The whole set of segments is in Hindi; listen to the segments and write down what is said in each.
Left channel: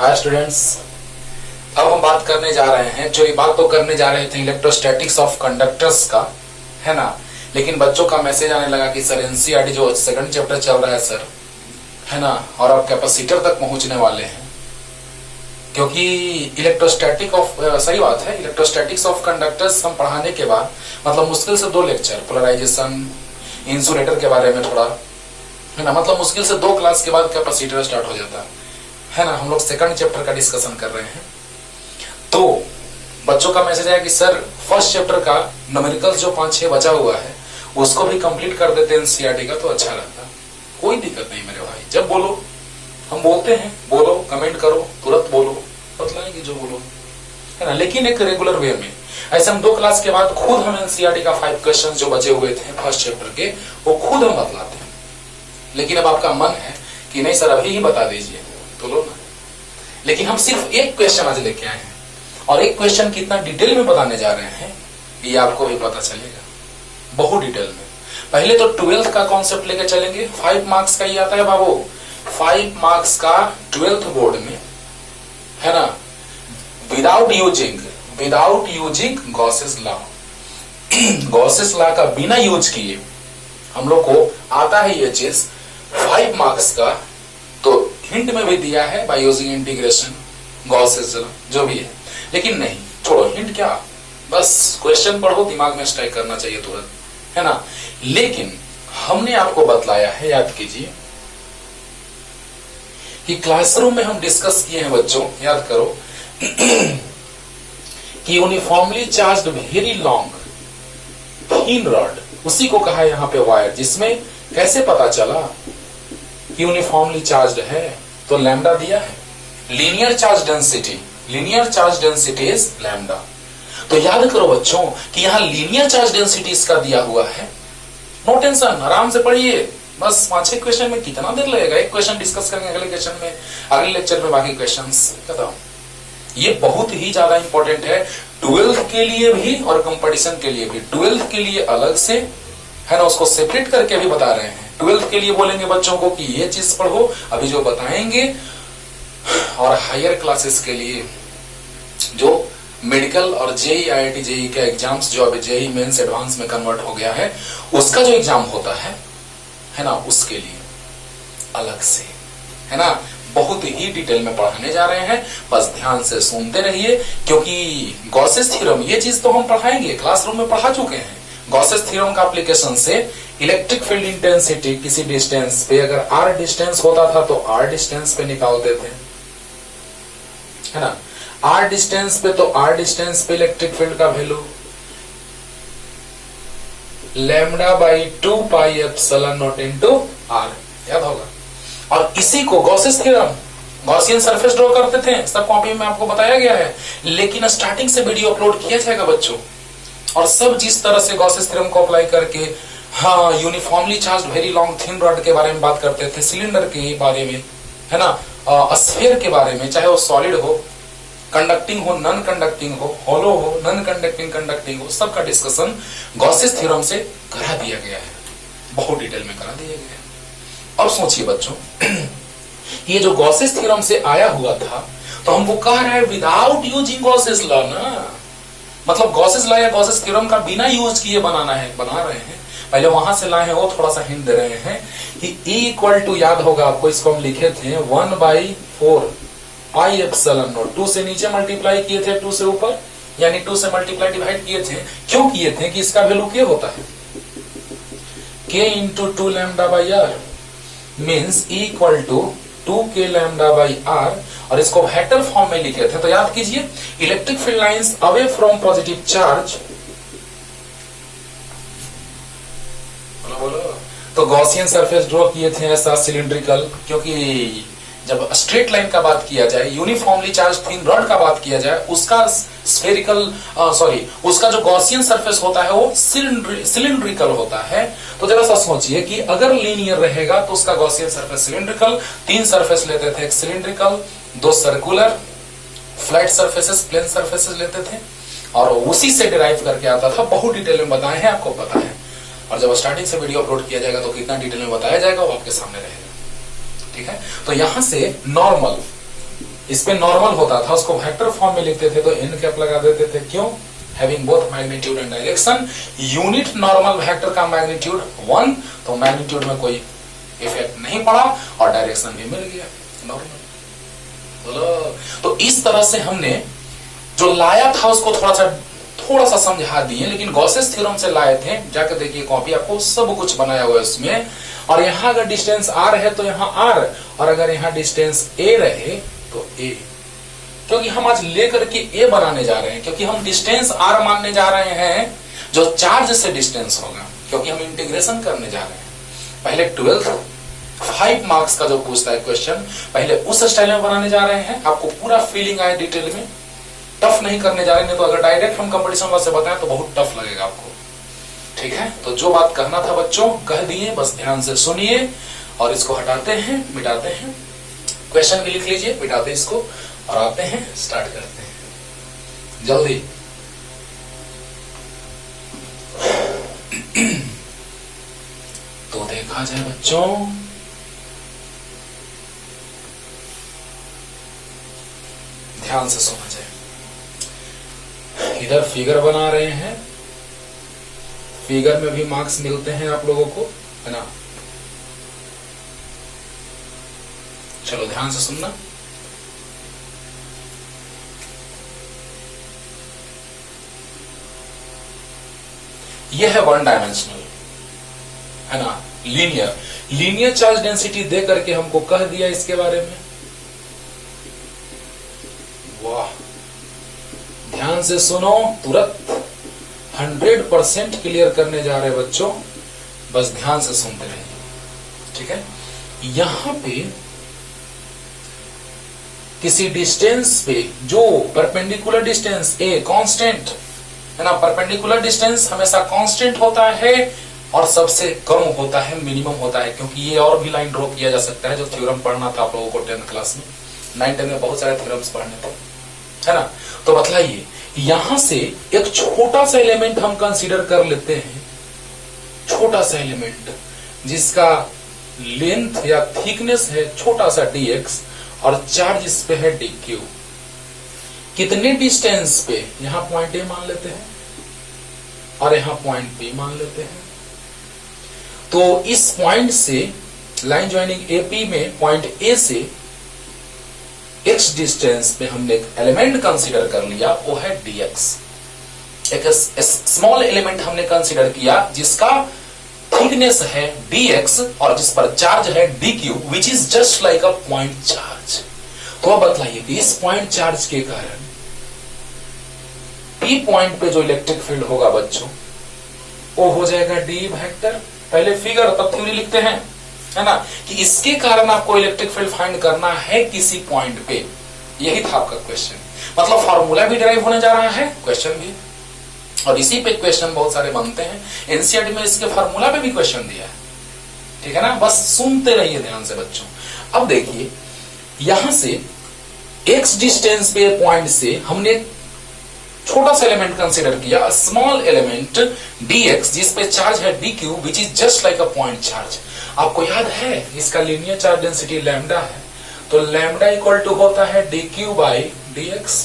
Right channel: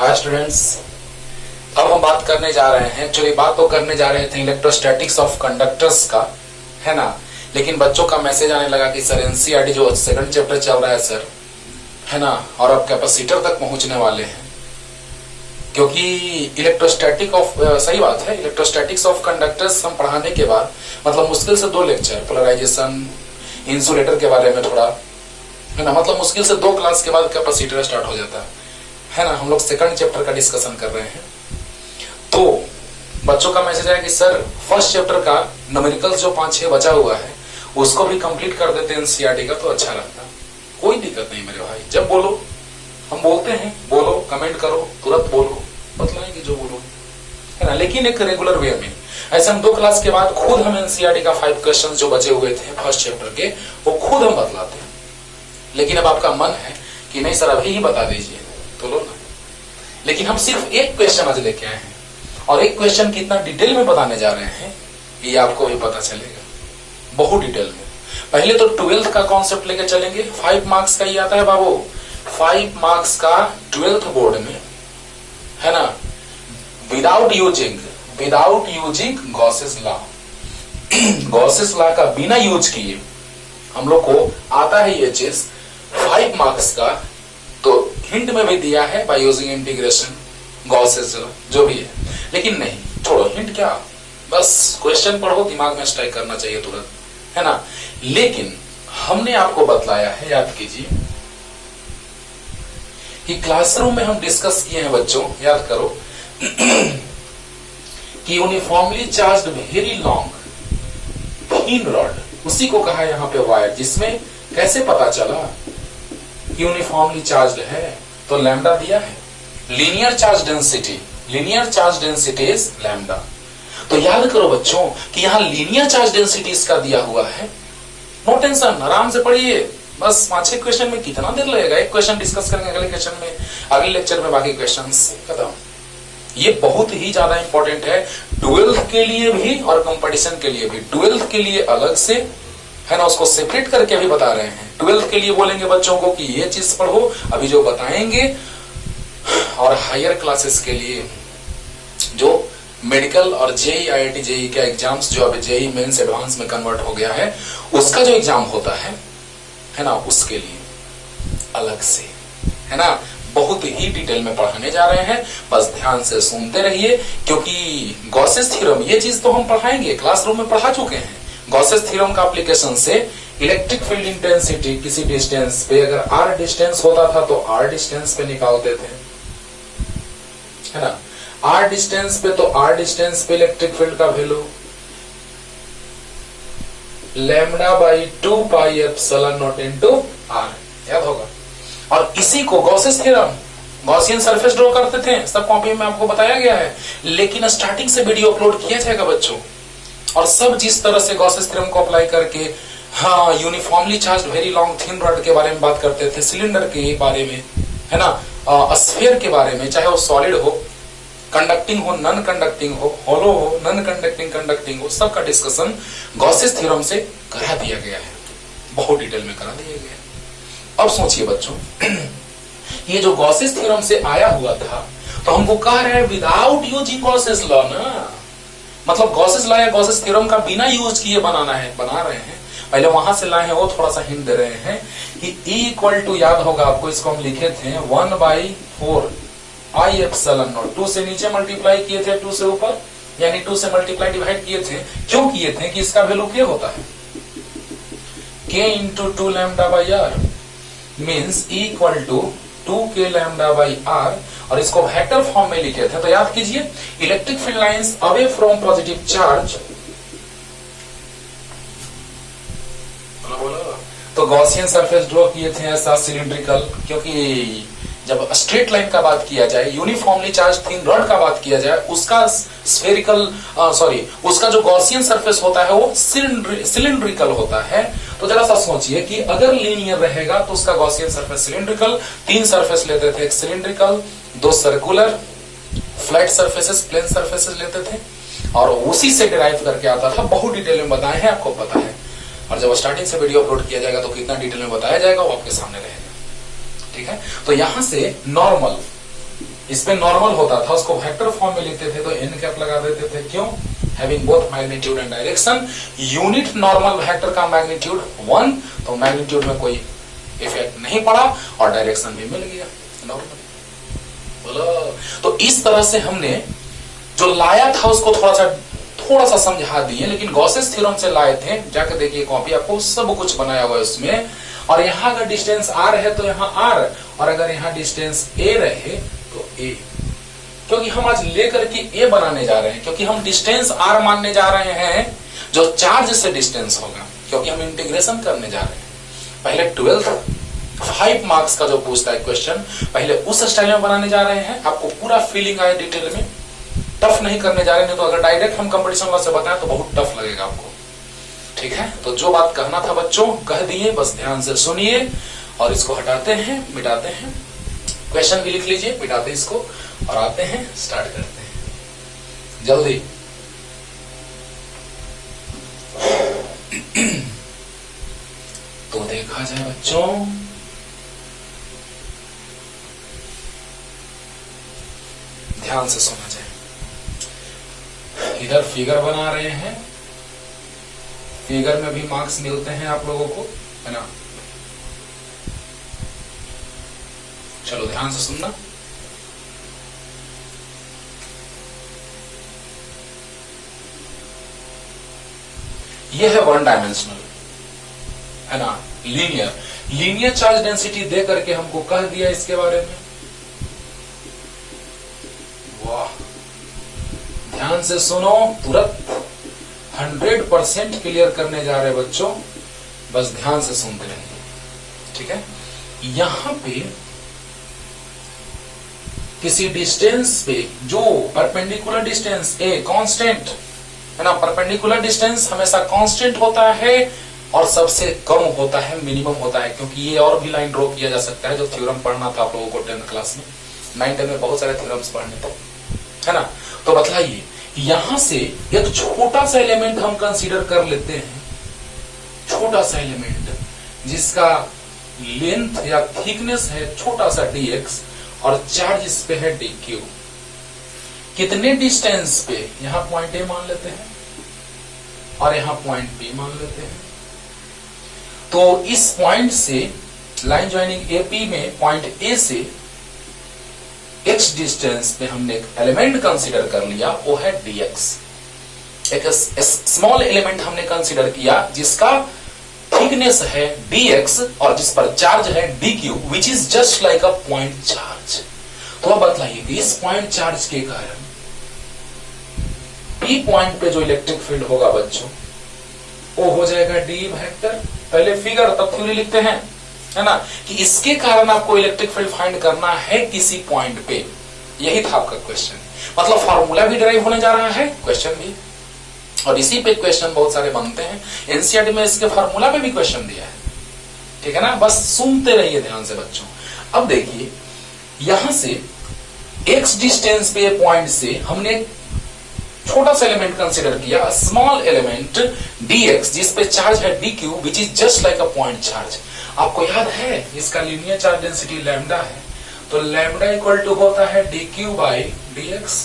हाय स्टूडेंट्स, अब हम बात करने जा रहे हैं। एक्चुअली बात तो करने जा रहे थे इलेक्ट्रोस्टैटिक्स ऑफ कंडक्टर्स का, है ना। लेकिन बच्चों का मैसेज आने लगा कि सर एनसीईआरटी जो सेकंड चैप्टर चल रहा है सर, है ना, और अब कैपेसिटर तक पहुंचने वाले हैं। क्योंकि इलेक्ट्रोस्टैटिक ऑफ सही बात है, इलेक्ट्रोस्टैटिक्स ऑफ कंडक्टर्स हम पढ़ाने के बाद मतलब मुश्किल से 2 लेक्चर, पोलराइजेशन, इंसुलेटर के बारे में थोड़ा, है ना, मतलब मुश्किल से 2 क्लास के बाद कैपेसिटर स्टार्ट हो जाता है ना। हम लोग सेकंड चैप्टर का डिस्कशन कर रहे हैं। तो बच्चों का मैसेज है कि सर फर्स्ट चैप्टर का न्यूमेरिकल्स जो 5-6 बचा हुआ है उसको भी कंप्लीट कर देते हैं एनसीईआरटी का तो अच्छा रहता। कोई दिक्कत नहीं मेरे भाई, जब बोलो हम बोलते हैं, बोलो, कमेंट करो, तुरंत बोलो, बतलाएंगे जो बोलो, है ना। लेकिन एक रेगुलर वे में, ऐसे हम 2 क्लास के बाद खुद हम एनसीईआरटी का 5 क्वेश्चन जो बचे हुए थे फर्स्ट चैप्टर के वो खुद हम बतलाते हैं। लेकिन अब आपका मन है कि नहीं सर अभी ही बता दीजिए, तो लो ना। लेकिन हम सिर्फ एक क्वेश्चन आज लेके आए हैं और एक क्वेश्चन कितना डिटेल में बताने जा रहे हैं ये आपको भी पता चलेगा, बहुत डिटेल में। पहले तो 12th का कॉन्सेप्ट लेके चलेंगे। 5 मार्क्स का ही आता है बाबू, 5 मार्क्स का 12th बोर्ड में, है ना। Without using Gauss's law, Gauss's law का बिना यूज किए हम लोग को आता है ये चीज 5 मार्क्स का। तो हिंट में भी दिया है बाय यूजिंग इंटीग्रेशन, गॉसेस जो भी है। लेकिन नहीं, छोड़ो हिंट क्या, बस क्वेश्चन पढ़ो, दिमाग में स्ट्राइक करना चाहिए तुरंत, है ना। लेकिन हमने आपको बतलाया है, याद कीजिए, कि क्लासरूम में हम डिस्कस किए हैं बच्चों, याद करो कि uniformly charged very long thin rod, उसी को कहा यहां पे वायर, जिसमें कैसे पता चला कि यूनिफॉर्मली चार्ज्ड है, तो लैम्डा दिया है। Linear charge density is lambda. तो याद करो बच्चों कि यहां लीनियर चार्ज डेंसिटी इसका दिया हुआ है। नो टेंशन, आराम से पढ़िए, बस 5-6 क्वेश्चन में कितना देर लगेगा, एक क्वेश्चन डिस्कस करेंगे अगले क्वेश्चन में, अगले लेक्चर में बाकी क्वेश्चंस खत्म। ये बहुत ही ज्यादा इंपॉर्टेंट है 12th के लिए भी और कंपटीशन के लिए भी। 12th के लिए अलग से, है ना, उसको सेपरेट करके भी बता रहे हैं। 12th के लिए बोलेंगे बच्चों को कि ये चीज पढ़ो अभी जो बताएंगे, और हायर क्लासेस के लिए जो मेडिकल और जेई आईआईटी जेई के एग्जाम्स, जो अभी जेई मेंस एडवांस में कन्वर्ट हो गया है, उसका जो एग्जाम होता है ना, उसके लिए अलग से, है ना, बहुत ही डिटेल में पढ़ाने जा रहे हैं। बस ध्यान से सुनते रहिए, क्योंकि गॉसेस थ्योरम ये चीज तो हम पढ़ाएंगे, क्लासरूम में पढ़ा चुके हैं। गॉसेस थ्योरम का एप्लीकेशन से इलेक्ट्रिक फील्ड इंटेंसिटी किसी डिस्टेंस पे, अगर आर डिस्टेंस होता था तो आर डिस्टेंस पे निकालते थे, है ना। आर डिस्टेंस पे तो आर डिस्टेंस पे इलेक्ट्रिक फील्ड का value lambda by 2 pi epsilon naught into R, याद होगा। और इसी को Gauss's theorem, Gaussian surface draw करते थे, सब कॉपी में आपको बताया गया है। लेकिन स्टार्टिंग से वीडियो अपलोड किया जाएगा बच्चों, और सब जिस तरह से गॉसेस थ्योरम को अप्लाई करके, हाँ, uniformly charged very long thin rod के बारे में बात करते थे, सिलेंडर के बारे में, है ना, स्फीयर के बारे में, चाहे वो सॉलिड हो, कंडक्टिंग हो, नॉन कंडक्टिंग हो, हॉलो हो, नॉन कंडक्टिंग, कंडक्टिंग हो, सबका डिस्कशन गॉसेस थ्योरम से करा दिया गया है, बहुत डिटेल में करा दिया गया है। अब सोचिए बच्चों, ये जो गॉसेस थ्योरम से आया हुआ था, तो हमको कह रहे हैं विदाउट यूजिंग गॉसेस लॉ ना, मतलब गॉसेस लॉ या गॉसेस थ्योरम का बिना यूज किए बना रहे हैं। पहले वहां से लाए हैं, वो थोड़ा सा हिंट दे रहे हैं कि E इक्वल टू, याद होगा आपको, इसको हम लिखे थे 1/4 आई एप्सिलॉन नॉट, 2 से नीचे मल्टीप्लाई किए थे 2 से ऊपर, यानी 2 से मल्टीप्लाई डिवाइड किए थे। क्यों किए थे कि इसका वैल्यू क्या होता है, K into 2 lambda by R means E equal to 2K lambda by R, और इसको वेक्टर फॉर्म में लिखे थे। तो याद कीजिए, electric field lines away from positive charge, तो गॉसियन सरफेस ड्रॉ किए थे ऐसा सिलिंड्रिकल, क्योंकि जब स्ट्रेट लाइन का बात किया जाए, यूनिफॉर्मली चार्ज थिन रॉड का बात किया जाए, उसका स्फेरिकल उसका जो गॉसियन सरफेस होता है वो सिलिंड्रिकल होता है। तो जरा सा सोचिए कि अगर लीनियर रहेगा तो उसका गॉसियन सरफेस सिलिंड्रिकल, 3 सरफेस लेते थे, एक cylindrical, 2 circular, flat surfaces, plane surfaces लेते थे, और उसी से डिराइव करके आता था। बहुत डिटेल में बताए हैं, आपको पता है, और जब स्टार्टिंग से वीडियो अपलोड किया जाएगा तो कितना डिटेल में बताया जाएगा वो आपके सामने रहेगा, ठीक है। तो यहां से नॉर्मल इस पे नॉर्मल होता था, उसको वेक्टर फॉर्म में लिखते थे तो एन कैप लगा देते थे। क्यों? Having both magnitude and direction. Unit normal vector का मैग्नीट्यूड 1, तो मैग्नीट्यूड में कोई इफेक्ट नहीं पड़ा और डायरेक्शन भी मिल गया नॉर्मल। बोलो, तो इस तरह से हमने जो लाया था उसको थोड़ा सा समझा दिए, लेकिन गॉसेस थ्योरम से लाए थे। जाकर देखिए कॉपी, आपको सब कुछ बनाया हुआ है उसमें। और यहां अगर डिस्टेंस आर है तो यहां आर, और अगर यहां डिस्टेंस ए रहे तो ए, क्योंकि हम आज लेकर के ए बनाने जा रहे हैं, क्योंकि हम डिस्टेंस आर मानने जा रहे हैं जो चार्ज से डिस्टेंस होगा, क्योंकि हम इंटीग्रेशन करने जा रहे हैं। पहले 12th 5 मार्क्स का जो पूछता है क्वेश्चन, पहले उस स्टाइल में बनाने जा रहे हैं। आपको पूरा फीलिंग आए डिटेल में, टफ नहीं करने जा रहे हैं। तो अगर डायरेक्ट हम कंपटीशन से बताएं तो बहुत टफ लगेगा आपको। ठीक है, तो जो बात कहना था बच्चों कह दिए, बस ध्यान से सुनिए और इसको हटाते हैं, मिटाते हैं। क्वेश्चन भी लिख लीजिए, मिटाते इसको और आते हैं, स्टार्ट करते हैं जल्दी। तो देखा जाए बच्चों, ध्यान से सुना जाए। इधर फिगर बना रहे हैं, फिगर में भी मार्क्स मिलते हैं आप लोगों को, है ना। चलो ध्यान से सुनना। यह है वन डायमेंशनल, है ना, लीनियर चार्ज डेंसिटी दे करके हमको कह दिया इसके बारे में। वाह, ध्यान से सुनो, तुरंत 100% क्लियर करने जा रहे बच्चों, बस ध्यान से सुनते रहिए। ठीक है, यहां पे किसी डिस्टेंस पे जो परपेंडिकुलर डिस्टेंस ए कांस्टेंट है ना, परपेंडिकुलर डिस्टेंस हमेशा कांस्टेंट होता है और सबसे कम होता है, मिनिमम होता है। क्योंकि ये और भी लाइन ड्रॉ किया जा सकता है, जो थ्योरम पढ़ना था आप लोगों को 10th क्लास में, 9th में बहुत सारे थ्योरम्स पढ़ने थे, है ना। तो बतलाइए, यहां से एक छोटा सा एलिमेंट हम कंसीडर कर लेते हैं, छोटा सा एलिमेंट जिसका लेंथ या थिकनेस है छोटा सा dx और चार्ज इस पे है dq। कितने डिस्टेंस पे? यहां पॉइंट ए मान लेते हैं और यहां पॉइंट बी मान लेते हैं। तो इस पॉइंट से लाइन ज्वाइनिंग एपी में पॉइंट ए से x डिस्टेंस पे हमने एक एलिमेंट कंसीडर कर लिया, वो है dx। एक स्मॉल एलिमेंट हमने कंसीडर किया जिसका थिकनेस है dx और जिस पर चार्ज है dq, which is just like a point charge. तो अब बतलाइए कि इस पॉइंट चार्ज के कारण p पॉइंट पे जो इलेक्ट्रिक फील्ड होगा बच्चों, वो हो जाएगा d वेक्टर। पहले फिगर तब थ्योरी लिखते हैं, है ना, कि इसके कारण आपको इलेक्ट्रिक फील्ड फाइंड करना है किसी पॉइंट पे। यही था आपका क्वेश्चन, मतलब फॉर्मूला भी ड्राइव होने जा रहा है, क्वेश्चन भी, और इसी पे क्वेश्चन बहुत सारे बनते हैं। एनसीईआरटी में इसके फार्मूला पे भी क्वेश्चन दिया है। ठीक है ना, बस सुनते रहिए ध्यान से बच्चों। अब देखिए, यहां से x डिस्टेंस पे पॉइंट से हमने छोटा सा एलिमेंट कंसीडर किया, स्मॉल एलिमेंट dx, जिस पे चार्ज है dq, which is just like a point charge. आपको याद है इसका लीनियर चार्ज डेंसिटी लैम्डा है, तो लैम्डा इक्वल टू होता है dq बाई dx।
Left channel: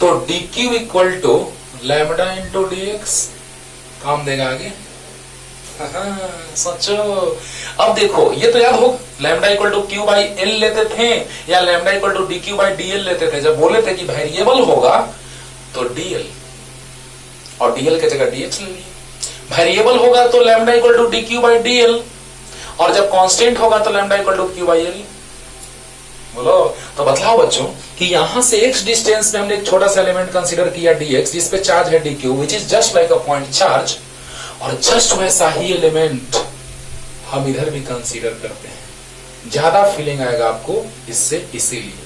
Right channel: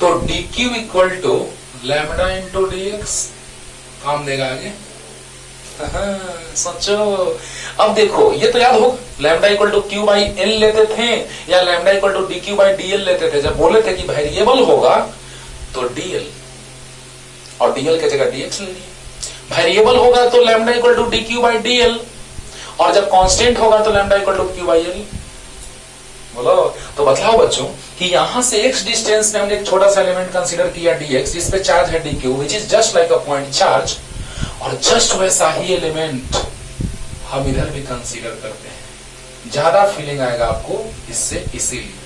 तो dq equal to lambda into dx, काम देगा आगे। सोचो, अब देखो, ये तो याद हो, lambda equal to Q by L लेते थे या lambda equal to D Q by D L लेते थे। जब बोले थे कि वेरिएबल होगा तो डीएल और डीएल की जगह डीएक्स ले लिए। वेरिएबल होगा तो lambda equal to D Q by D L, और जब कांस्टेंट होगा तो lambda equal to Q by L. बोलो, तो बतलाओ बच्चों कि यहां से x डिस्टेंस में हमने एक छोटा सा एलिमेंट कंसीडर किया dx, जिस पे चार्ज है dq, which is just like a point charge, और जस्ट वैसा ही एलिमेंट हम इधर भी कंसीडर करते हैं। ज्यादा फीलिंग आएगा आपको इससे, इसीलिए।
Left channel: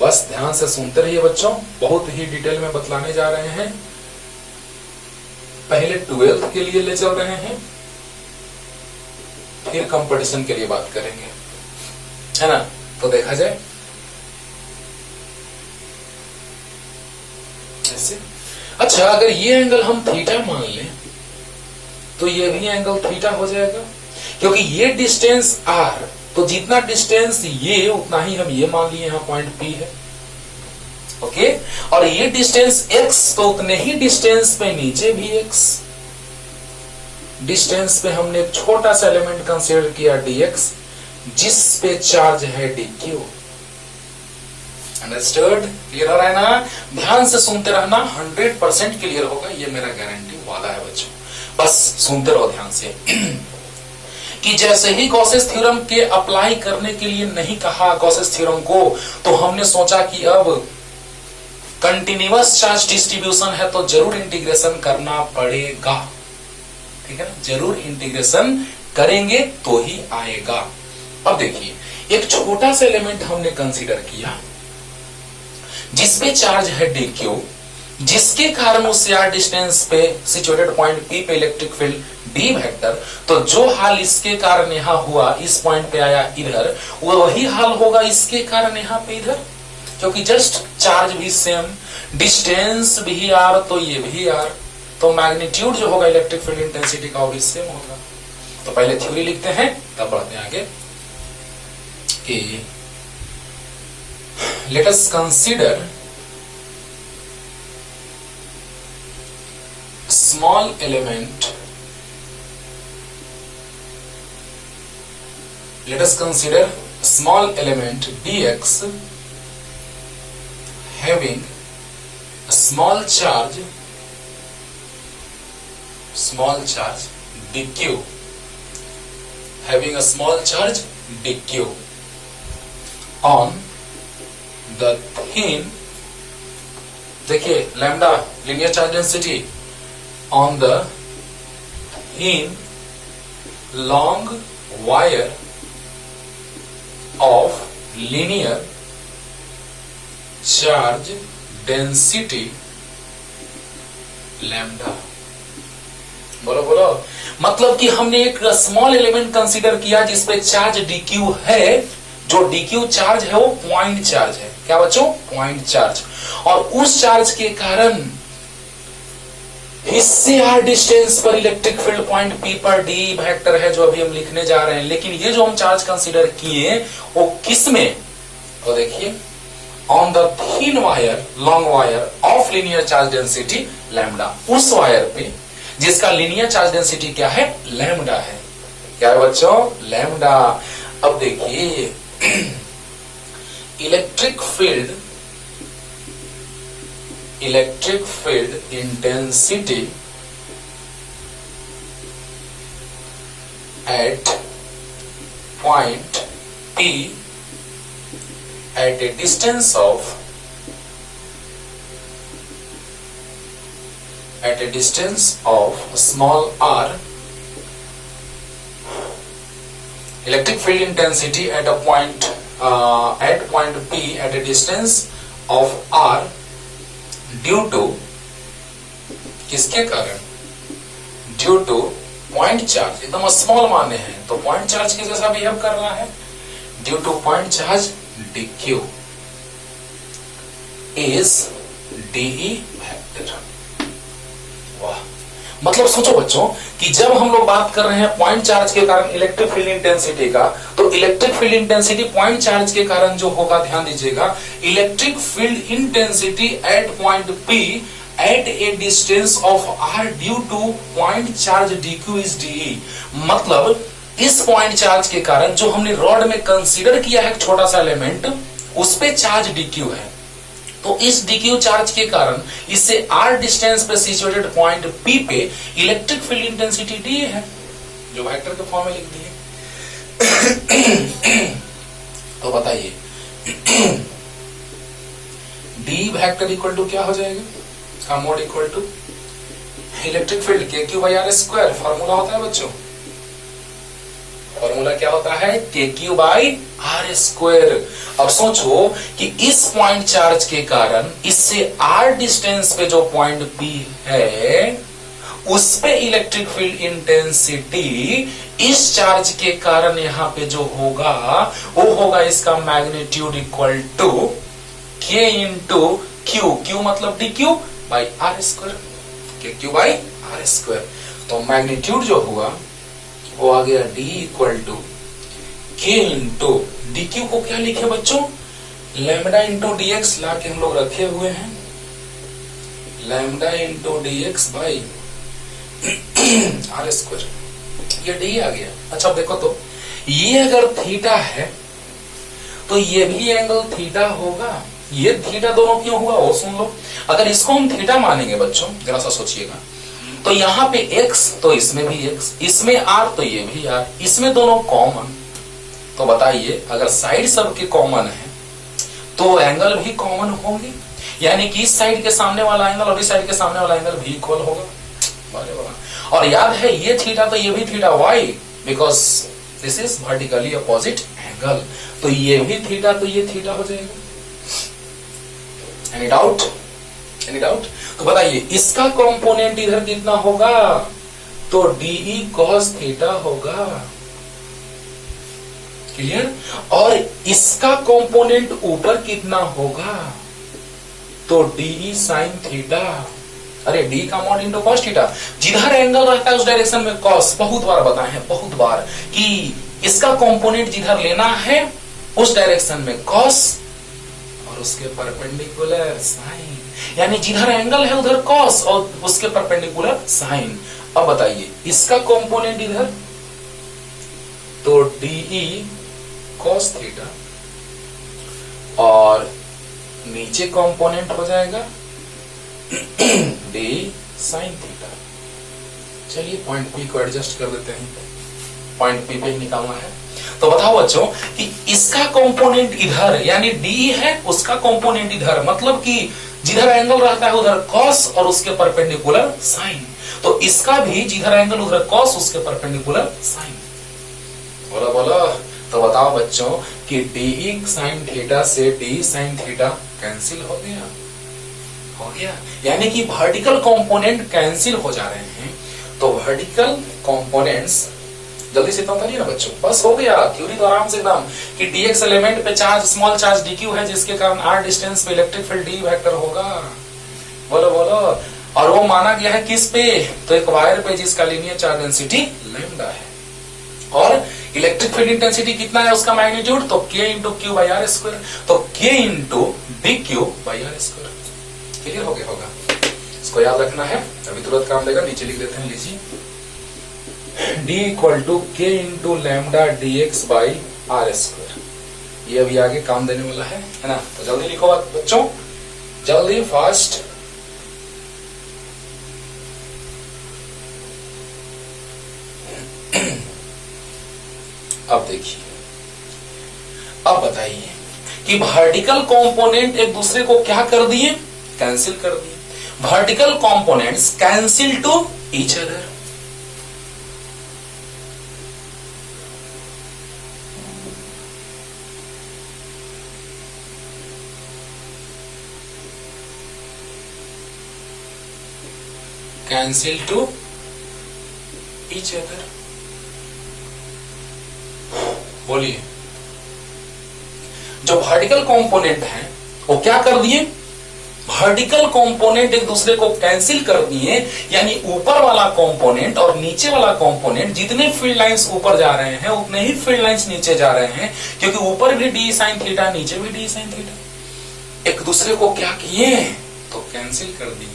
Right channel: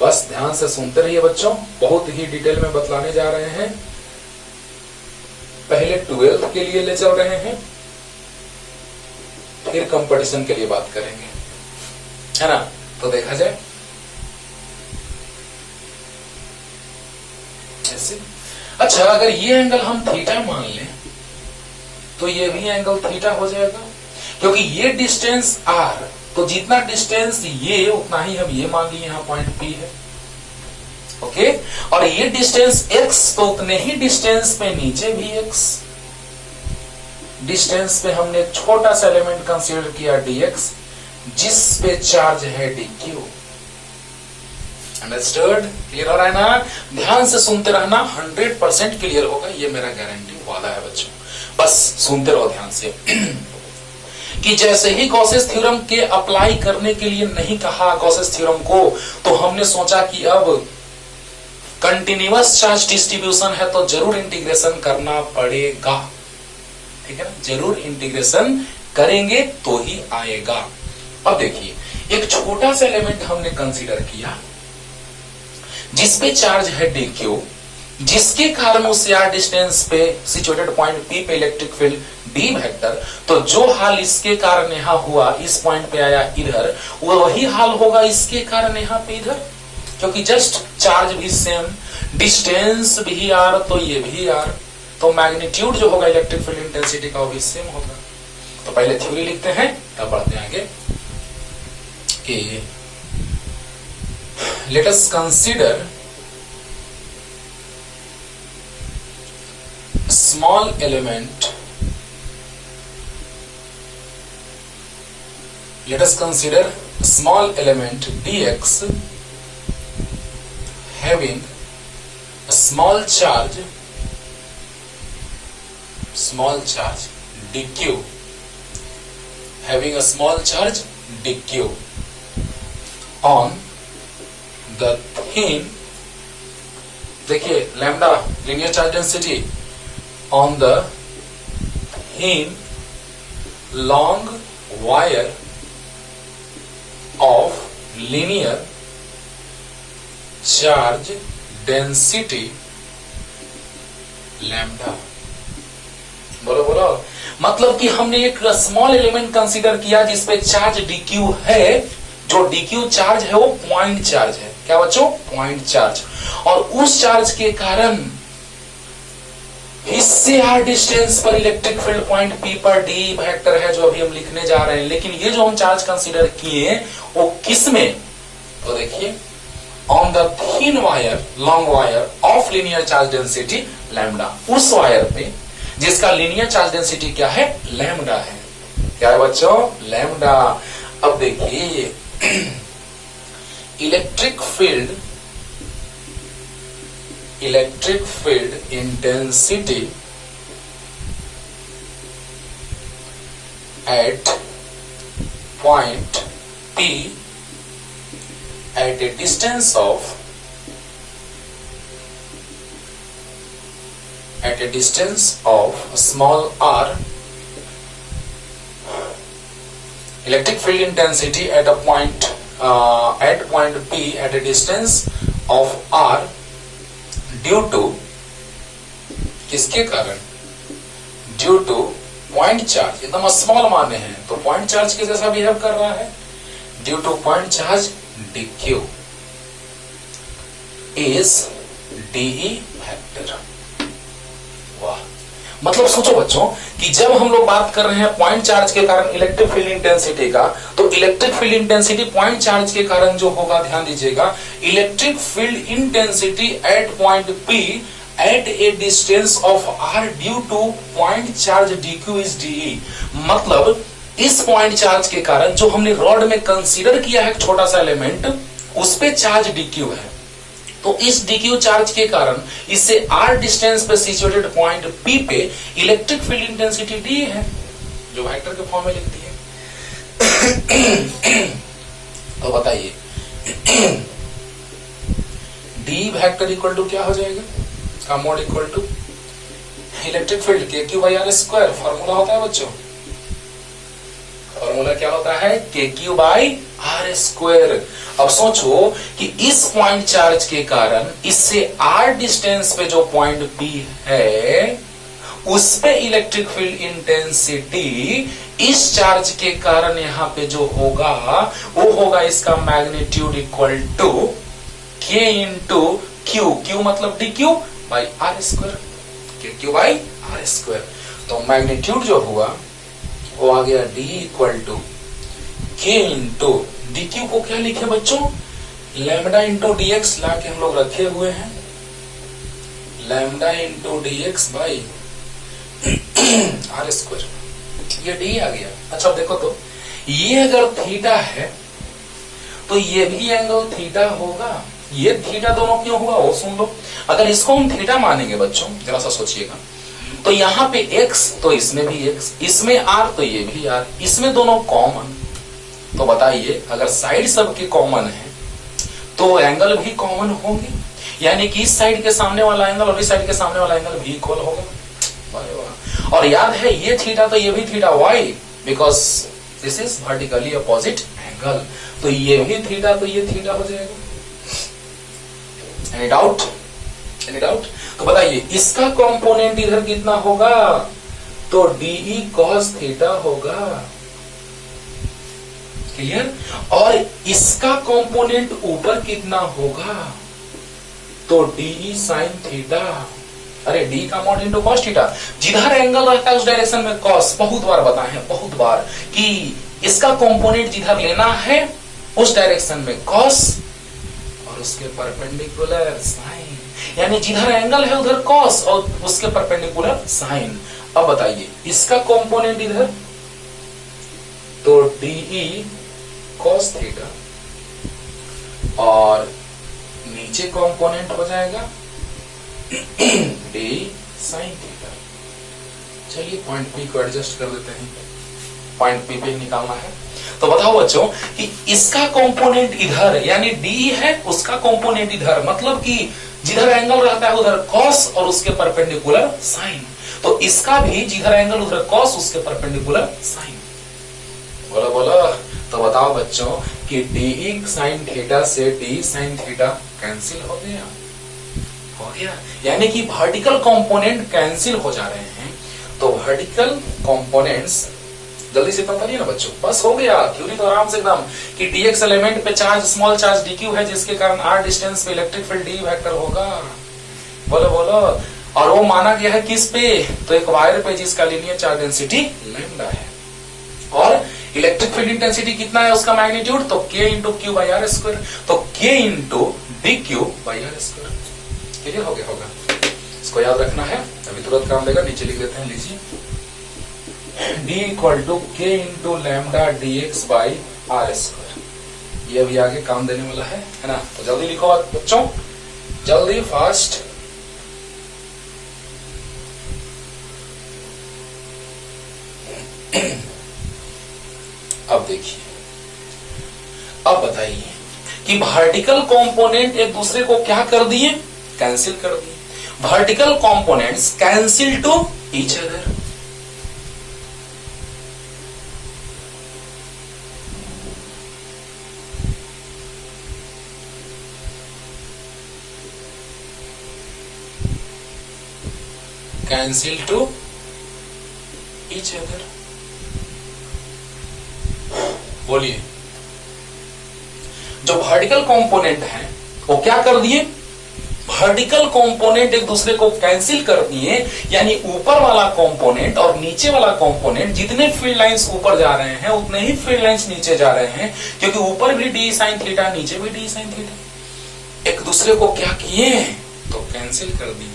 बस ध्यान से सुनते रहिए बच्चों, बहुत ही डिटेल में बतलाने जा रहे हैं। पहले 12th के लिए ले चल रहे हैं, फिर कंपटीशन के लिए बात करेंगे, है ना। तो देखा जाए, अच्छे से। अच्छा, अगर ये एंगल हम थीटा मान लें तो ये भी एंगल थीटा हो जाएगा, क्योंकि ये डिस्टेंस r, तो जितना डिस्टेंस ये उतना ही हम ये मान लिए यहां पॉइंट P है। ओके, और ये डिस्टेंस x, तो उतने ही डिस्टेंस पे नीचे भी x। डिस्टेंस पे हमने एक छोटा सा एलिमेंट कंसीडर किया dx, जिस पे चार्ज है dq। अंडरस्टूड? क्लियर हो रहा है ना? ध्यान से सुनते रहना, 100% क्लियर होगा, ये मेरा गारंटी वाला है बच्चों। बस सुनते रहो ध्यान से। कि जैसे ही गॉसेस थ्योरम के अप्लाई करने के लिए नहीं कहा गॉसेस थ्योरम को, तो हमने सोचा कि अब कंटिन्यूअस चार्ज डिस्ट्रीब्यूशन है तो जरूर इंटीग्रेशन करना पड़ेगा। ठीक है ना? जरूर इंटीग्रेशन करेंगे तो ही आएगा। अब देखिए, एक छोटा सा एलिमेंट हमने कंसीडर किया जिसपे चार्ज है dq, जिसके कारण उस r डिस्टेंस पे सिचुएटेड पॉइंट P पे इलेक्ट्रिक फील्ड D वेक्टर, तो जो हाल इसके कारण यहां हुआ, इस पॉइंट पे आया इधर, वो वही हाल होगा इसके कारण यहां पे इधर, क्योंकि जस्ट चार्ज भी सेम, डिस्टेंस भी r, तो ये भी r, तो मैग्नीट्यूड जो होगा इलेक्ट्रिक फील्ड इंटेंसिटी का वो भी सेम होगा। तो पहले थ्योरी लिखते हैं, तब बढ़ते हैं आगे। Let us consider small element. Let us consider small element dx having a small charge dq, having a small charge dq on the thin, देखिए lambda linear charge density on the thin long wire of linear charge density lambda. बोलो बोलो, मतलब कि हमने एक स्मॉल एलिमेंट कंसीडर किया जिसपे चार्ज dq है, जो dq चार्ज है वो पॉइंट चार्ज है। क्या बच्चों? Point charge. और उस चार्ज के कारण इससे r डिस्टेंस पर इलेक्ट्रिक फील्ड पॉइंट P पर D वेक्टर है, जो अभी हम लिखने जा रहे हैं। लेकिन ये जो हम चार्ज कंसीडर किए वो किस में? तो देखिए, on the thin wire, long wire of linear charge density lambda, उस वायर पे जिसका लीनियर चार्ज डेंसिटी क्या है? लैम्डा है। क्या है बच्चों? लैम्डा। अब देखिए, electric field intensity at point P at a distance of small r, electric field intensity at point P at a distance of r due to, किसके कारण? ड्यू टू पॉइंट चार्ज, एकदम स्मॉल माने हैं तो पॉइंट चार्ज के जैसा बिहेव कर रहा है, due to point charge dq is dE vector. वाह, मतलब सोचो बच्चों कि जब हम लोग बात कर रहे हैं पॉइंट चार्ज के कारण इलेक्ट्रिक फील्ड इंटेंसिटी का, तो electric field intensity point charge के कारण जो होगा, ध्यान दीजिएगा, electric field intensity at point P at a distance of r due to point charge dq is dE। मतलब इस पॉइंट चार्ज के कारण जो हमने रॉड में कंसीडर किया है एक छोटा सा एलिमेंट, उस पे चार्ज dq है, तो इस dq चार्ज के कारण इससे r डिस्टेंस पे सिचुएटेड पॉइंट P पे इलेक्ट्रिक फील्ड इंटेंसिटी D है, जो वेक्टर के फॉर्म में लिख दी है। तो बताइए, D वेक्टर इक्वल टू क्या हो जाएगा? का mod equal to electric field KQ/r²। Formula होता है बच्चों, फॉर्मूला क्या होता है? KQ/r²। अब सोचो कि इस पॉइंट चार्ज के कारण इससे r डिस्टेंस पे जो पॉइंट P है, उस पे इलेक्ट्रिक फील्ड इंटेंसिटी इस चार्ज के कारण यहां पे जो होगा वो होगा इसका magnitude equal to K into Q, Q मतलब dQ, by are square, K Q by are square. तो मैग्नीट्यूड जो हुआ वो आ गया D equal to K into D Q को क्या लिखे बच्चों, लैम्डा इंटू डी एक्स ला के हम लोग रखे हुए हैं, lambda into D X by are square, ये डी आ गया। अच्छा देखो तो ये अगर थीटा है तो ये भी एंगल थीटा होगा, ये थीटा दोनों क्यों हुआ वो सुन लो। अगर इसको हम थीटा मानेंगे बच्चों, जरा सा सोचिएगा, तो यहाँ पे x तो इसमें भी x, इसमें r तो ये भी r, इसमें दोनों कॉमन। तो बताइए अगर साइड सबके कॉमन है तो एंगल भी कॉमन होंगे, यानी कि इस साइड के सामने वाला एंगल और इस साइड के सामने वाला एंगल भी इक्वल होगा। और याद है ये थीटा तो ये भी theta, why because this is vertically opposite angle, तो ये भी थीटा तो ये थीटा हो जाएगा। Any doubt, any doubt? तो बताइए इसका कंपोनेंट इधर कितना होगा, तो डीई कॉस थीटा होगा, क्लियर। और इसका कंपोनेंट ऊपर कितना होगा, तो डीई साइन थीटा, अरे डी का मॉड इंटू कॉस थीटा, जिधर एंगल रहता है उस डायरेक्शन में कॉस, बहुत बार बताए हैं बहुत बार कि इसका कंपोनेंट जिधर लेना है उस डायरेक्शन में कॉस और उसके परपेंडिकुलर साइन, यानी जिधर एंगल है उधर कॉस और उसके परपेंडिकुलर साइन। अब बताइए इसका कंपोनेंट इधर, तो डीई कॉस थीटा और नीचे कंपोनेंट हो जाएगा डी साइन थीटा। चलिए पॉइंट पी को एडजस्ट कर लेते हैं, पॉइंट पी पे निकालना है। तो बताओ बच्चों कि इसका कंपोनेंट इधर यानी डी है, उसका कंपोनेंट इधर, मतलब कि जिधर एंगल रहता है उधर कॉस और उसके परपेंडिकुलर साइन, तो इसका भी जिधर एंगल उधर कॉस उसके परपेंडिकुलर साइन। बोलो बोलो। तो बताओ बच्चों कि डी साइन थीटा से डी साइन थीटा कैंसिल हो गया, हो गया, यानी कि वर्टिकल कंपोनेंट कैंसिल हो जा रहे हैं। तो वर्टिकल कंपोनेंट्स जल्दी से पता लिया ना बच्चों, बस हो गया। थ्योरी तो आराम से एकदम कि dx एलिमेंट पे चार्ज स्मॉल चार्ज dq है, जिसके कारण r डिस्टेंस पे इलेक्ट्रिक फील्ड d वेक्टर होगा। बोलो बोलो। और वो माना गया है किस पे, तो एक वायर पे जिसका लीनियर चार्ज डेंसिटी लैम्डा है और इलेक्ट्रिक फील्ड इंटेंसिटी कितना है उसका मैग्नीट्यूड, तो k into Q by are square, तो k into D Q by are square. Clear हो गया होगा, इसको याद रखना है, अभी तुरंत काम देगा। नीचे लिख देते हैं, लीजिए d equal to K into lambda D X by are square. ये अभी आगे काम देने वाला है ना। तो जल्दी लिखो बच्चों, जल्दी फास्ट। अब देखिए, अब बताइए कि वर्टिकल कंपोनेंट एक दूसरे को क्या कर दिए, कैंसिल कर दिए। Vertical components cancel to each other. Cancel to each other. बोलिए, जो वर्टिकल कंपोनेंट है वो क्या कर दिए, वर्टिकल कंपोनेंट एक दूसरे को कैंसिल कर दिए, यानी ऊपर वाला कंपोनेंट और नीचे वाला कंपोनेंट, जितने फील्ड लाइंस ऊपर जा रहे हैं उतने ही फील्ड लाइंस नीचे जा रहे हैं, क्योंकि ऊपर भी डी साइन थीटा नीचे भी डी साइन थीटा। एक दूसरे को क्या किए, तो कैंसिल कर दिए।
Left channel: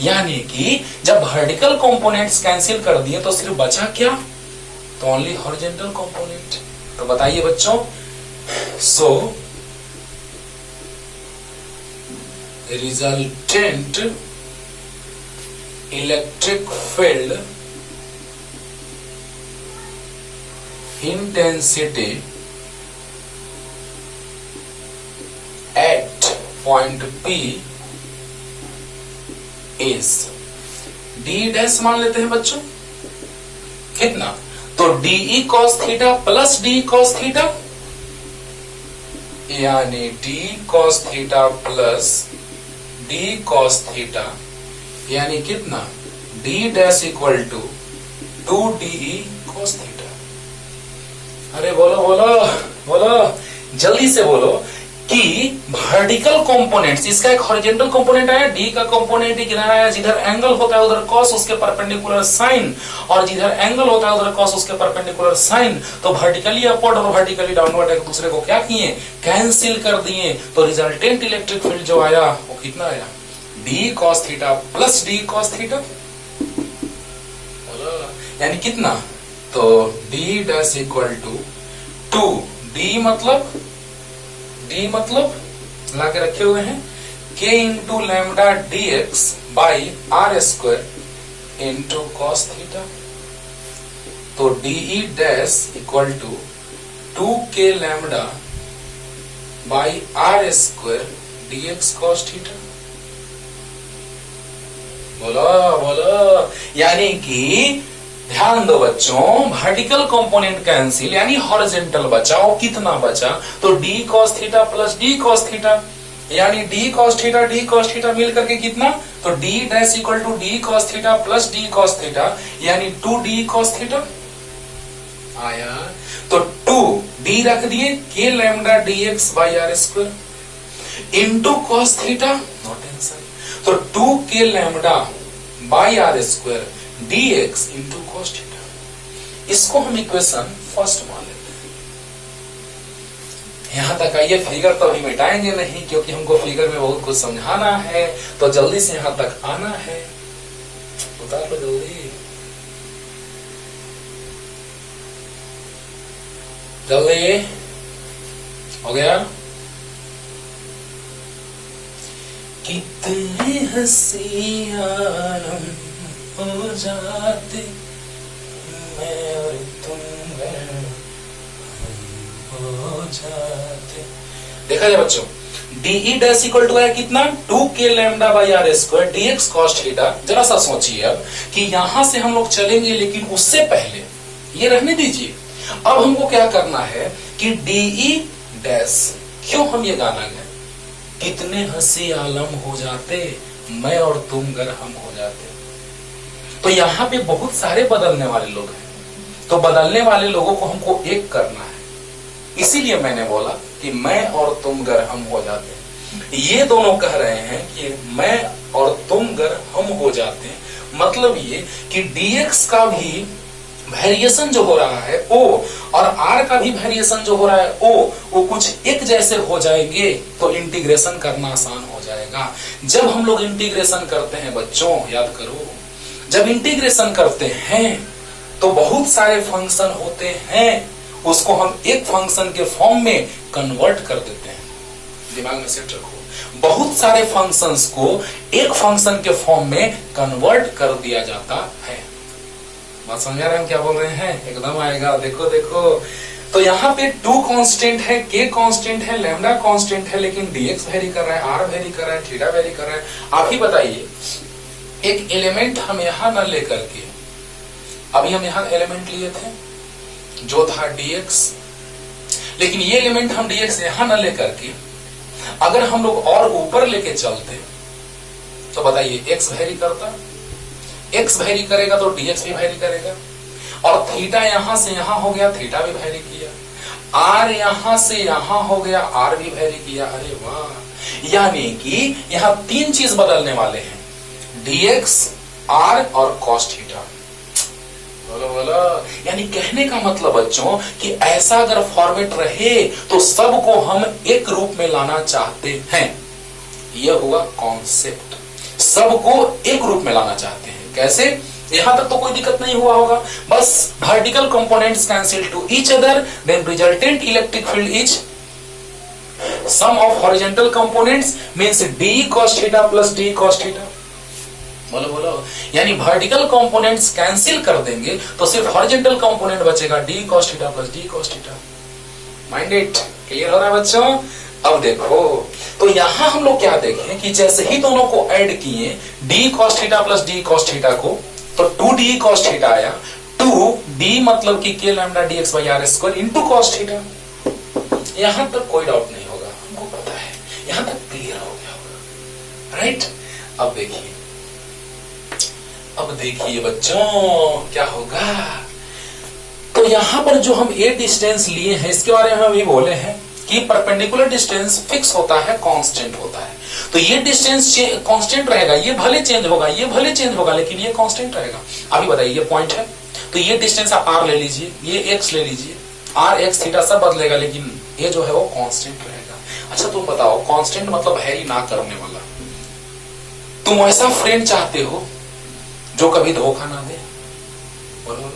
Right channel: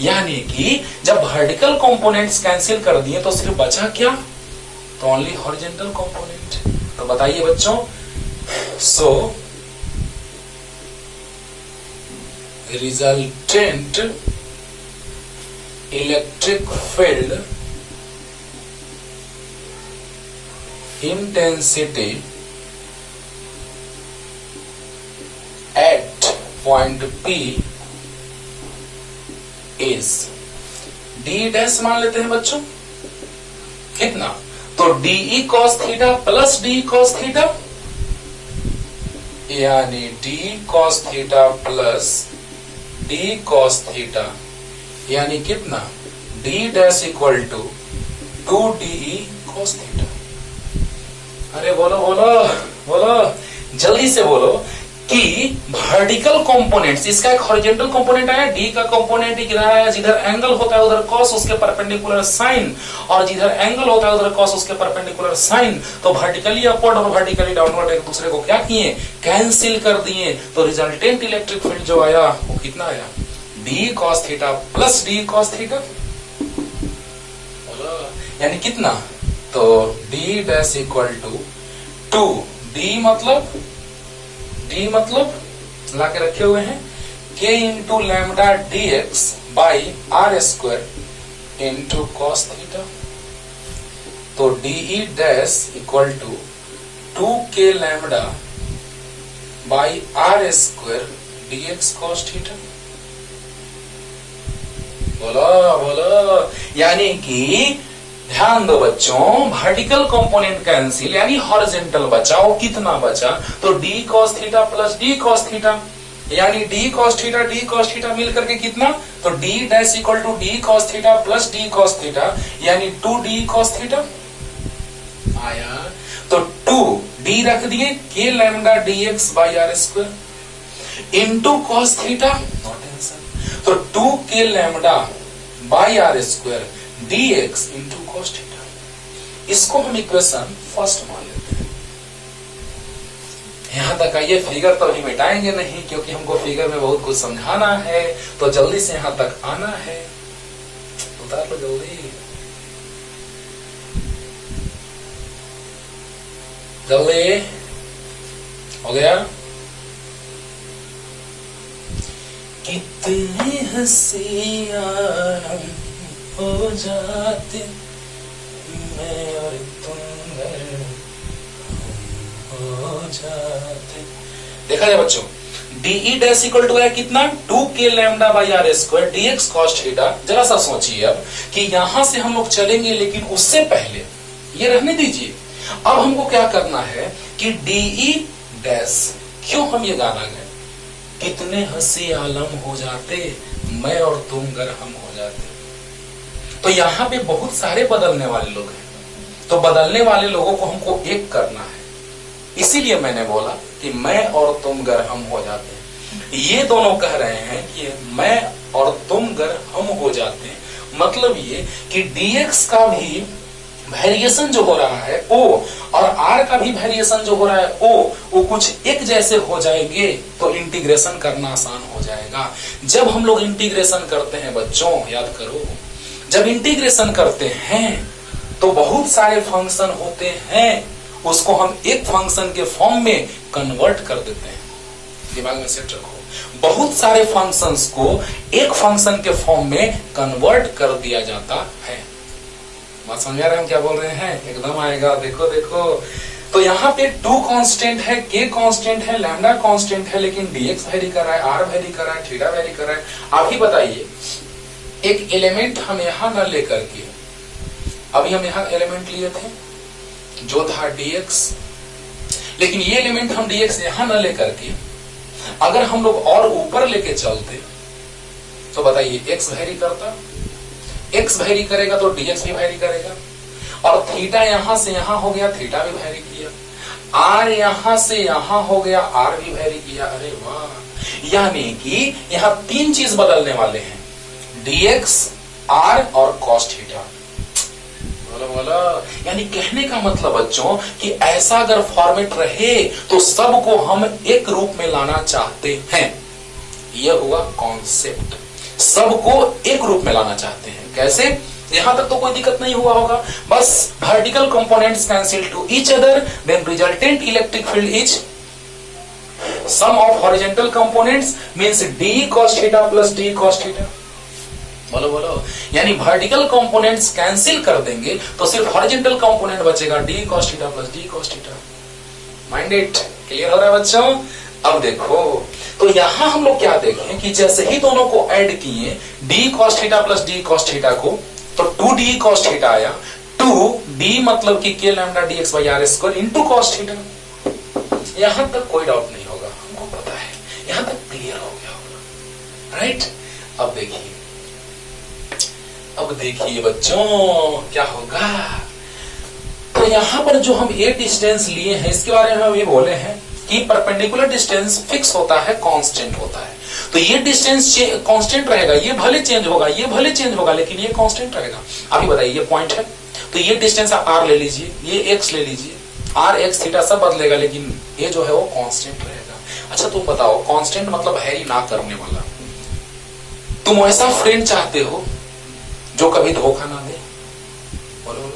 यानी कि जब वर्टिकल कंपोनेंट्स कैंसिल कर दिए तो सिर्फ बचा क्या, तो ओनली हॉरिजॉन्टल कंपोनेंट। तो बताइए बच्चों, so resultant electric field intensity at point P is D dash मान लेते हैं बच्चों, कितना, तो D cos theta plus D cos theta, यानी D cos theta plus D cos theta, यानी कितना, D dash equal to 2 cos theta. अरे बोलो बोलो बोलो, जल्दी से बोलो कि वर्टिकल कंपोनेंट्स, इसका एक हॉरिजॉन्टल कंपोनेंट आया, डी का कंपोनेंट किधर आया, जिधर एंगल होता है उधर कॉस उसके परपेंडिकुलर साइन, और जिधर एंगल होता है उधर कॉस उसके परपेंडिकुलर साइन। तो वर्टिकली अपवर्ड और वर्टिकली डाउनवर्ड एक दूसरे को क्या किए, कैंसिल कर दिए। तो रिजल्टेंट इलेक्ट्रिक फील्ड जो आया वो कितना आया, D cos theta plus D cos theta, यानी कितना, तो D dash equal to D मतलब ला के रखे हुए हैं k into lambda D X by are square into cos theta. तो D dash equal to 2k lambda by are square D X cos theta. बोलो, यानी कि ध्यान दो बच्चों, वर्टिकल कंपोनेंट कैंसिल यानी हॉरिजॉन्टल बचा, वो कितना बचा, तो D cos theta plus D cos theta, यानी डी कॉस थीटा मिल करके कितना, तो D dash equal to D cos theta plus D cos theta, यानी 2d कॉस थीटा आया। तो 2d रख दिए, k lambda D X by are square into cos theta, no tension, तो 2k lambda by are square dx into cos theta. इसको हम इक्वेशन फर्स्ट मान लेते हैं। यहां तक आइए, फिगर तो अभी मिटाएंगे नहीं क्योंकि हमको फिगर में बहुत कुछ समझाना है, तो जल्दी से यहां तक आना है, उतार लो जल्दी जल्दी, हो गया। कितने हंसियां हो जाते मैं और तुम हो जाते। देखा जाए बच्चों, डीई डैश इक्वल टू है कितना, 2k lambda by are square D X cos theta. जरा सा सोचिए अब कि यहां से हम लोग चलेंगे, लेकिन उससे पहले ये रहने दीजिए। अब हमको क्या करना है कि डीई डैश, क्यों हम ये गाना गाए, कितने हंसी आलम हो जाते मैं और तुम गर हम हो जाते। तो यहाँ पे बहुत सारे बदलने वाले लोग हैं, तो बदलने वाले लोगों को हमको एक करना है, इसीलिए मैंने बोला कि मैं और तुम गर हम हो जाते हैं। ये दोनों कह रहे हैं कि मैं और तुम गर हम हो जाते हैं, मतलब ये कि dx का भी वेरिएशन जो हो रहा है o और r का भी वेरिएशन जो हो रहा है o, वो कुछ एक जैसे हो जाएंगे तो इंटीग्रेशन करना आसान हो जाएगा। जब हम लोग इंटीग्रेशन करते हैं बच्चों, याद करो, जब इंटीग्रेशन करते हैं तो बहुत सारे फंक्शन होते हैं, उसको हम एक फंक्शन के फॉर्म में कन्वर्ट कर देते हैं। दिमाग में सेट रखो, बहुत सारे फंक्शंस को एक फंक्शन के फॉर्म में कन्वर्ट कर दिया जाता है। बात समझ आ रहे हैं हम क्या बोल रहे हैं, एकदम आएगा। देखो देखो, तो यहाँ पे 2 कांस्टेंट है, k कांस्टेंट है, लैम्डा कांस्टेंट है, लेकिन dx वेरी कर रहा है, r वेरी कर रहा है, थीटा वेरी कर रहा है। आप ही बताइए, एक एलिमेंट हम यहां न लेकर के, अभी हम यहां एलिमेंट लिए थे जो था dx, लेकिन ये एलिमेंट हम dx यहां न लेकर के अगर हम लोग और ऊपर लेके चलते तो बताइए x वेरी करता, x वेरी करेगा तो dx भी वेरी करेगा, और थीटा यहां से यहां हो गया, थीटा भी वेरी किया, r यहां से यहां हो गया, r भी वेरी किया। अरे वाह, यानी कि यहां 3 चीज बदलने वाले हैं, dx, r और cos थीटा। बोलो बोलो, यानी कहने का मतलब बच्चों कि ऐसा अगर फॉर्मेट रहे तो सबको हम एक रूप में लाना चाहते हैं। यह हुआ कॉन्सेप्ट, सबको एक रूप में लाना चाहते हैं। कैसे, यहां तक तो कोई दिक्कत नहीं हुआ होगा, बस vertical components cancel to each other, then resultant electric field is sum of horizontal components means d cos theta plus d cos theta. बोलो बोलो, यानी वर्टिकल कंपोनेंट्स कैंसिल कर देंगे तो सिर्फ हॉरिजॉन्टल कंपोनेंट बचेगा, d cos theta plus d cos theta. Mind it, clear हो रहा है बच्चों। अब देखो, तो यहां हम लोग क्या देखें कि जैसे ही दोनों को ऐड किए, d cos theta plus d cos theta को, तो 2d cos थीटा आया, 2d मतलब कि k lambda dx by are square into cos theta. यहां तक कोई डाउट नहीं होगा, हमको पता है, यहां तक क्लियर हो गया होगा, राइट। अब देखिए बच्चों क्या होगा। तो यहां पर जो हम ए डिस्टेंस लिए हैं इसके बारे में हम ये बोले हैं कि परपेंडिकुलर डिस्टेंस फिक्स होता है, कांस्टेंट होता है। तो ये डिस्टेंस कांस्टेंट रहेगा, ये भले चेंज होगा, ये भले चेंज होगा, लेकिन ये कांस्टेंट रहेगा। अभी बताइए, ये पॉइंट है, तो ये डिस्टेंस आर ले लीजिए, ये एक्स ले लीजिए, आर एक्स थीटा सब बदलेगा, लेकिन ये जो है वो कांस्टेंट रहेगा। अच्छा तो बताओ, कांस्टेंट मतलब है ही ना करने वाला। तुम ऐसा फ्रेंड चाहते हो जो कभी धोखा ना दे, बोलो।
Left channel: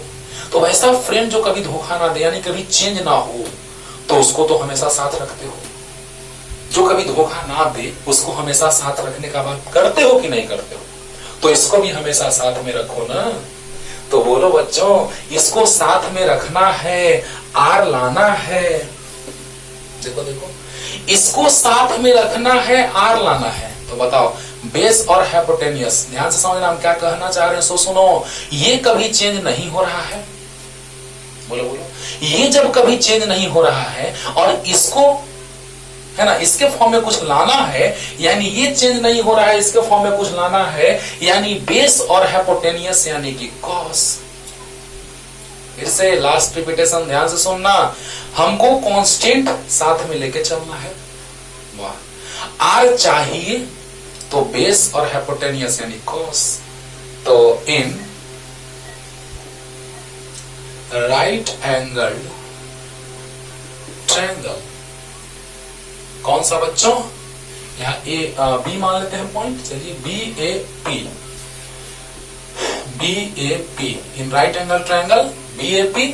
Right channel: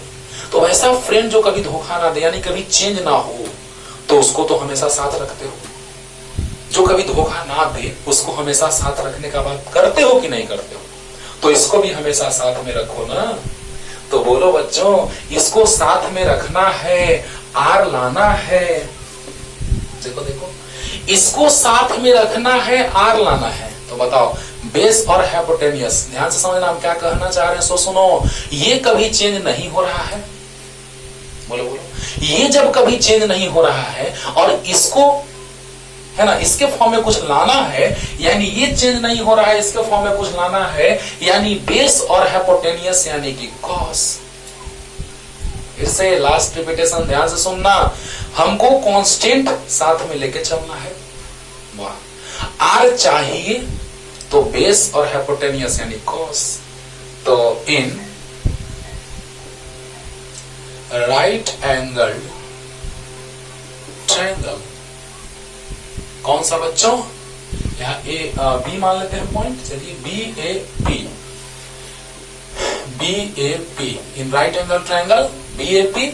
तो वैसा फ्रेंड जो कभी धोखा ना दे, यानी कभी चेंज ना हो, तो उसको तो हमेशा साथ रखते हो। जो कभी धोखा ना दे, उसको हमेशा साथ रखने का बात करते हो कि नहीं करते हो? तो इसको भी हमेशा साथ में रखो ना। तो बोलो बच्चों, इसको साथ में रखना है, आर लाना है। देखो देखो, इसको साथ में रखना है, आर लाना है। तो बताओ, बेस और हाइपोटेन्यूस, ध्यान से समझना हम क्या कहना चाह रहे हैं। सो सुनो, ये कभी चेंज नहीं हो रहा है, बोलो बोलो, ये जब कभी चेंज नहीं हो रहा है और इसको है ना, इसके फॉर्म में कुछ लाना है, यानी ये चेंज नहीं हो रहा है, इसके फॉर्म में कुछ लाना है, यानी बेस और हाइपोटेन्यूस यानी कि कॉस। फिर से लास्ट रिपीटेशन ध्यान से सुनना, हमको कांस्टेंट साथ में लेके चलना है। वाह, आर चाहिए तो बेस और हाइपोटेन्यूस यानी कॉस। तो इन राइट एंगल ट्रायंगल, कौन सा बच्चों, यहां ए बी मान लेते हैं पॉइंट, चलिए B A P, B A P, in right angle triangle B A P,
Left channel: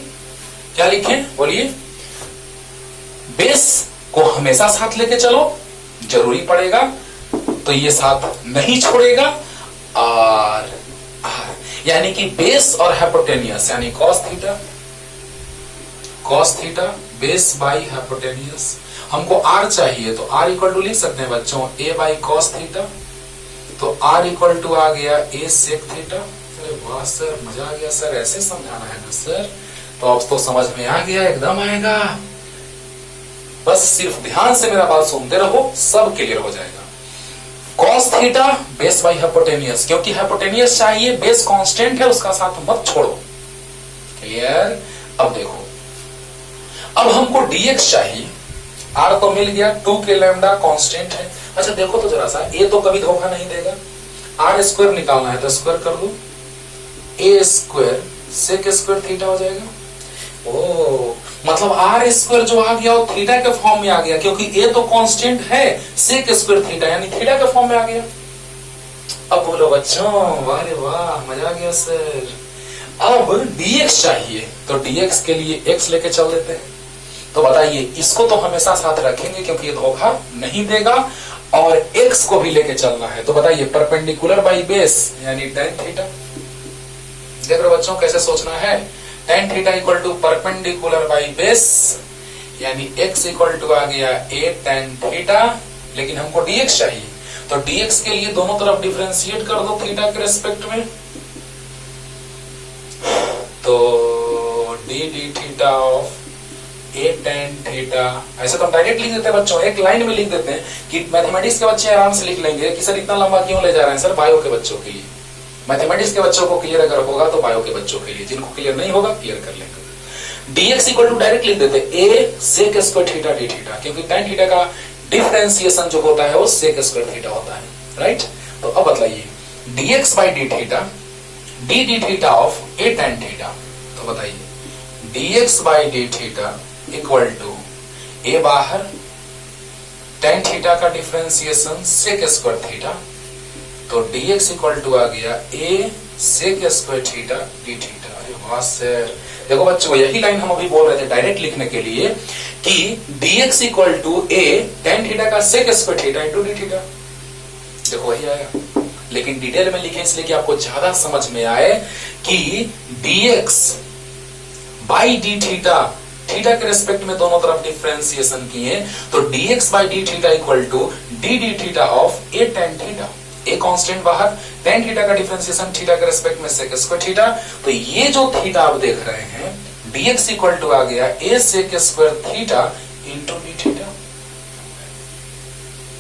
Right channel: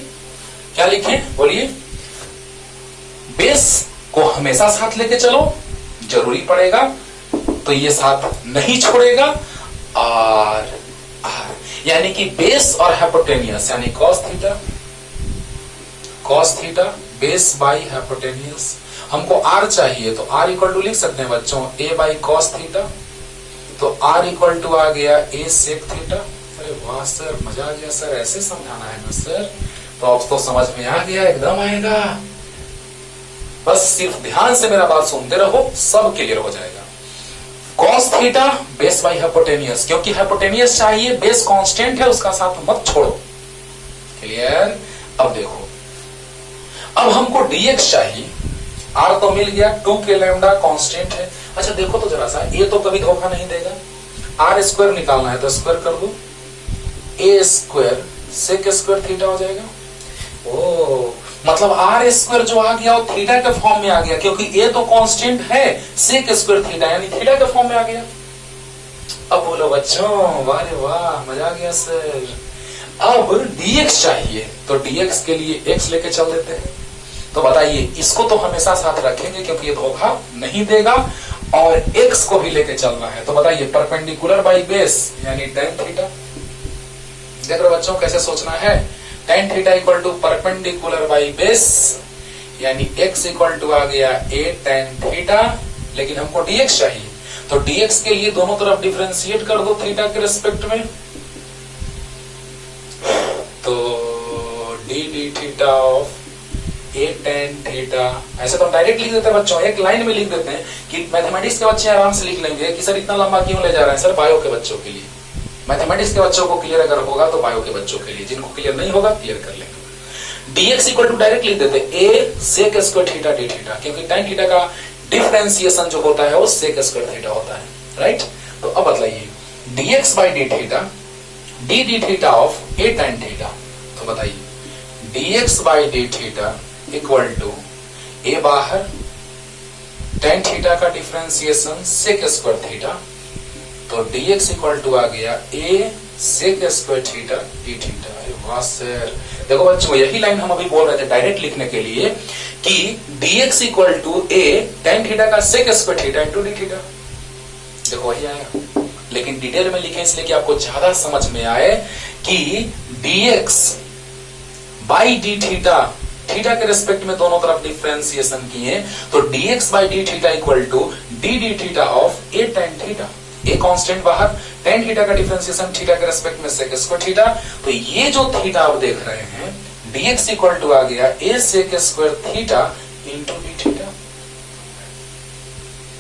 क्या लिखें बोलिए? बेस को हमेशा साथ लेके चलो, जरूरी पड़ेगा तो ये साथ नहीं छोड़ेगा, और यानी कि बेस और हाइपोटेन्यूस यानी cos theta base by hypotenuse. हमको आर चाहिए तो आर इक्वल टू लिख सकते हैं बच्चों, ए बाई कॉस थीटा। तो आर इक्वल टू आ गया ए सेक थीटा। अरे वाह सर, मजा आ गया सर, ऐसे समझाना है ना सर। तो अब तो समझ में आ गया, एकदम आएगा। बस सिर्फ ध्यान से मेरा बात सुनते रहो, सब क्लियर हो जाएगा। Cos theta base by hypotenuse, क्योंकि हाइपोटेन्यूस चाहिए, बेस कांस्टेंट है, उसका साथ मत छोड़ो। क्लियर? अब देखो, अब हमको dx चाहिए, r तो मिल गया, 2k लैम्डा कांस्टेंट है। अच्छा देखो तो जरा सा, ये तो कभी धोखा नहीं देगा, r स्क्वायर निकालना है तो स्क्वायर कर दो, a square sec square theta हो जाएगा। ओ मतलब r स्क्वायर जो आ गया वो थीटा के फॉर्म में आ गया, क्योंकि a तो कांस्टेंट है, सेक स्क्वायर थीटा यानी थीटा के फॉर्म में आ गया। अब बोलो बच्चों, वाह रे वाह, मजा आ गया सर। अब dx चाहिए तो dx के लिए x लेके चल देते हैं। तो बताइए, इसको तो हमेशा साथ रखेंगे क्योंकि ये धोखा नहीं देगा, और x को भी लेके चलना है। तो बताइए, परपेंडिकुलर बाई बेस यानी tan थीटा। देख रहे बच्चों कैसे सोचना है, tan theta equal to perpendicular by base, यानी x इक्वल टू आ गया a tan थीटा, लेकिन हमको dx चाहिए। तो dx के लिए दोनों तरफ डिफरेंशिएट कर दो थीटा के रिस्पेक्ट में, तो d d theta of a tan theta. ऐसे तो हम डायरेक्ट लिख देते हैं बच्चों, एक लाइन में लिख देते हैं कि मैथमेटिक्स के बच्चे आराम से लिख लेंगे कि सर इतना लंबा क्यों ले जा रहे हैं सर, बायो के बच्चों के लिए। मैथमेटिक्स के बच्चों को क्लियर अगर होगा तो बायो के बच्चों के लिए, जिनको क्लियर नहीं होगा क्लियर कर लेंगे। dx इक्वल टू डायरेक्ट लिख देते a sec square theta d theta, क्योंकि tan थीटा का डिफरेंशिएशन जो होता है वो सेक स्क्वायर थीटा होता है, राइट। तो अब बताइए, dx by D theta d d theta of a tan theta. तो बताइए, dx by D theta equal to a बाहर, tan थीटा का डिफरेंशिएशन सेक स्क्वायर थीटा, तो dx इक्वल टू आ गया a sec square theta d theta. अरे वाह सर, देखो बच्चों यही लाइन हम अभी बोल रहे थे डायरेक्ट लिखने के लिए कि dx equal to a tan theta का sec square theta into d theta. देखो वही आया, लेकिन डिटेल में लिखे इसलिए कि आपको ज्यादा समझ में आए कि dx by D theta, theta के रेस्पेक्ट में दोनों तरफ डिफरेंशिएशन किए, तो dx by D theta equal to D D theta of a tan theta. a constant बाहर, tan थीटा का डिफरेंशिएशन थीटा के रेस्पेक्ट में सेक स्क्वायर थीटा। तो ये जो थीटा आप देख रहे हैं, dx इक्वल टू आ गया a sec square theta into D theta.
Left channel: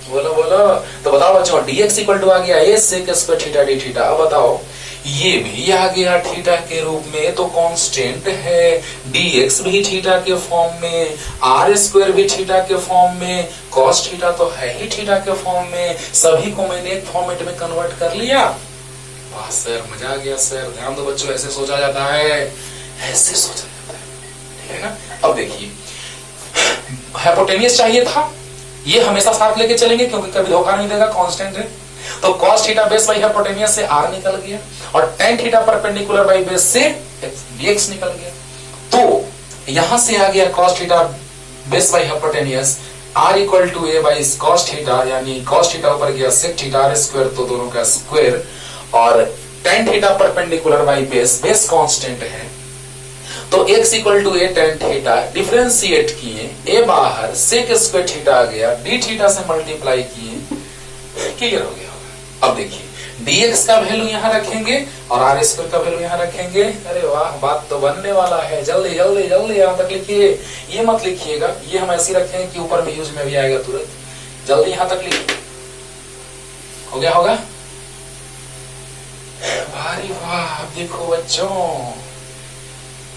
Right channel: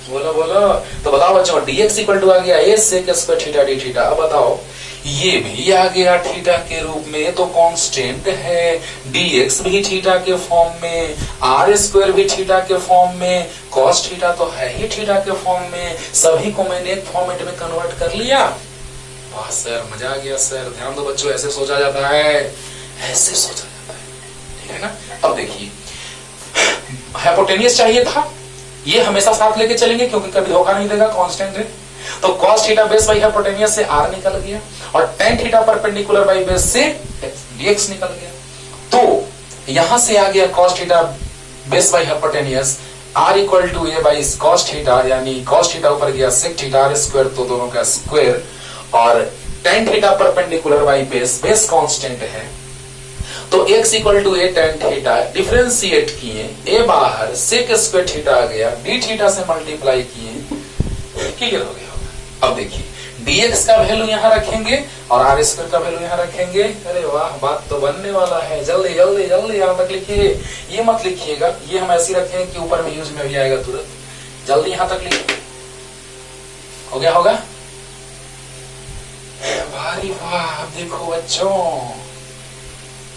बोलो बोलो, तो बताओ बच्चों, dx इक्वल टू आ गया a sec square theta D theta. अब बताओ, ये भी आ गया थीटा के रूप में, तो कांस्टेंट है। dx भी थीटा के फॉर्म में, आर स्क्वायर भी थीटा के फॉर्म में, cos थीटा तो है ही थीटा के फॉर्म में। सभी को मैंने एक फॉर्मेट में कन्वर्ट कर लिया। वाह सर, मजा आ गया सर। ध्यान दो बच्चों, ऐसे सोचा जाता है, ऐसे सोचा जाता है, ठीक है ना। अब देखिए, हाइपोटेनियस चाहिए था, ये हमेशा साथ लेके चलेंगे क्योंकि कभी धोखा नहीं देगा, कांस्टेंट है। तो cos theta base by hypotenuse से r निकल गया, और tan theta perpendicular by base से dx निकल गया। तो यहां से आ गया cos theta base by hypotenuse r equal to a by cos theta, यानी cos थीटा ऊपर गया sec थीटा r स्क्वायर, तो दोनों का स्क्वायर, और tan theta perpendicular by base, base constant है, तो x equal to a tan theta, differentiate किए, a बाहर, sec स्क्वायर थीटा आ गया, d थीटा से मल्टीप्लाई किए, क्लियर हो गया। अब देखिए, dx का वैल्यू यहां रखेंगे और r स्क्वायर का वैल्यू यहां रखेंगे। अरे वाह, बात तो बनने वाला है। जल्दी जल्दी जल्दी यहां तक लिखिए, ये मत लिखिएगा, ये हम ऐसे रखेंगे कि ऊपर में यूज में भी आएगा तुरंत। जल्दी यहां तक लिखिए, हो गया होगा। वाह वाह, देखो बच्चों,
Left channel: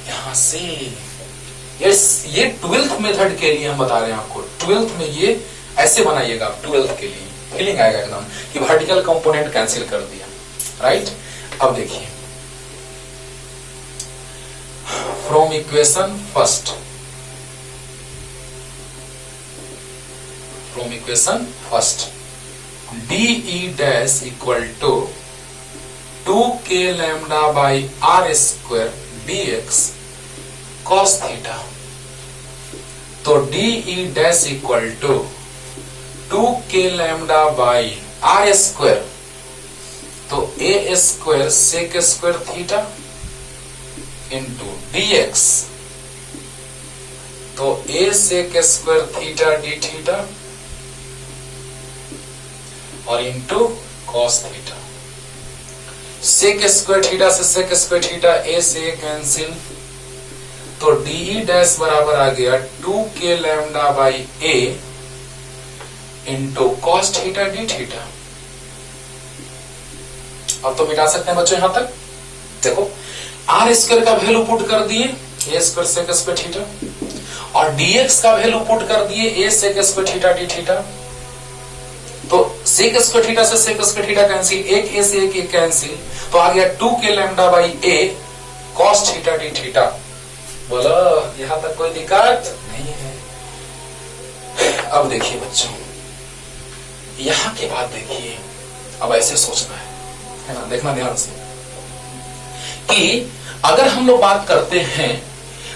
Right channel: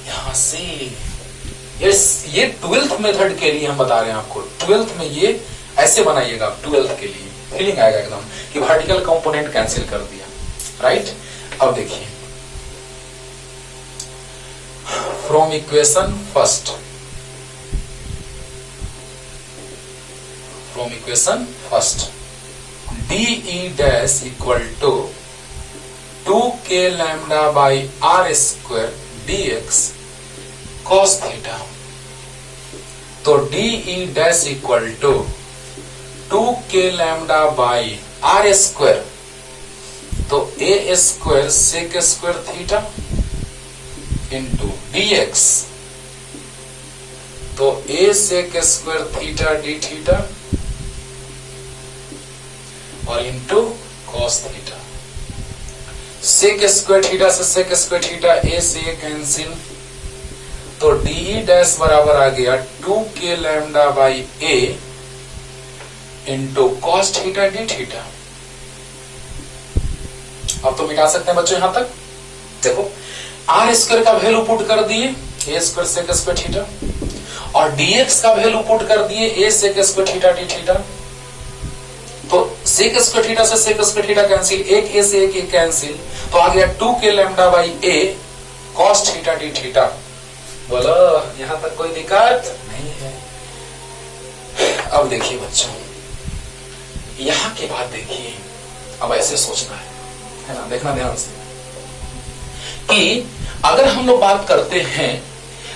यहां से ये 12th मेथड के लिए हम बता रहे हैं आपको। 12th में ये ऐसे बनाइएगा, 12th के लिए फीलिंग आएगा एकदम कि वर्टिकल कंपोनेंट कैंसिल कर दिया, राइट। अब देखिए, from equation first dE dash equal to 2k lambda by r square dx cos theta. तो dE dash equal to 2k lambda by r square, तो a square sec square theta into dx, तो a sec square theta d theta, और into cos theta. sec square theta से sec स्क्वायर थीटा, a से a कैंसिल, तो dE डैश बराबर आ गया 2k lambda by a into cos theta D theta. अब तो मिटा सकते हैं बच्चों यहां तक। देखो, आर स्क्वायर का वैल्यू पुट कर दिए, A square sec square theta, और डीएक्स का वैल्यू पुट कर दिए, A sec square theta D theta. तो सेक स्क्वायर थीटा से सेक स्क्वायर थीटा कैंसिल, एक ए से एक ए कैंसिल, तो आ गया 2k lambda by A cos theta D theta. बोलो, यहां तक कोई दिक्कत नहीं है। अब देखिए बच्चों, यहां की बात देखिए, अब ऐसे सोचना है ना, देखना ध्यान से, कि अगर हम लोग बात करते हैं,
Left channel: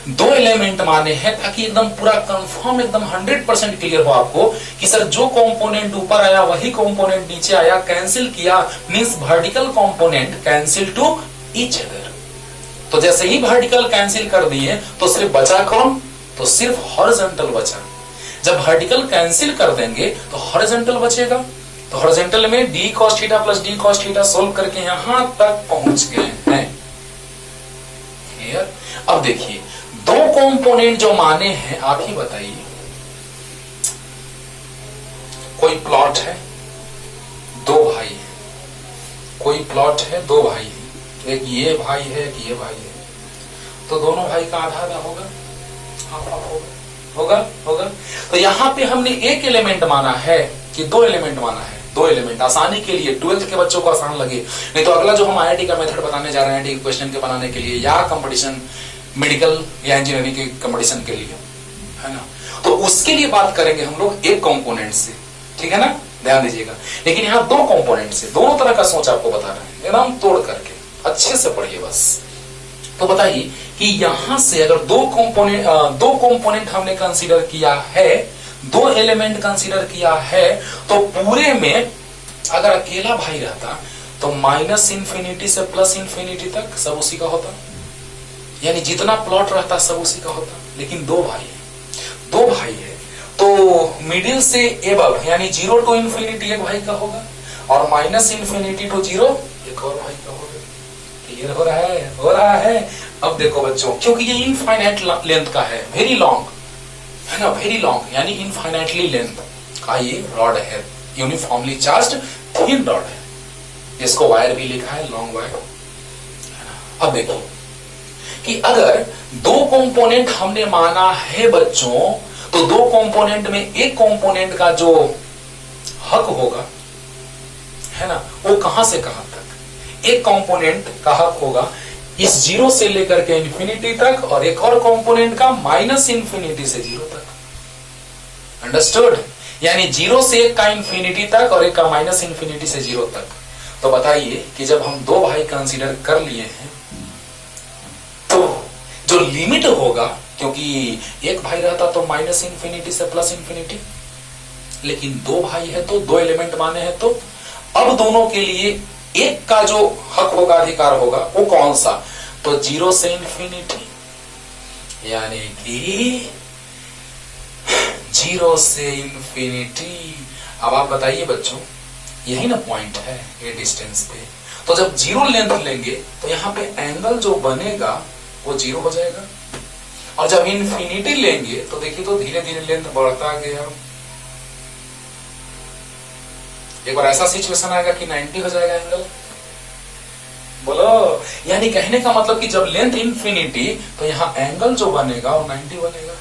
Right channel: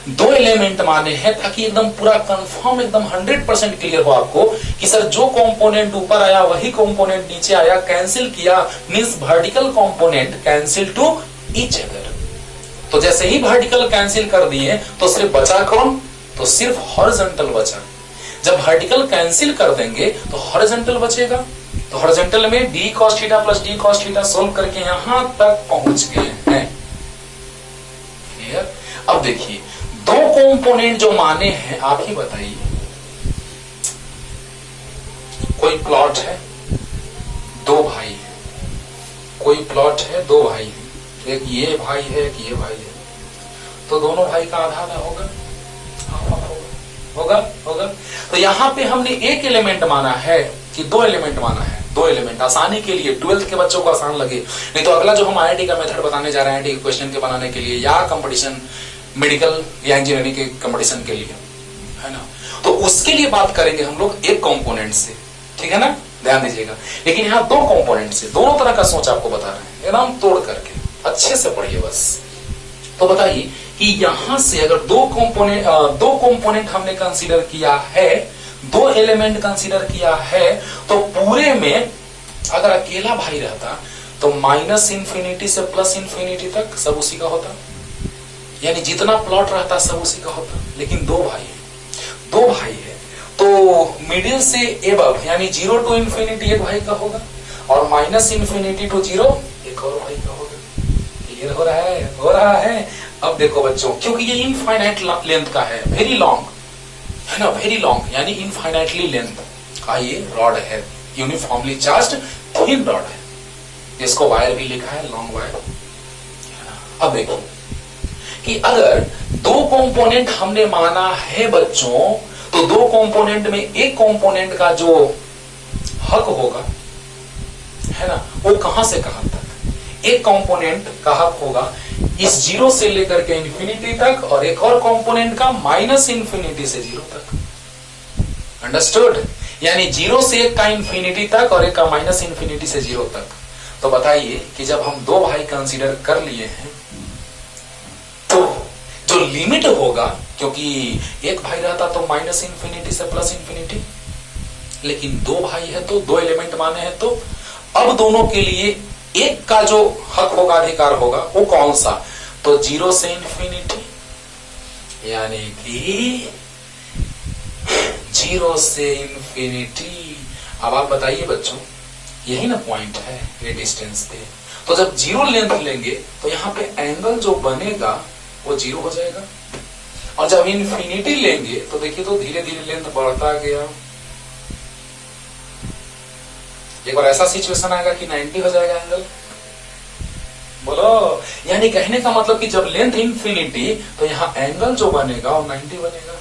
दो एलिमेंट माने हैं, ताकि एकदम पूरा कंफर्म, एकदम 100% क्लियर हो आपको कि सर जो कंपोनेंट ऊपर आया वही कंपोनेंट नीचे आया, कैंसिल किया, means vertical component cancel to each other. तो जैसे ही वर्टिकल कैंसिल कर दिए तो सिर्फ बचा कौन, तो सिर्फ हॉरिजॉन्टल बचा। जब वर्टिकल कैंसिल कर देंगे तो हॉरिजॉन्टल बचेगा। तो हॉरिजॉन्टल में D cos theta plus D cos theta solve करके यहां तक पहुंच गए हैं। क्लियर। अब देखिए, दो कंपोनेंट जो माने हैं, आप ही बताइए, कोई प्लॉट है, दो भाई है, कोई प्लॉट है, दो भाई है, एक ये भाई है, एक ये भाई है, तो दोनों भाई का आधा आधा होगा, होगा होगा। तो यहां पे हमने एक एलिमेंट माना है कि दो एलिमेंट माना है, दो एलिमेंट, आसानी के लिए, 12th के बच्चों को आसान लगे। नहीं तो अगला जो हम आईआईटी का मेथड बताने जा रहे हैं, आईआईटी क्वेश्चन के बनाने के लिए, या कंपटीशन, मेडिकल या इंजीनियरिंग के कंपटीशन के लिए, है ना, तो उसके लिए बात करेंगे हम लोग एक कंपोनेंट से, ठीक है ना, ध्यान दीजिएगा। लेकिन यहाँ दो कंपोनेंट से, दोनों तरह का सोच आपको बता रहे हैं, एकदम तोड़ करके, अच्छे से पढ़िए बस। तो बताइए कि यहां से अगर दो कंपोनेंट हमने कंसीडर किया है, दो एलिमेंट कंसीडर किया है, तो पूरे में अगर अकेला भाई रहता तो माइनस इंफिनिटी से प्लस इंफिनिटी तक सब उसी का होता, यानी जितना प्लॉट रहता सब उसी का होता। लेकिन दो भाई है तो मिडिल से एबव यानी 0 टू इंफिनिटी एक भाई का होगा, और माइनस इंफिनिटी टू 0 एक और भाई का होगा। क्लियर हो रहा है। अब देखो बच्चों, क्योंकि ये इनफाइनाइट लेंथ का है, वेरी लॉन्ग है ना, वेरी लॉन्ग यानी इनफाइनाइटली लेंथ का ये रॉड है, यूनिफॉर्मली चार्ज्ड थिन रॉड है, जिसको वायर भी लिखा है, लॉन्ग वायर, अब देखो कि अगर दो कंपोनेंट हमने माना है बच्चों, तो दो कंपोनेंट में एक कंपोनेंट का जो हक होगा, है ना, वो कहां से कहां तक, एक कंपोनेंट का हक होगा इस जीरो से लेकर के इंफिनिटी तक, और एक और कंपोनेंट का माइनस इंफिनिटी से जीरो तक। अंडरस्टूड? यानी जीरो से एक का इंफिनिटी तक और एक का माइनस इंफिनिटी से जीरो तक। तो बताइए कि जब हम दो भाई कंसीडर कर लिए हैं, तो जो लिमिट होगा, क्योंकि एक भाई रहता तो माइनस इंफिनिटी से प्लस इंफिनिटी, लेकिन दो भाई है तो दो एलिमेंट माने हैं, तो अब दोनों के लिए एक का जो हक होगा, अधिकार होगा, वो कौन सा? तो जीरो से इंफिनिटी, यानी कि जीरो से इंफिनिटी। अब आप बताइए बच्चों, यही ना पॉइंट है ये डिस्टेंस पे। तो जब जीरो लेंथ लेंगे तो यहां पे एंगल जो बनेगा वो जीरो हो जाएगा, और जब इंफिनिटी लेंगे तो देखिए तो धीरे धीरे लेंथ बढ़ता गया। एक बार ऐसा सिचुएशन आएगा कि 90 हो जाएगा एंगल। बोलो, यानी कहने का मतलब कि जब लेंथ इंफिनिटी तो यहां एंगल जो बनेगा वो 90 बनेगा।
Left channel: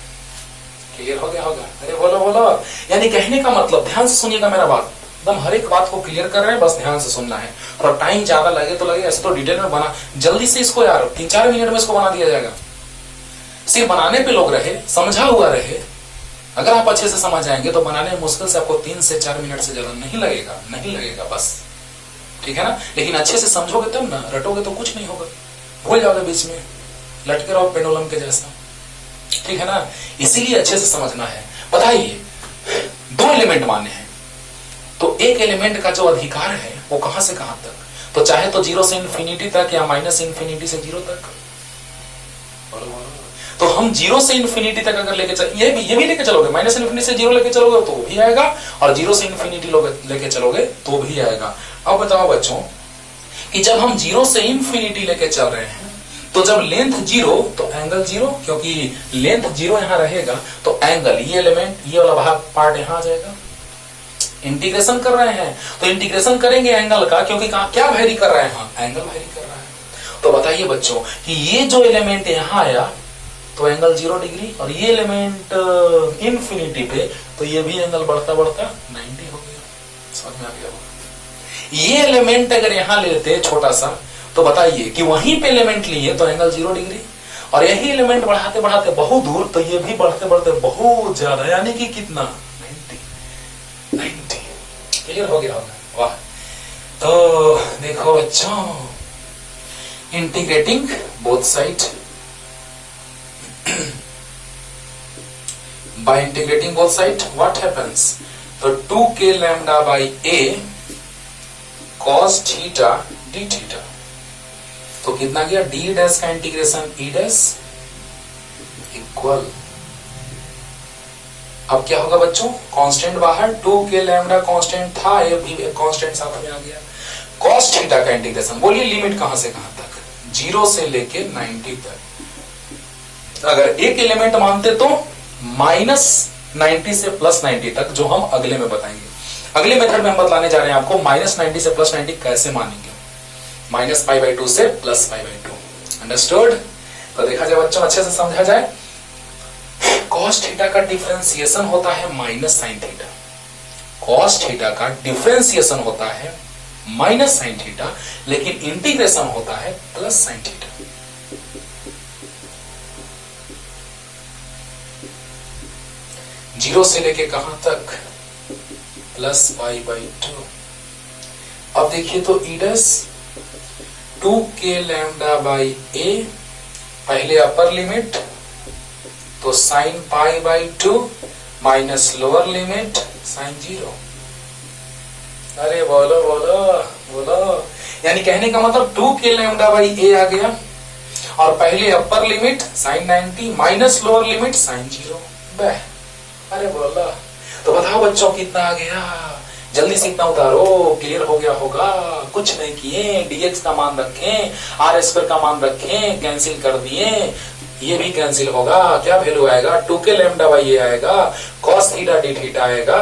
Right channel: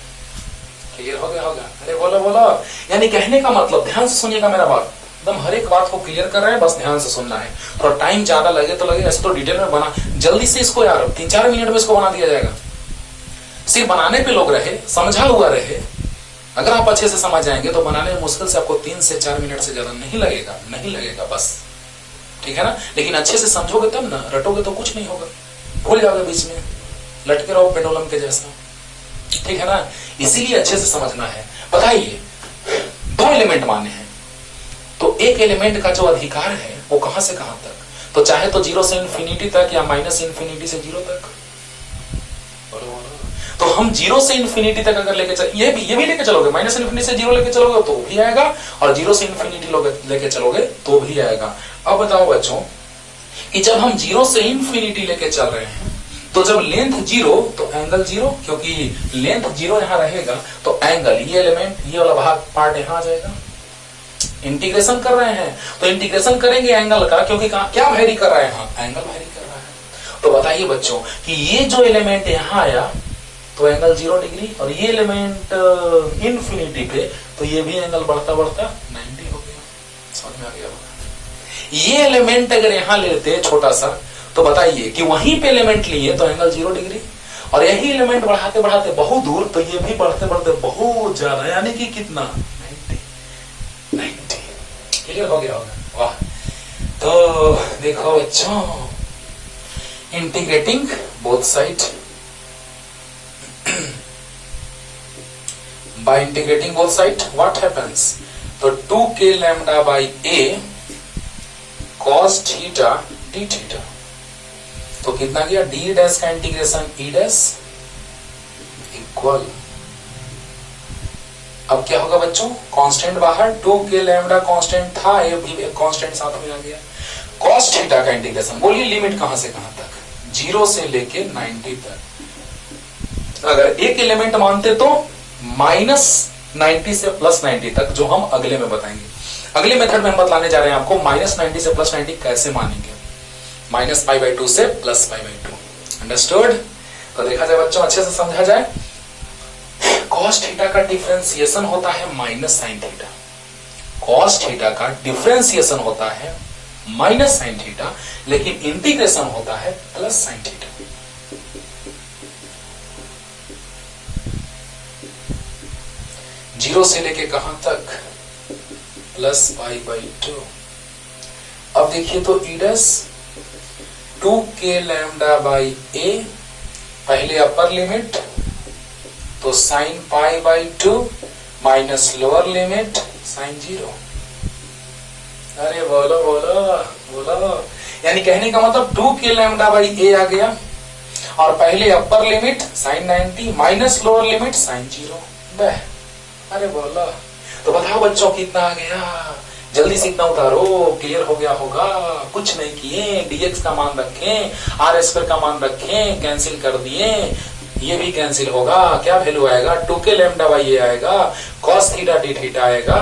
क्लियर हो गया होगा? अरे बोलो बोलो, यानी कहने का मतलब, ध्यान से सुनिएगा मेरा बात, एकदम हर एक बात को क्लियर कर रहे हैं, बस ध्यान से सुनना है। थोड़ा टाइम ज्यादा लगे तो लगे, ऐसे तो डिटेल में बना, जल्दी से इसको यार 3-4 मिनट में इसको बना दिया जाएगा। सिर्फ बनाने पे लोग रहे, समझा हुआ रहे। अगर आप अच्छे से समझ जाएंगे तो बनाने में मुश्किल से आपको 3 से 4 मिनट से ज्यादा नहीं लगेगा बस, ठीक है ना। लेकिन अच्छे से समझोगे तब ना, रटोगे तो कुछ नहीं होगा, भूल जाओगे बीच में, लटके रहो पेंडुलम के जैसा, ठीक है ना। इसीलिए अच्छे से समझना है। बताइए, दो एलिमेंट माने हैं, तो एक एलिमेंट का जो अधिकार है वो कहां से कहां तक? तो चाहे तो जीरो से इंफिनिटी तक या माइनस इंफिनिटी से जीरो तक। तो हम जीरो से इंफिनिटी तक अगर लेके चल, ये भी लेके चलोगे, माइनस इंफिनिटी से जीरो लेके चलोगे तो भी आएगा, और जीरो से इंफिनिटी लेके चलोगे तो भी आएगा। अब बताओ बच्चों कि जब हम जीरो से इंफिनिटी लेके चल रहे हैं, तो जब लेंथ जीरो तो एंगल जीरो, क्योंकि लेंथ जीरो यहां रहेगा तो एंगल, ये एलिमेंट, ये वाला भाग पार्ट यहां आ जाएगा। इंटीग्रेशन कर रहे हैं तो इंटीग्रेशन करेंगे एंगल का, क्योंकि क्या वेरी कर रहे हैं? एंगल वेरी कर रहा है। तो बताइए बच्चों कि ये जो एलिमेंट यहां आया तो एंगल 0 डिग्री, और ये एलिमेंट इंफिनिटी पे तो ये भी एंगल बढ़ता बढ़ता 90 हो गया। समझ में आ गया? ये एलिमेंट अगर यहां लेते छोटा सा, तो बताइए कि वहीं पे एलिमेंट लिए तो एंगल 0 डिग्री, और यही एलिमेंट बढ़ाते बढ़ाते बहुत दूर तो ये भी बढ़ते बढ़ते बहुत ज्यादा, यानी कि कितना? 90। क्लियर हो गया होगा? वाह। तो देखो बच्चों, integrating both side, by integrating both sides what happens? तो 2k lambda by a cos theta d theta, तो कितना गया? d डैश का इंटीग्रेशन e डैश इक्वल, अब क्या होगा बच्चों? कांस्टेंट बाहर, 2k लैम्डा कांस्टेंट था, ये भी कांस्टेंट साथ में आ गया। cos थीटा का इंटीग्रेशन, बोलिए लिमिट कहां से कहां तक? 0 से लेके 90 तक। अगर एक एलिमेंट मानते तो माइनस 90 से प्लस 90 तक, जो हम अगले में बताएंगे। अगले मेथड में हम बतलाने जा रहे हैं आपको माइनस 90 से प्लस 90 कैसे मानेंगे, माइनस π/2 से प्लस π/2। अंडरस्टूड? तो देखा जाए बच्चों, अच्छे से समझा जाए, cos थीटा का डिफरेंशिएशन होता है minus sine theta, cos theta का डिफरेंशिएशन होता है माइनस साइन थीटा, लेकिन इंटीग्रेशन होता है प्लस साइन थीटा। जीरो से लेके कहां तक? प्लस π/2। अब देखिए तो E dash 2k lambda by A, पहले अपर लिमिट तो sine π/2 minus lower limit sine 0। अरे बोलो बोलो बोलो, यानी कहने का मतलब 2k लैम्डा बाई ए आ गया, और पहले upper limit sine 90 minus lower limit sine 0। अरे बोला, तो बताओ बच्चों कितना आ गया? जल्दी से इतना उतारो, क्लियर हो गया होगा। कुछ नहीं किए, dx का मान रखें, r² का मान रखें, कैंसिल कर दिए, ये भी कैंसिल होगा। क्या वैल्यू आएगा? 2k लैम्डा बाई ए आएगा, cos थीटा d थीटा आएगा,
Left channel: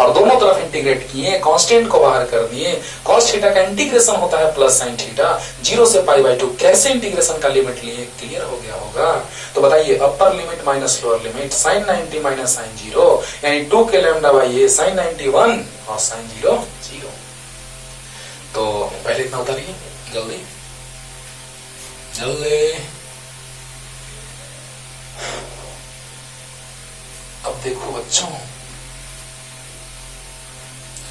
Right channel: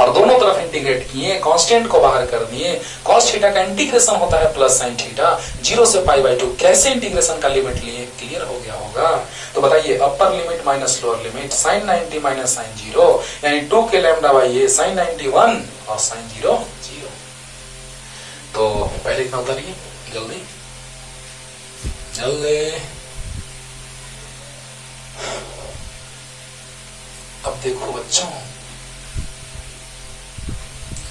और दोनों तरफ इंटीग्रेट किए, कांस्टेंट को बाहर कर दिए। cos थीटा का इंटीग्रेशन होता है प्लस sin थीटा, 0 से π/2। कैसे इंटीग्रेशन का लिमिट लिए, क्लियर हो गया होगा। तो बताइए अपर limit minus lower limit, sin 90 minus sin 0 यानी 2k λ/a sin 91 और sin 0 0। तो पहले इतना उतारिए जल्दी जल्दी। अब देखो बच्चों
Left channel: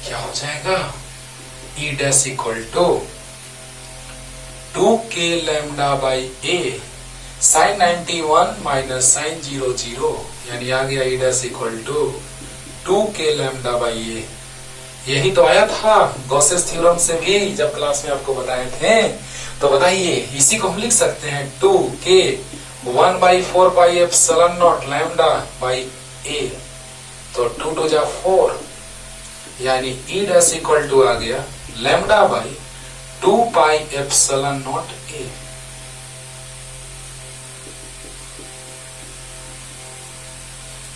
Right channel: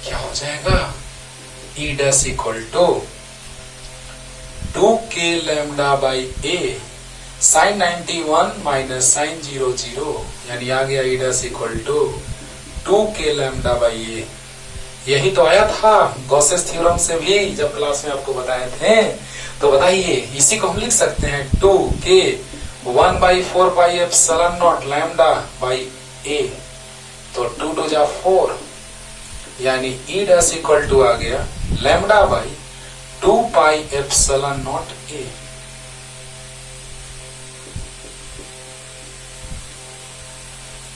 क्या हो जाएगा, E dash equal to 2k λ/a sin 91 minus sin 0 0 यानी आ गया E dash equal to 2k λ/a। यही तो आया था गॉसेस थ्योरम से भी जब क्लास में आपको बताए थे। तो बताइए इसी को हम लिख सकते हैं 2k 1/4πε0 λ/a। तो 2 2 जा 4 यानी E डैश इक्वल टू आ गया λ/2πε0 a।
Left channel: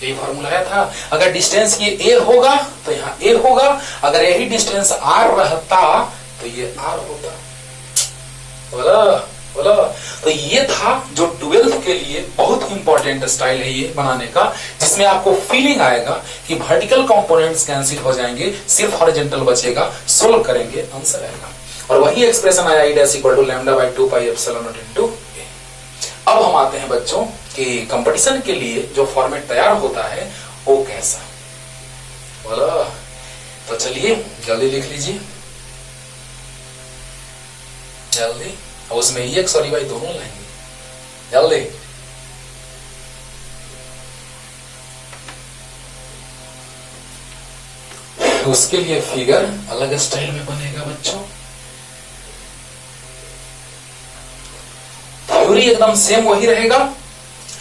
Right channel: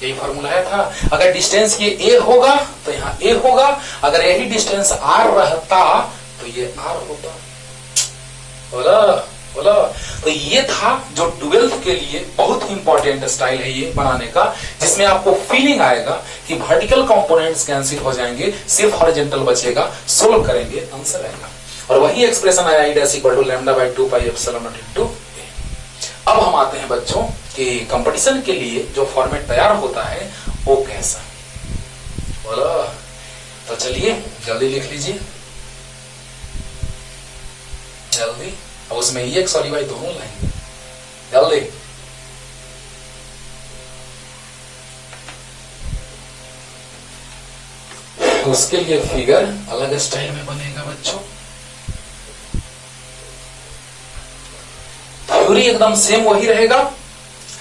यही फॉर्मूला आया था। अगर डिस्टेंस ये a होगा तो यहाँ a होगा, अगर यही डिस्टेंस r रहता तो ये r होता। बोला बोला। तो ये था जो 12th के लिए बहुत इंपॉर्टेंट स्टाइल है ये बनाने का, जिसमें आपको फीलिंग आएगा कि वर्टिकल कंपोनेंट्स कैंसिल हो जाएंगे, सिर्फ हॉरिजॉन्टल बचेगा। सोल्व करेंगे आंसर आएगा। और वही एक्सप्रेशन आया E dash equal to λ/2πε0 into a। अब हम आते हैं बच्चों कि कंपटीशन के लिए जो फॉर्मेट तैयार होता है वो कैसा। बोलो तो चलिए जल्दी लिख लीजिए जल्दी। अब उसमें EX और EY दोनों लाएंगे जल्दी। उसके लिए फिगर अलग स्टाइल में बनेगा बच्चों। थ्योरी एकदम सेम वही रहेगा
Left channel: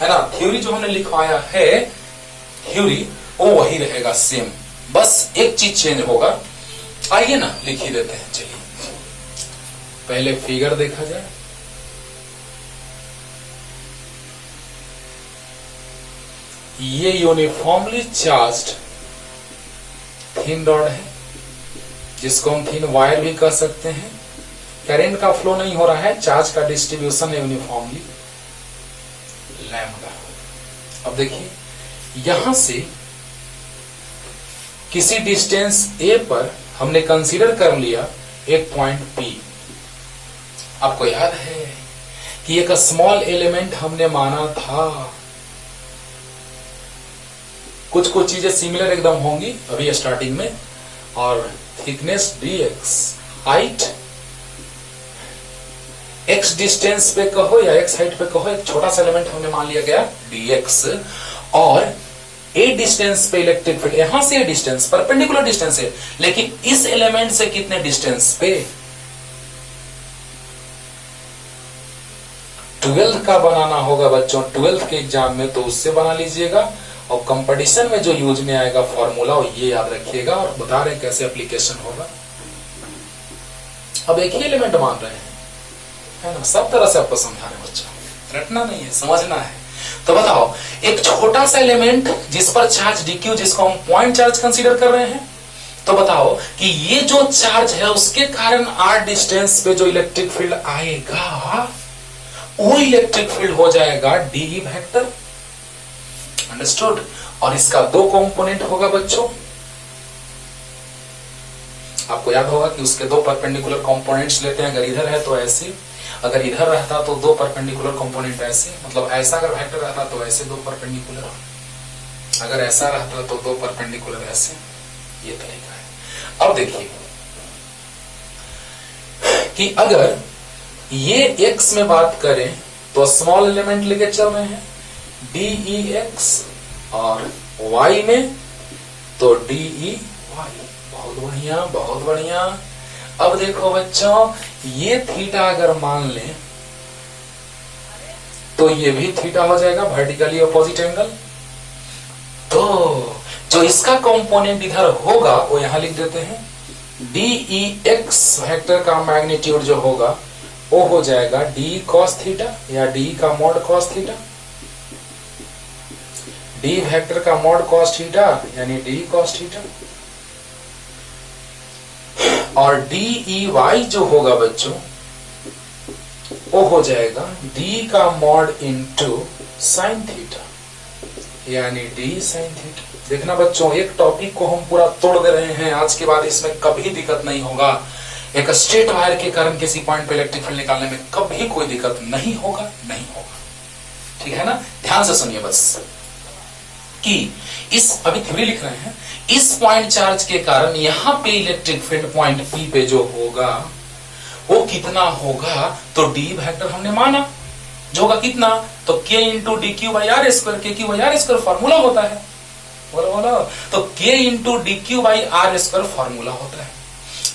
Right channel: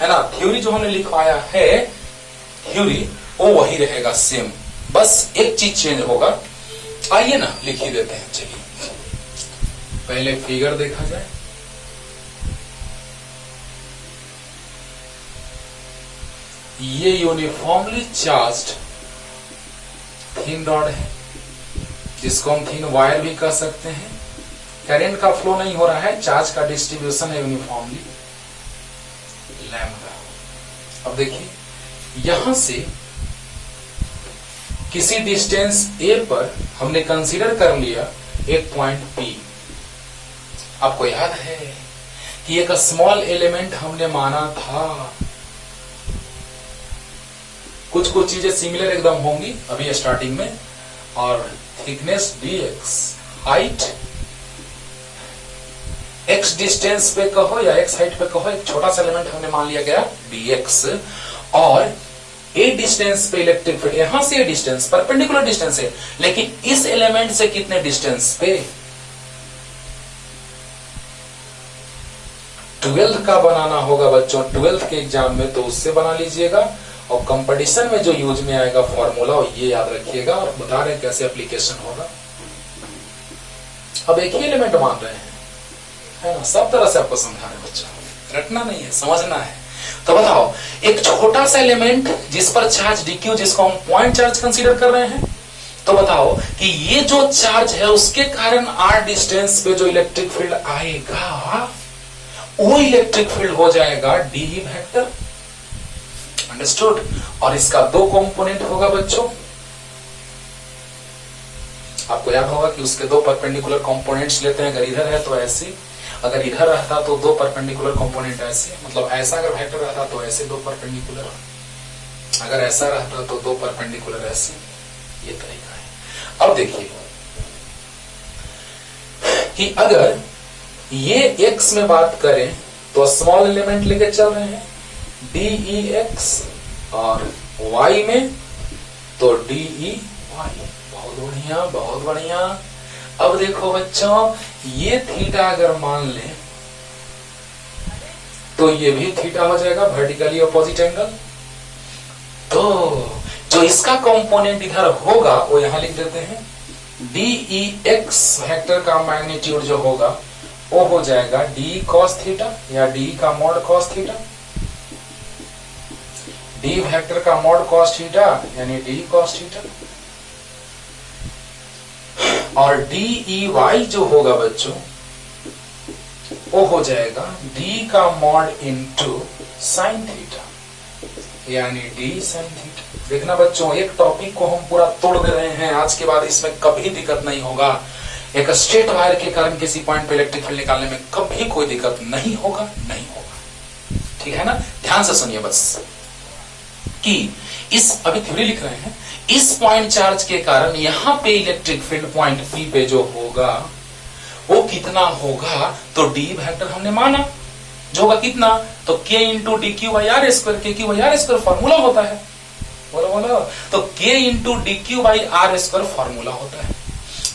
है ना। थ्योरी जो हमने लिखवाया है थ्योरी वो वही रहेगा सेम, बस एक चीज चेंज होगा। आइए ना लिख ही देते हैं। चलिए पहले फिगर देखा जाए। ये यूनिफॉर्मली चार्ज्ड थिन रॉड है, जिसको हम थिन वायर भी कह सकते हैं। करंट का फ्लो नहीं हो रहा है, चार्ज का डिस्ट्रीब्यूशन है यूनिफॉर्मली लैम्डा। अब देखिए यहां से किसी डिस्टेंस a पर हमने कंसीडर कर लिया एक पॉइंट P। आपको याद है कि एक स्मॉल एलिमेंट हमने माना था। कुछ कुछ चीजें सिमिलर एकदम होंगी अभी स्टार्टिंग में। और thickness dx, height x distance पे कहो या x हाइट पे कहो, एक छोटा सा एलिमेंट हमने मान लिया गया dx। और a डिस्टेंस पे इलेक्ट्रिक फील्ड, यहां से डिस्टेंस परपेंडिकुलर डिस्टेंस है, लेकिन इस एलिमेंट से कितने डिस्टेंस पे। 12th का बनाना होगा बच्चों, 12th के एग्जाम में, तो उससे बना लीजिएगा। और कंपटीशन में जो यूज में आएगा फॉर्मूला ये याद रखिएगा, और बता रहे हैं कैसे एप्लीकेशन होगा। अब एक ही एलिमेंट मान रहे हैं है ना, सब तरह से आपको समझा रहे बच्चा, रटना नहीं है समझना है। तो बताओ एक छोटा सा एलिमेंट जिस पर चार्ज dq, जिसको हम पॉइंट चार्ज कंसीडर कर रहे हैं, तो बताओ कि ये जो चार्ज है उसके कारण r डिस्टेंस पे जो इलेक्ट्रिक फील्ड आएगा वो इलेक्ट्रिक फील्ड हो जाएगा डी वेक्टर। अंडरस्टूड। और इसका दो कंपोनेंट होगा बच्चों। आपको याद होगा कि उसके दो परपेंडिकुलर कंपोनेंट्स लेते हैं। अगर इधर है तो ऐसे, अगर इधर रहता तो दो परपेंडिकुलर कंपोनेंट ऐसे, मतलब ऐसा अगर वेक्टर रहता तो ऐसे दो परपेंडिकुलर, अगर ऐसा रहता तो दो परपेंडिकुलर ऐसे। ये तरीका है। अब देखिए कि अगर ये x में बात करें तो स्मॉल एलिमेंट लेके चल रहे हैं dEx, और y में तो dEy। बहुत बढ़िया बहुत बढ़िया। अब देखो बच्चों ये थीटा अगर मान लें तो ये भी थीटा हो जाएगा, वर्टिकली अपोजिट एंगल। तो जो इसका कंपोनेंट इधर होगा वो यहां लिख देते हैं। dEx वेक्टर का मैग्नीट्यूड जो होगा वो हो जाएगा d cos थीटा, या d का mod cos theta. d vector का मॉड cos थीटा यानी d cos थीटा। और डी ई वाई जो होगा बच्चों वो हो जाएगा डी का मॉड इनटू साइन थीटा, यानी डी साइन थीटा। देखना बच्चों, एक टॉपिक को हम पूरा तोड़ दे रहे हैं। आज के बाद इसमें कभी दिक्कत नहीं होगा। एक स्ट्रेट वायर के कारण किसी पॉइंट पे इलेक्ट्रिक फील्ड निकालने में कभी कोई दिक्कत नहीं होगा, नहीं होगा। ठीक है ना? ध्यान से सुनिए बस कि इस अभी थ्योरी लिख रहे हैं, इस पॉइंट चार्ज के कारण यहां पे इलेक्ट्रिक फील्ड पॉइंट पी पे जो होगा वो कितना होगा, तो डी वेक्टर हमने माना जो होगा कितना, तो K into D Q by are square, K Q by are square formula होता है, बोलो बोलो, तो K into D Q by are square formula होता है।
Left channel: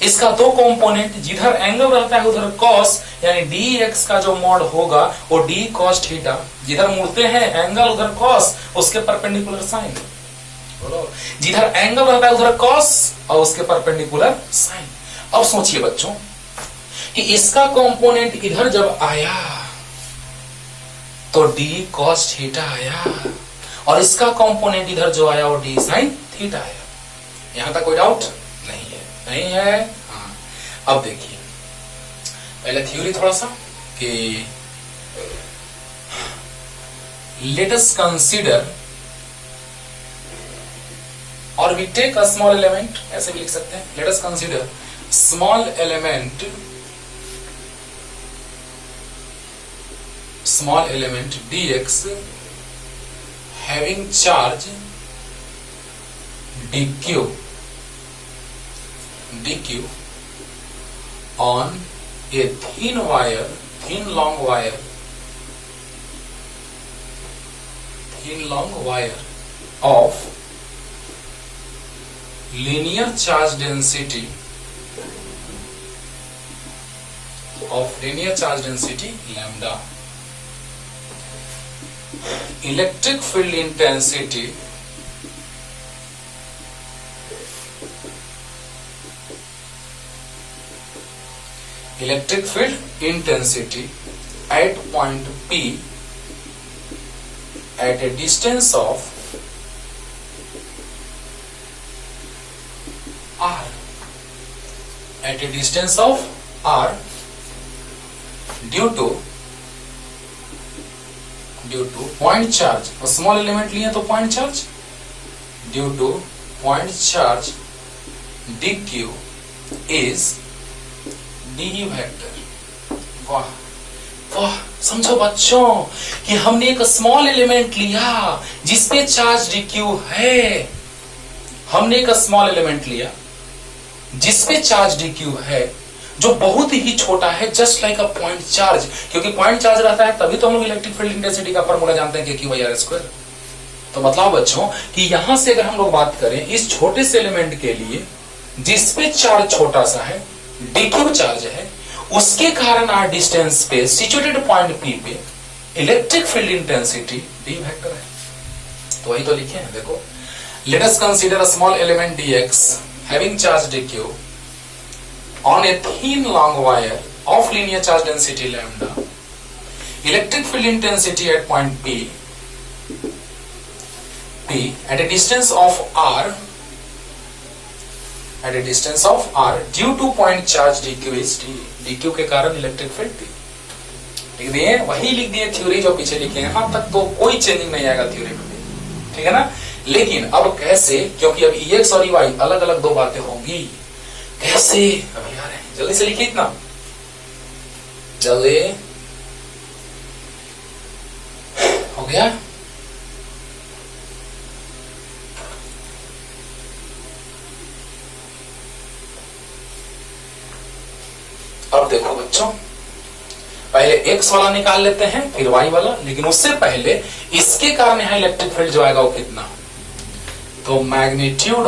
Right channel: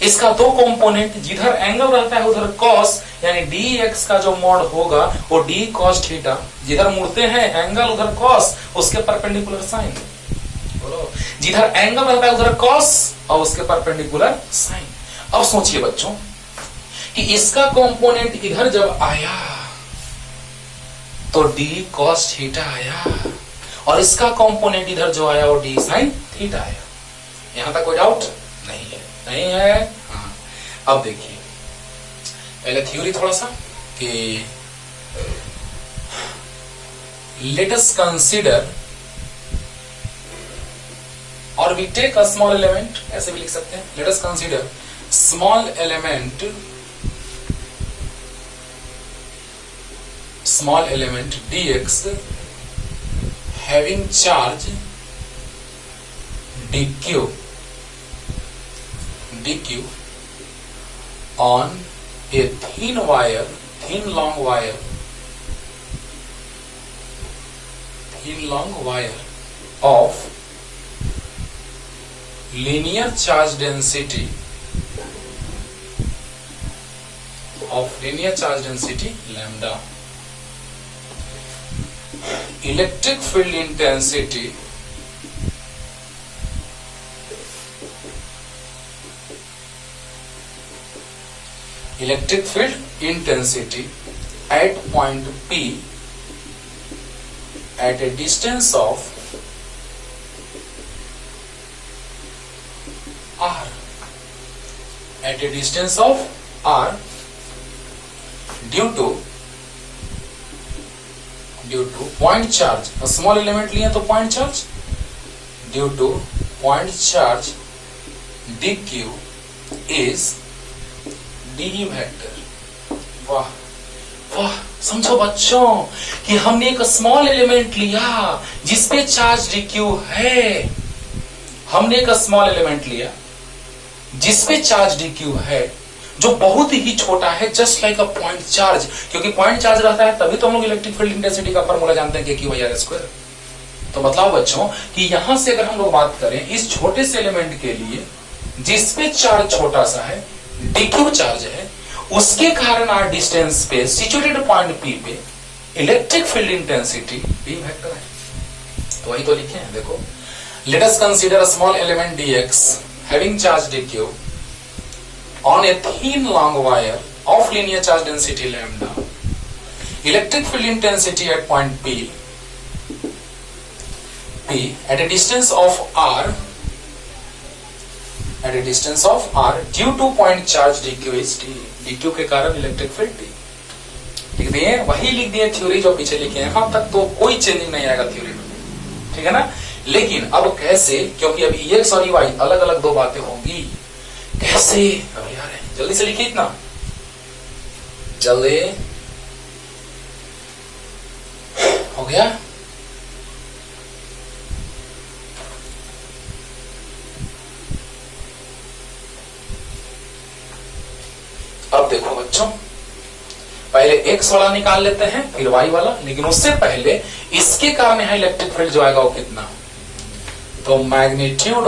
इसका दो कंपोनेंट, जिधर एंगल रहता है उधर कॉस, यानी डी एक्स का जो मॉड होगा वो डी कॉस थीटा, जिधर मुड़ते हैं एंगल उधर कॉस, उसके परपेंडिकुलर साइन, बोलो, जिधर एंगल रहता है उधर कॉस और उसके परपेंडिकुलर साइन। अब सोचिए बच्चों कि इसका कंपोनेंट इधर जब आया तो डी कॉस थीटा आया, और इसका कंपोनेंट इधर जो आया वो डी साइन थीटा आया। यहां तक कोई डाउट नहीं है? नहीं है? हाँ। अब देखिए पहले थ्योरी थोड़ा सा कि लेट अस कंसीडर, और we take a small element, ऐसे भी लिख सकते हैं, let us consider small element dx having charge dq on a thin long wire of linear charge density lambda. Electric field intensity at point P at a distance of r due to point charge, और स्मॉल एलिमेंट लिए तो point charge, due to point charge dq is d vector. वाह वाह, समझो बच्चों कि हमने एक स्मॉल एलिमेंट लिया जिसपे चार्ज dq है, हमने एक स्मॉल एलिमेंट लिया जिसपे चार्ज dq है, जो बहुत ही छोटा है, just like a point charge, क्योंकि पॉइंट चार्ज रहता है तभी तो हम लोग इलेक्ट्रिक फील्ड इंटेंसिटी का फॉर्मूला जानते हैं, क्यू बाई आर स्क्वायर। तो मतलब बच्चों कि यहां से अगर हम लोग बात करें इस छोटे से एलिमेंट के लिए जिसपे चार्ज छोटा सा है, dq चार्ज है, उसके कारण आर डिस्टेंस पे सिचुएटेड पॉइंट पी पे electric field intensity D vector है। तो वही तो लिखे हैं, देखो, late us consider a small element dx having charge dq on a thin long wire of linear charge density lambda, electric field intensity at point P at a distance of r due to point charge dq is d, dq के कारण इलेक्ट्रिक फील्ड d लिख दिए, वही लिख दिए थ्योरी जो पीछे लिखे हैं। अब तक तो कोई चेंजिंग नहीं आएगा थ्योरी में, ठीक है ना? लेकिन अब कैसे, क्योंकि अब EX और EY अलग अलग दो बातें होंगी, कैसे अभी आ रहे हैं, जल्दी से लिखिए, इतना जल्दी हो गया। अब देखो बच्चों, पहले एक्स वाला निकाल लेते हैं फिर वाई वाला, लेकिन उससे पहले इसके कारण यहां इलेक्ट्रिक फील्ड जो आएगा वो कितना, तो magnitude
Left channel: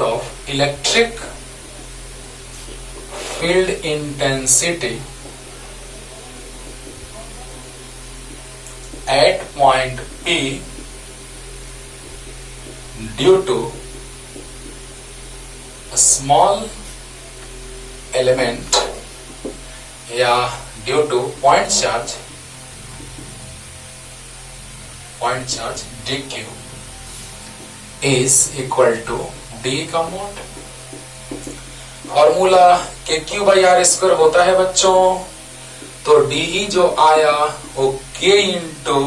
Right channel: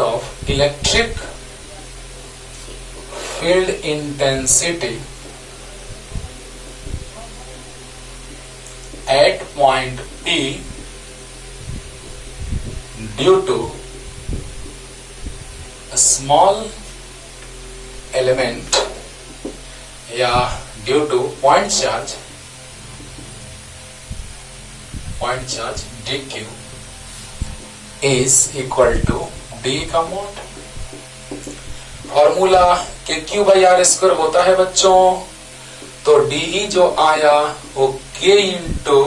of electric field intensity at point P due to small element या due to point charge point charge D Q is equal to D का mod. Formula K Q by are square होता है बच्चों, तो डी जो आया वो के इंटू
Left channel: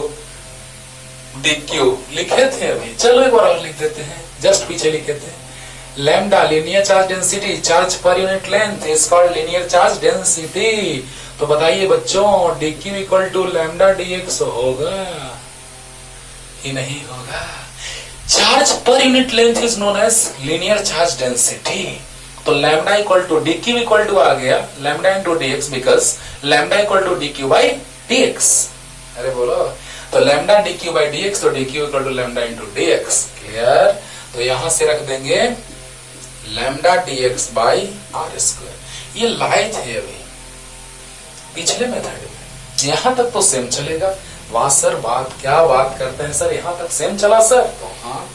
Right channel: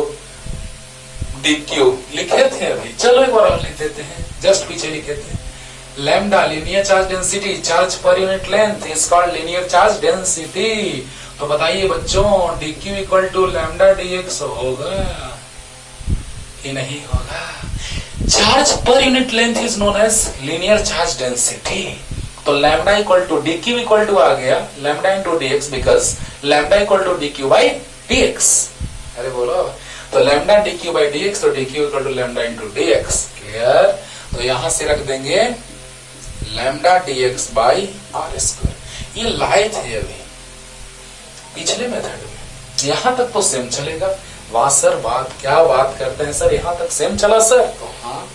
डी क्यू लिखे थे अभी, चलो एक बार और लिख देते हैं, जस्ट पीछे लिखे थे। Lambda linear charge density, charge per unit length is called linear charge density. तो बताइए बच्चों D Q equal to lambda D X होगा कि नहीं होगा? Charge per unit length is known as linear charge density. तो lambda equal to D Q equal to आ गया lambda into D X, because lambda equal to D Q by D X. अरे बोलो, तो lambda D Q by D X, तो D Q equal to lambda into D X. Clear? तो यहां से रख देंगे lambda D X by are square. ये लाए थे अभी पिछले मेथड में, यहां तक तो सेम चलेगा। वाह सर, बात क्या बात करते हैं सर, यहां तक सेम चला सर? तो हाँ,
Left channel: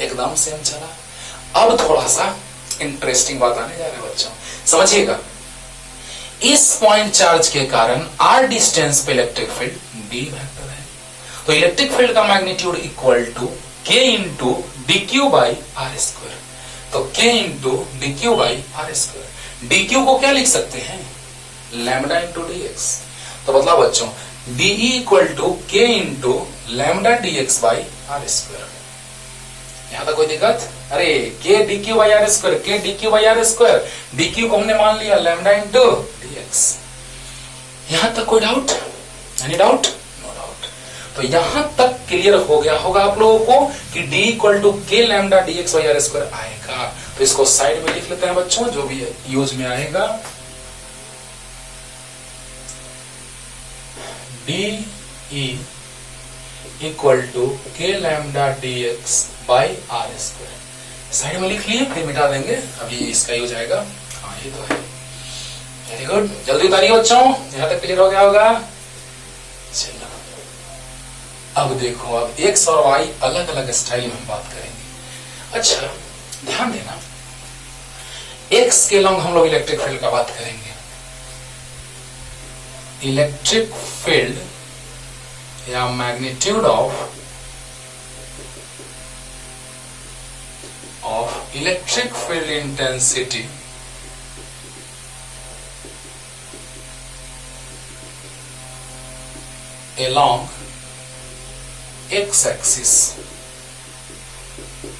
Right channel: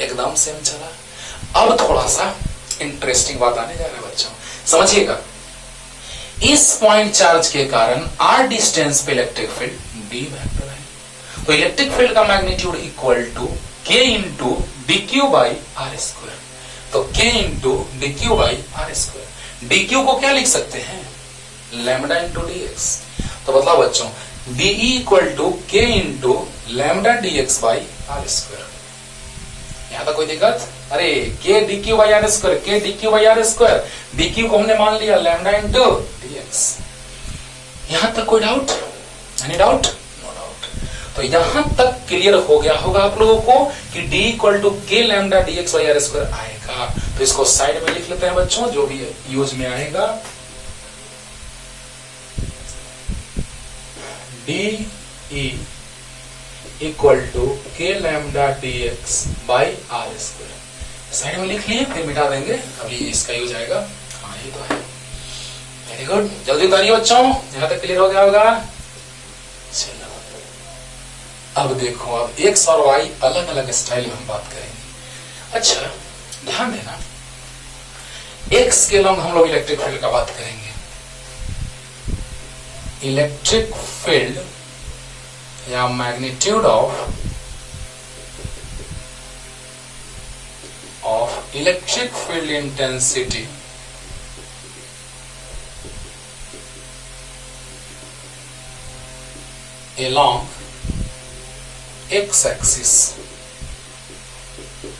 एकदम सेम चला। अब थोड़ा सा इंटरेस्टिंग बात आने जा रही है बच्चों, समझिएगा। इस पॉइंट चार्ज के कारण आर डिस्टेंस पे इलेक्ट्रिक फील्ड डी वेक्टर है, तो इलेक्ट्रिक फील्ड का magnitude equal to K into D Q by are square. तो K into D Q by are square. D Q को क्या लिख सकते हैं? Lambda into D X. तो बताओ बच्चों, D equal to K into lambda D X by are square. यहां तक कोई दिक्कत? अरे K D Q by are square, के D Q by are square, D Q को हमने मान लिया लैम्डा इंटू डी एक्स। यहां तक कोई doubt? Any doubt? No doubt. तो यहां तक क्लियर हो गया होगा आप लोगों को कि D equal to K lambda D X by are square आएगा। तो इसको साइड में लिख लेते हैं बच्चों, जो भी यूज में आएगा। D E equal to K lambda D X by are square side में लिख लिए, फिर मिटा देंगे, अभी इसका यूज आएगा। हाँ ये तो है, वेरी गुड। जल्दी उतारिए बच्चों, यहां तक क्लियर हो गया होगा। चलो अब देखो, अब एक्स और वाई अलग अलग स्टाइल में हम बात करेंगे। अच्छा ध्यान देना, एक्स के लॉन्ग हम लोग इलेक्ट्रिक फील्ड का बात करेंगे। इलेक्ट्रिक फील्ड या magnitude of electric field intensity along x axis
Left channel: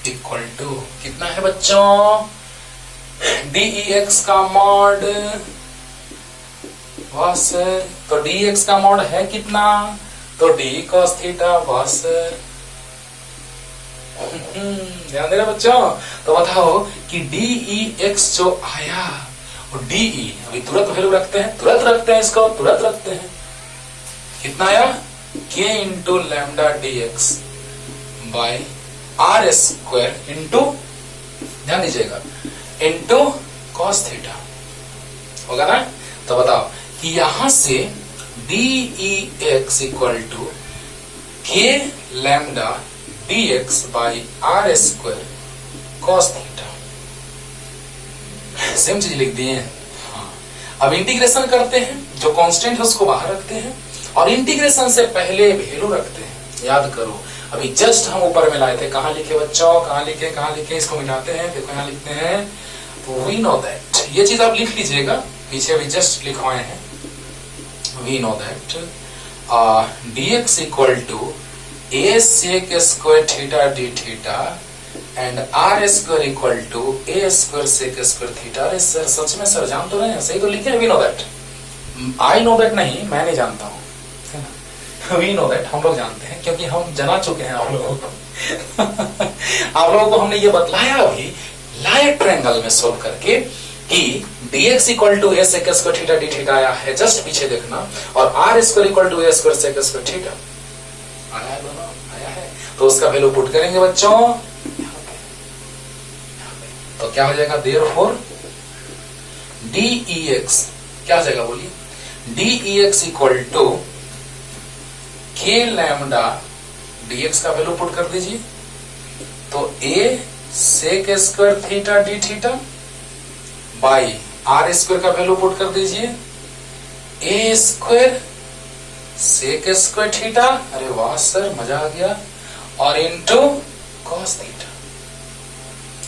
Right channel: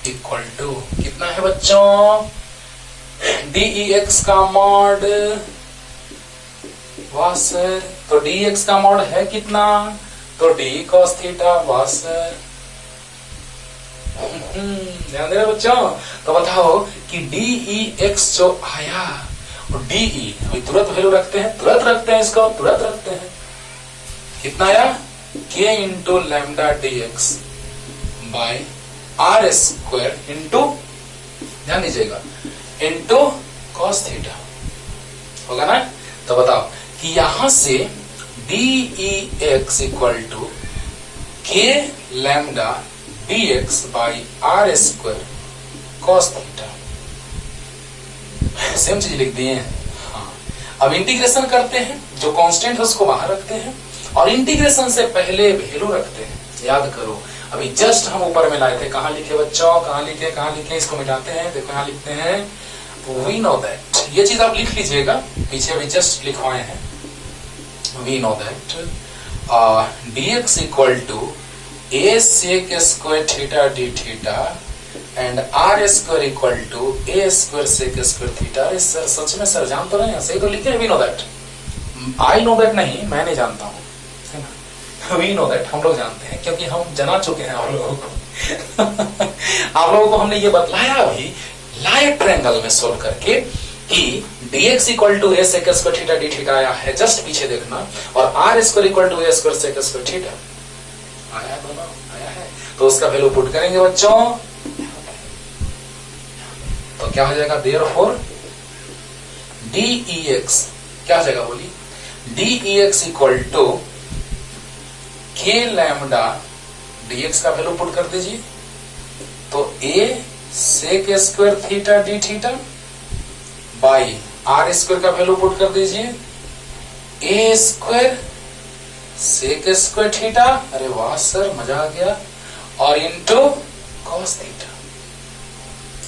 equal to कितना है बच्चों? dEx का मॉड बस, तो dx का मॉड है कितना? तो d cos थीटा बस। ध्यान देना बच्चों। तो बताओ कि dEx जो आया और dE अभी तुरंत वैल्यू रखते हैं, तुरंत रखते हैं, इसको तुरंत रखते हैं। कितना आया? k into lambda D X by are square into, ध्यान दीजिएगा, इंटू कॉस थीटा होगा ना। तो बताओ कि यहां से dEx equal to K lambda D X by are square cos theta, same चीज लिख दिए। हाँ, अब इंटीग्रेशन करते हैं, जो कांस्टेंट है उसको बाहर रखते हैं और इंटीग्रेशन से पहले वैल्यू रखते हैं। याद करो, अभी जस्ट हम ऊपर में लाए थे, कहां लिखे बच्चों? कहां लिखे? इसको मिटाते हैं, देखो यहां लिखते हैं वी नो दैट। ये चीज आप लिख लीजिएगा, पीछे अभी जस्ट लिखवाए हैं। We know that dx equal to a sec square theta D theta and r square equal to a square sec square theta. अरे सर सच में सर जान तो रहे हैं, सही तो लिखे। We know that, I know that नहीं, मैं नहीं जानता हूं, है ना। वी नो दैट हम लोग जानते हैं, क्योंकि हम जना चुके हैं आप लोगों को। आप लोगों को हमने ये बतलाया अभी लाइट ट्रायंगल में सोल्व करके कि dx equal to a sec square theta D theta आया है, जस्ट पीछे देखना, और r square equal to a square sec square theta आया है, दोनों आया है। तो उसका वैल्यू पुट करेंगे बच्चों, तो क्या हो जाएगा? देयरफॉर dEx क्या हो जाएगा बोलिए? dEx equal to k lambda dx का वैल्यू पुट कर दीजिए, तो a sec square theta D theta by are square का वैल्यू पुट कर दीजिए, a square sec square theta, अरे वाह सर मजा आ गया, और इंटू कॉस थीटा।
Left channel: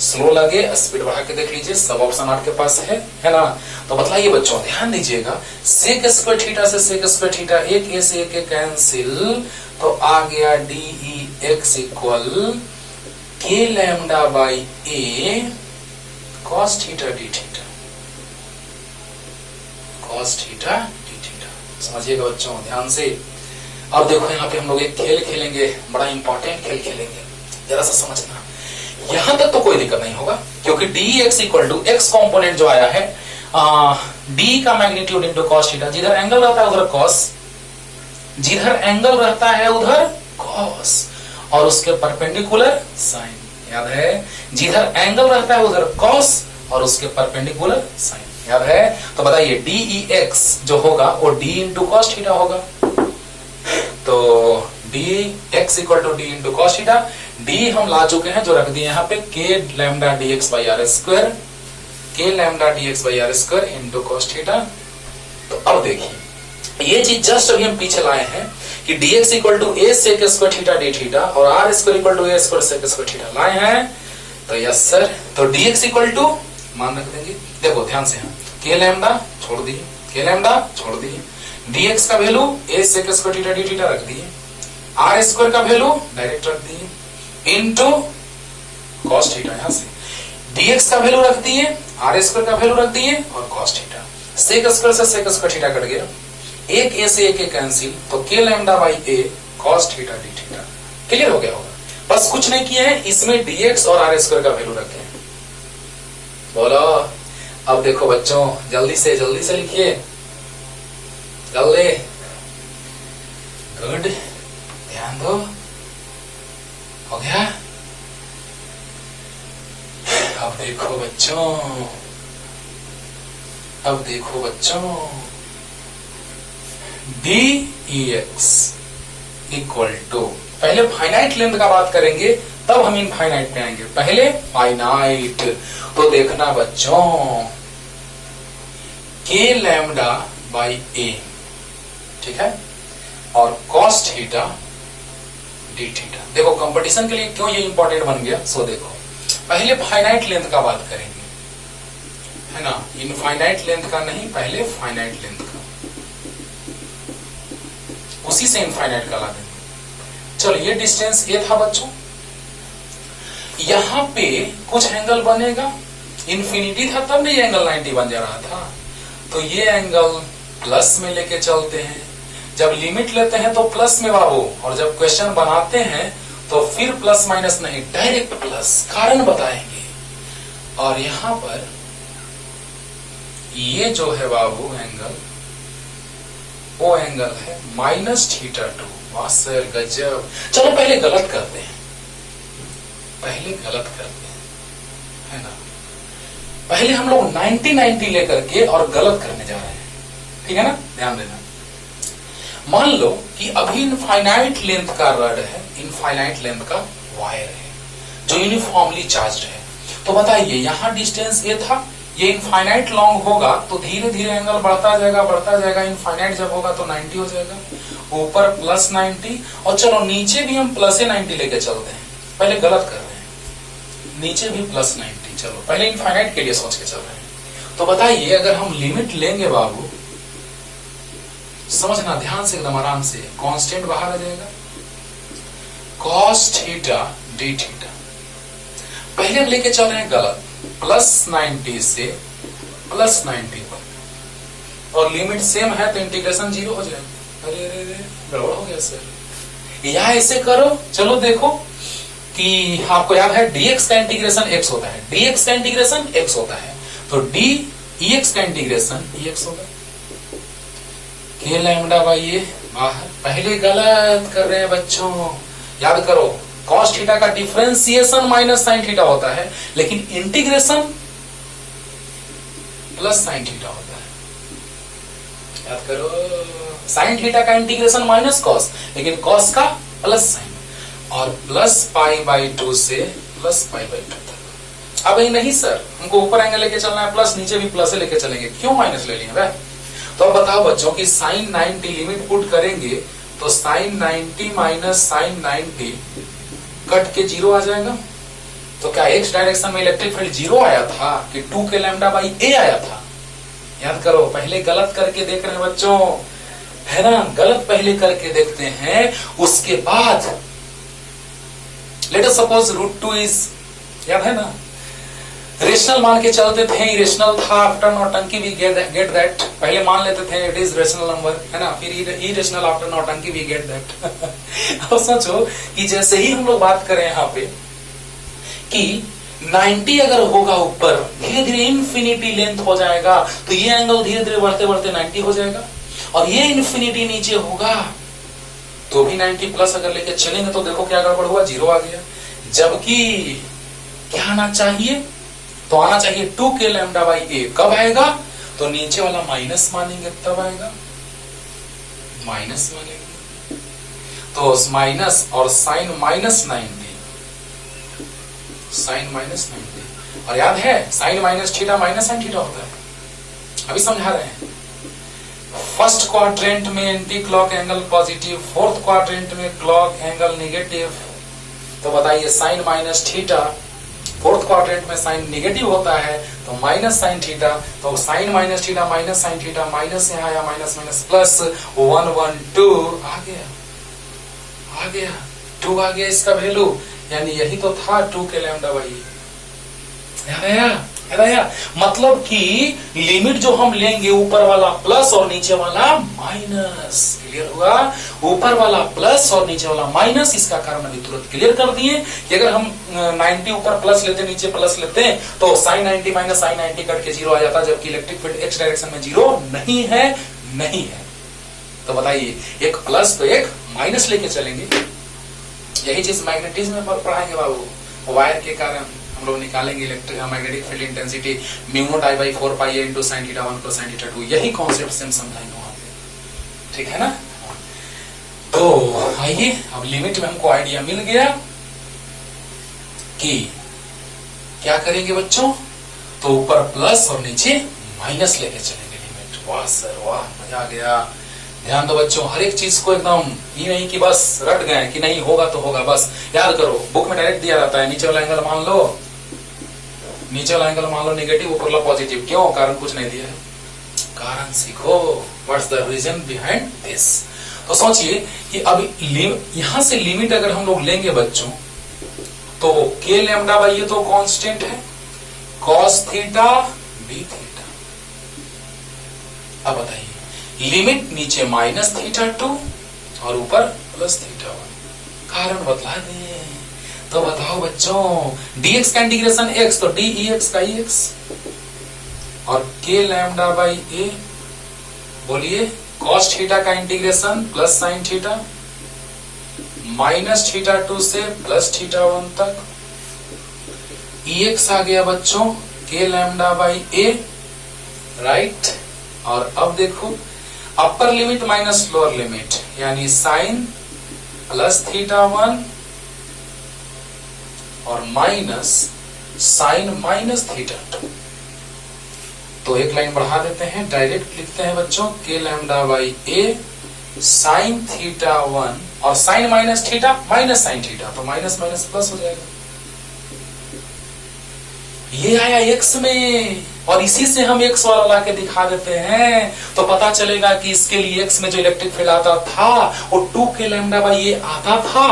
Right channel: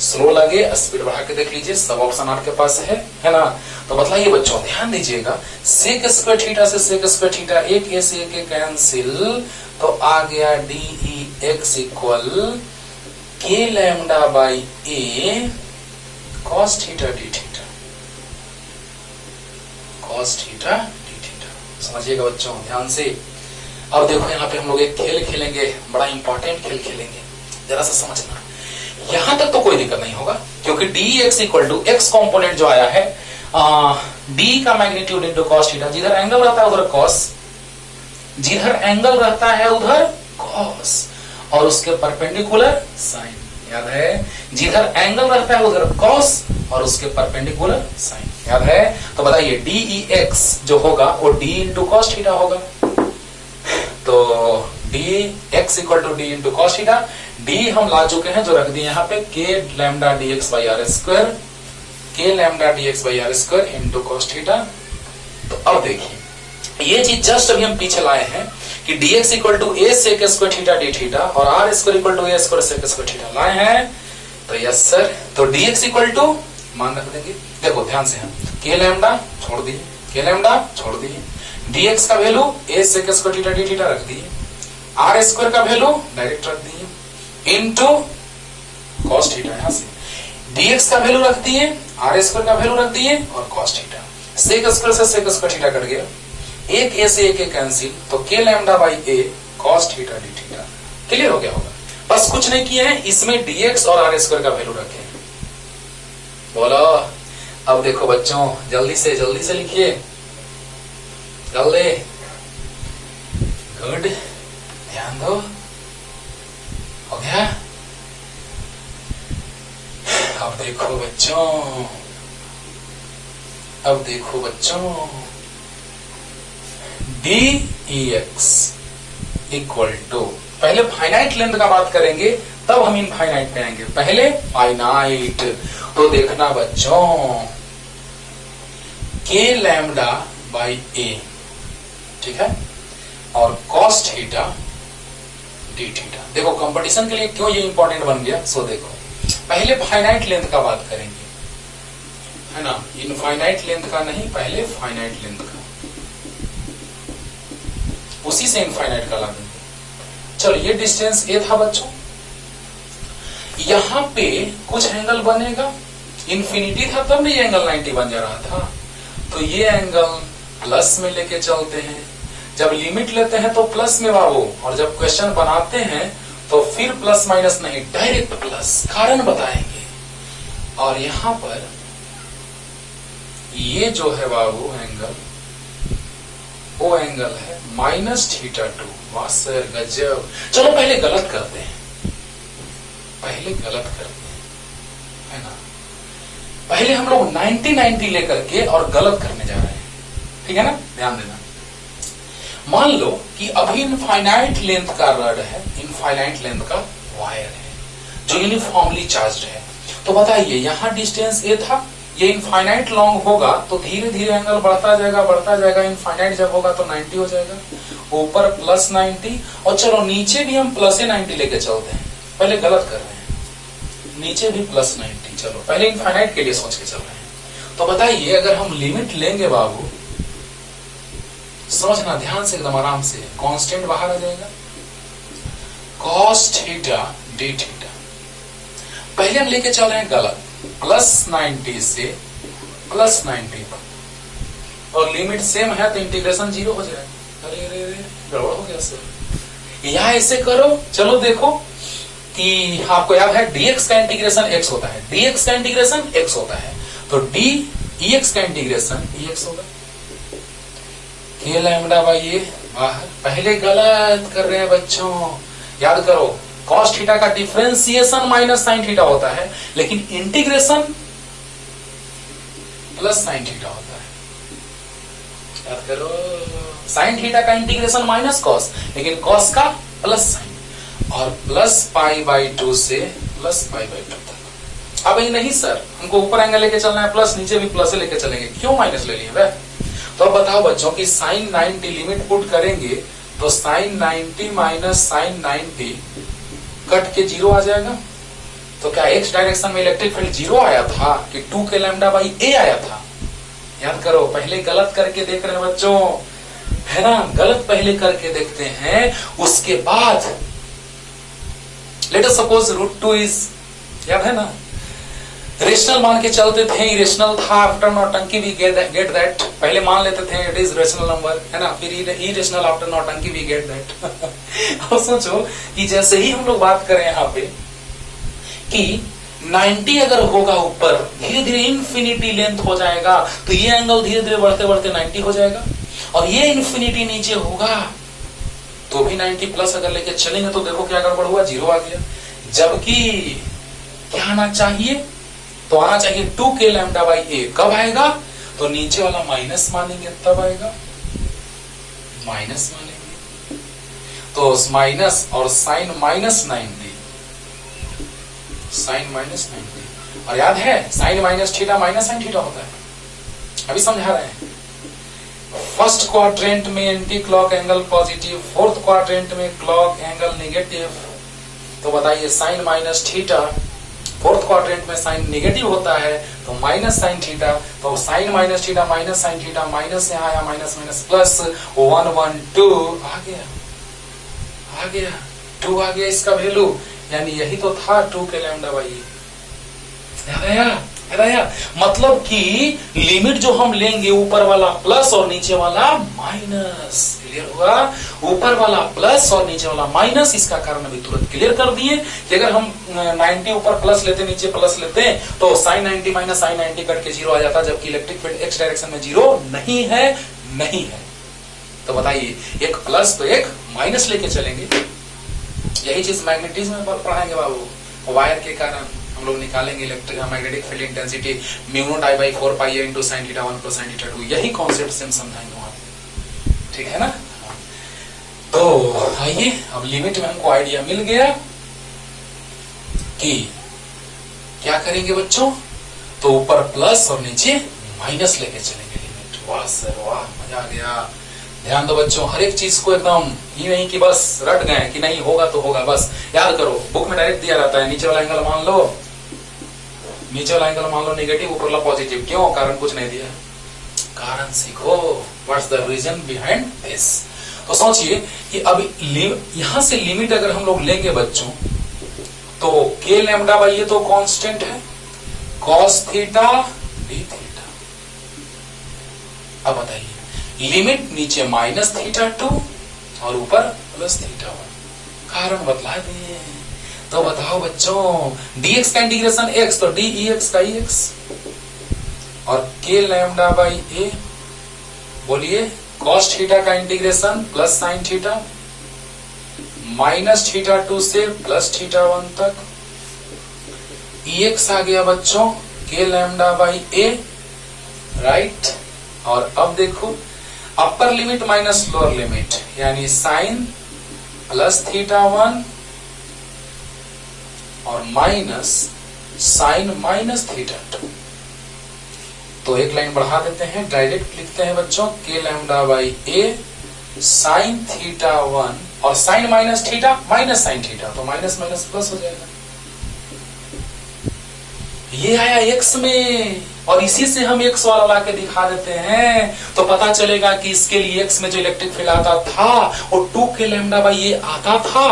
स्लो लगे स्पीड बढ़ा के देख लीजिए, सब ऑप्शन आपके पास है ना। तो बतलाइए बच्चों, ध्यान दीजिएगा, सेक स्क्वायर थीटा से सेक स्क्वायर थीटा, एक ए से एक कैंसिल, तो आ गया डी ई एक्स इक्वल के lambda by A cos theta D theta, cos theta D theta. समझिएगा बच्चों ध्यान से। और देखो यहाँ पे हम लोग एक खेल खेलेंगे, बड़ा इंपॉर्टेंट खेल खेलेंगे, जरा सा समझना। यहां तक तो कोई दिक्कत नहीं होगा, क्योंकि D X equal to X component जो आया है डी का मैग्नीट्यूड इंटू कॉस थीटा, जिधर एंगल रहता है उधर कॉस, जिधर एंगल रहता है उधर कॉस, और उसके परपेंडिकुलर साइन। याद है, जिधर एंगल रहता है उधर कॉस और उसके परपेंडिकुलर साइन। याद है, तो बताइए डी ई एक्स जो होगा वो डी इंटू कॉस थीटा होगा। तो D X equal to D into cos theta, D हम ला चुके हैं जो रख दिए यहाँ पे, K lambda D X by are square, K lambda D X by are square into cos theta. तो अब देखिए, ये चीज जस्ट अभी हम पीछे लाए हैं कि D X equal to A sec square theta D theta और are square equal to A square sec square theta लाए हैं। तो यस सर, तो डी एक्स इक्वल टू मान रख देंगे, देखो ध्यान से, हम के लैम्डा छोड़ दिए, के लैम्डा छोड़ दिए, डी एक्स का value A sec square theta D theta रख दिए, आर स्क्वायर का वैल्यू डायरेक्ट रख दिए इंटू कॉस थीटा, यहां से dx का वैल्यू रख दिए, आर स्क्वायर का वैल्यू रख दिए और कॉस थीटा, सेक स्क्वायर से सेक स्क्वायर थीटा कट गया, एक ए से एक कैंसिल, तो के lambda by A cos theta D theta. Clear हो गया होगा, बस कुछ नहीं किए हैं, इसमें dx और आर स्क्वायर का वैल्यू रखे हैं। बोलो, अब देखो बच्चों जल्दी से लिखिए, जल्दी, गुड, ध्यान दो, हो गया। अब देखो बच्चों, D E X equal to, पहले फाइनाइट लेंथ का बात करेंगे तब हम इनफाइनाइट पे आएंगे, पहले फाइनाइट। तो देखना बच्चों, के लैम्डा बाई ए, ठीक है, और कॉस थीटा डी थीटा। देखो कंपटीशन के लिए क्यों ये इंपॉर्टेंट बन गया, सो देखो पहले फाइनाइट लेंथ का बात करेंगे, है ना, इनफाइनाइट लेंथ का नहीं, पहले फाइनाइट लेंथ का, उसी से इनफाइनाइट का ला देंगे। चलो ये डिस्टेंस ए था बच्चों, यहां पे कुछ एंगल बनेगा, इन्फिनिटी था तब ये एंगल 90 बन जा रहा था, तो ये एंगल प्लस में लेके चलते हैं, जब लिमिट लेते हैं तो प्लस में बाबू, और जब क्वेश्चन बनाते हैं तो फिर प्लस माइनस नहीं, डायरेक्ट प्लस, कारण बताएंगे। और यहां पर ये जो है बाबू एंगल, वो एंगल है माइनस थीटा टू। वाह सर गजब। चलो पहले गलत करते हैं, है ना, पहले हम लोग 90-90 लेकर के और गलत करने जा रहे हैं, ठीक है ना, ध्यान देना। मान लो कि अभी इनफाइनाइट लेंथ का रड है, इनफाइनाइट लेंथ का वायर है जो यूनिफॉर्मली चार्ज्ड है, तो बताइए यहां डिस्टेंस ए था, ये इनफाइनाइट लॉन्ग होगा तो धीरे धीरे एंगल बढ़ता जाएगा, इनफाइनाइट जब होगा तो 90 हो जाएगा, ऊपर प्लस 90, और चलो नीचे भी हम प्लस 90 लेके चलते हैं, पहले गलत कर रहे हैं, नीचे भी प्लस 90, चलो पहले इनफाइनाइट के लिए सोच के चल रहे हैं। तो बताइए अगर हम लिमिट लेंगे बाबू, समझना ध्यान से, एकदम आराम से, कांस्टेंट बाहर आ जाएगा, कॉस थीटा डी थीटा, पहले हम लेके चल रहे हैं गलत, प्लस 90 से प्लस 90 तक, और लिमिट सेम है तो इंटीग्रेशन 0 हो जाएगा। अरे गड़बड़ हो गया सर, यहां ऐसे करो, चलो देखो कि आपको याद है dx का इंटीग्रेशन x होता है, dx का इंटीग्रेशन x होता है, तो dx का इंटीग्रेशन dx होगा, के लैम्डा बाई ए बाहर, पहले गलत कर रहे हैं बच्चों, याद करो कॉस थीटा का डिफरेंशिएशन माइनस साइन थीटा होता है, लेकिन इंटीग्रेशन प्लस साइन थीटा होता है, याद करो, साइन थीटा का इंटीग्रेशन माइनस कॉस, लेकिन कॉस का प्लस साइन, और प्लस पाई बाई 2 से प्लस पाई बाई 2 तक। अब नहीं सर, हमको ऊपर एंगल लेके चलना है प्लस, नीचे भी प्लस लेके चलेंगे, क्यों माइनस ले लिया भाई, तो अब बताओ बच्चों कि साइन 90 लिमिट पुट करेंगे तो साइन 90 माइनस साइन 90 कट के 0 आ जाएगा। तो क्या एक्स डायरेक्शन में इलेक्ट्रिक फील्ड 0 आया था कि 2 के लैम्डा बाई ए आया था? याद करो, पहले गलत करके देख रहे हैं बच्चों, है ना, गलत पहले करके देखते हैं, उसके बाद लेट अस सपोज √2 इज, याद है ना, रेशनल मान के चलते थे, इरेशनल था, आफ्टर नौटंकी वी गेट दैट, पहले मान लेते थे इट इज रेशनल नंबर, है ना, फिर इरेशनल आफ्टर नौटंकी वी गेट दैट। अब सोचो कि जैसे ही हम लोग बात करें यहाँ पे कि 90 अगर होगा ऊपर, धीरे धीरे इन्फिनिटी लेंथ हो जाएगा, तो ये एंगल धीरे धीरे बढ़ते बढ़ते 90 हो जाएगा, और ये इन्फिनिटी नीचे होगा तो भी 90 प्लस अगर लेके चलेंगे तो देखो क्या गड़बड़ हुआ, 0 आ गया। जबकि क्या आना चाहिए, तो आना चाहिए 2 के लैम्डा बाई ए। कब आएगा, तो नीचे वाला माइनस मानेंगे तब आएगा, माइनस मानेंगे तो माइनस, और साइन माइनस 90, साइन माइनस 90, और याद है sine minus theta minus sine theta होता है, अभी समझा रहे हैं। फर्स्ट क्वाड्रेंट में anti clock angle positive, fourth quadrant में क्लॉक एंगल नेगेटिव। तो बताइए sine minus theta, fourth quadrant में साइन नेगेटिव होता है तो माइनस साइन थीटा, तो sine minus theta minus sine theta, minus यहाँ आया, माइनस माइनस प्लस 1 1 2 आ गया, आ गया 2 आ गया इसका वैल्यू, यानी यही तो था 2 के लैम्डा बाई। याद आया? मतलब कि लिमिट जो हम लेंगे ऊपर वाला प्लस और नीचे वाला माइनस, क्लियर हुआ, ऊपर वाला प्लस और नीचे वाला माइनस, इसका कारण अभी तुरंत क्लियर कर दिए कि अगर हम 90 ऊपर प्लस लेते नीचे प्लस लेते हैं तो साइन 90 माइनस साइन 90 कट के 0 आ जाता, जबकि इलेक्ट्रिक फील्ड एक्स डायरेक्शन में 0 नहीं है, नहीं है। तो बताइए एक प्लस तो एक माइनस लेके चलेंगे, यही चीज मैग्नेटिज्म में पढ़ाएंगे बाबू, वायर के कारण हम लोग निकालेंगे electric magnetic field intensity mu not I by 4 pi into sine theta 1 plus sine theta 2, यही कॉन्सेप्ट सेम समझाएंगे वहां पे, ठीक है ना। तो आइए अब लिमिट में हमको आइडिया मिल गया कि क्या करेंगे बच्चों, तो ऊपर प्लस और नीचे माइनस लेके चलेंगे लिमिट। वाह सर वाह, मजा आ गया। ध्यान दो बच्चों, हर एक चीज को एकदम ये नहीं कि बस रट गए कि नहीं होगा तो होगा, बस याद करो, बुक में डायरेक्ट दिया रहता है, नीचे वाला एंगल मान लो, नीचे वाला एंगल मान लो नेगेटिव, ऊपर वाला पॉजिटिव, क्यों, कारण कुछ नहीं दिया है, कारण सीखो, what's the reason behind this. तो सोचिए कि अब यहां से लिमिट अगर हम लोग लेंगे बच्चों, तो के लैम्डा बाई ये तो कांस्टेंट है, कॉस थीटा बी थीटा। अब बताइए लिमिट नीचे माइनस थीटा 2 और ऊपर प्लस थीटा 1, कारण बतला दिए। तो बताओ बच्चों, dx का इंटीग्रेशन x, तो dx का x, और के लैम्डा बाई ए, बोलिए कॉस थीटा का integration plus sine theta, minus theta 2 से प्लस थीटा 1 तक, ex आ गया बच्चों K lambda by A, right. और अब देखो अपर लिमिट माइनस लोअर लिमिट, यानी साइन प्लस थीटा 1 और माइनस साइन माइनस थीटा 2। तो एक लाइन बढ़ा देते हैं, डायरेक्ट लिखते हैं बच्चों K lambda by A sine theta 1 और sine minus theta minus sine theta, तो माइनस माइनस प्लस हो जाएगा। ये आया एक्स में, और इसी से हम एक्स वाला ला के दिखा देते हैं, तो पता चलेगा कि इसके लिए एक्स में जो इलेक्ट्रिक फील्ड आता था वो 2 के लैम्डा बाई ये आता था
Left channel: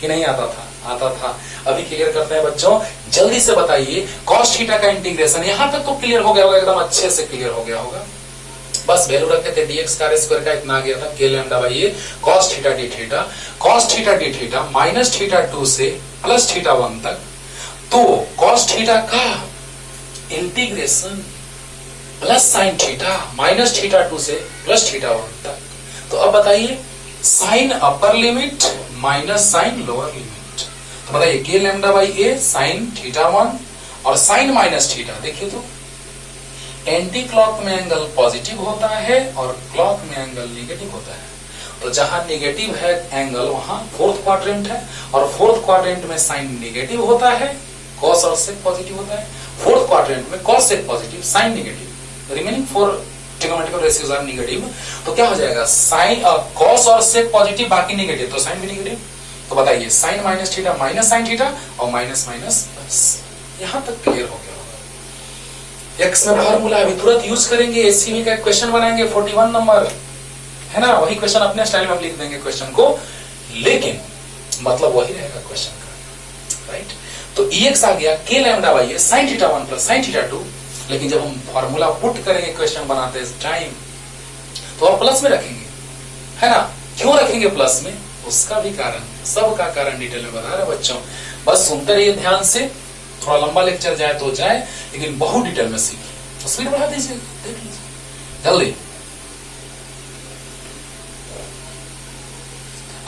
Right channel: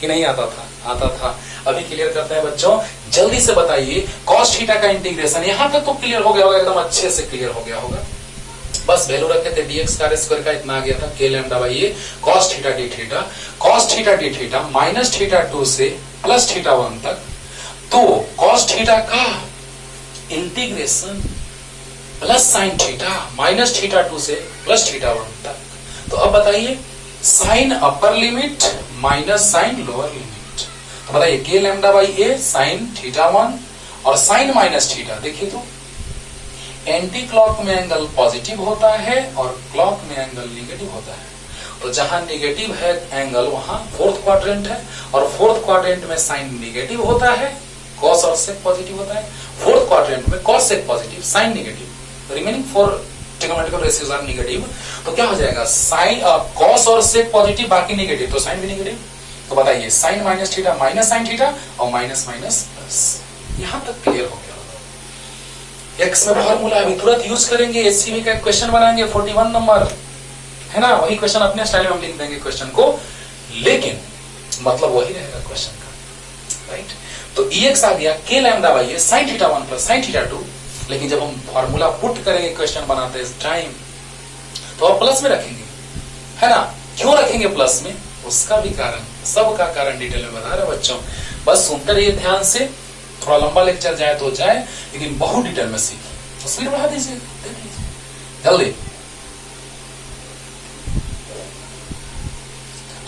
कि नहीं आता था, आता था। अभी क्लियर करते हैं बच्चों, जल्दी से बताइए, कॉस थीटा का इंटीग्रेशन यहां तक तो क्लियर हो गया होगा, एकदम अच्छे से क्लियर हो गया होगा। बस वैल्यू रखे थे dx का स्क्वायर का इतना आ गया था के लैम्डा बाई ये cos theta D theta, cos theta D theta minus theta 2 से प्लस थीटा 1 तक, तो कॉस थीटा का integration plus sine theta minus theta 2 से प्लस थीटा 1 तक। तो अब बताइए sine upper limit minus sine lower limit, तो बताइए K lambda by A sine theta 1 और साइन माइनस थीटा, देखिए तो एंटी क्लॉक में एंगल पॉजिटिव होता है और क्लॉक में एंगल नेगेटिव होता है। तो जहां नेगेटिव है एंगल वहां फोर्थ क्वाड्रेंट है, और फोर्थ क्वाड्रेंट में साइन नेगेटिव होता है, कॉस और सेक पॉजिटिव होता है, फोर्थ क्वाड्रेंट में cos sec positive sine negative, remaining 4 trigonometrical ratios are negative, तो क्या हो जाएगा, साइन कॉस और सेक पॉजिटिव, बाकी नेगेटिव, तो साइन भी नेगेटिव। तो बताइए sine minus theta minus sine theta और माइनस माइनस प्लस। यहां तक क्लियर हो गया होगा। एक्स में फॉर्मूला अभी तुरंत यूज करेंगे, एचसीवी का क्वेश्चन बनाएंगे 41 नंबर, है ना, वही क्वेश्चन अपने स्टाइल में हम लिख देंगे क्वेश्चन को, लेकिन मतलब वही रहेगा क्वेश्चन का, राइट। तो EX आ गया k lambda by A sine theta 1 plus sine theta 2, लेकिन जब हम फॉर्मूला पुट करेंगे क्वेश्चन बनाते टाइम तो आप प्लस में रखेंगे, है ना। क्यों रखेंगे प्लस में, उसका भी कारण, सबका कारण डिटेल में बता रहे बच्चों, बस सुनते रहिए ध्यान से, थोड़ा लंबा लेक्चर जाए तो जाए, लेकिन बहुत डिटेल में सीखिए। तो स्पीड बढ़ा दीजिए, दे दीजिए जल्दी।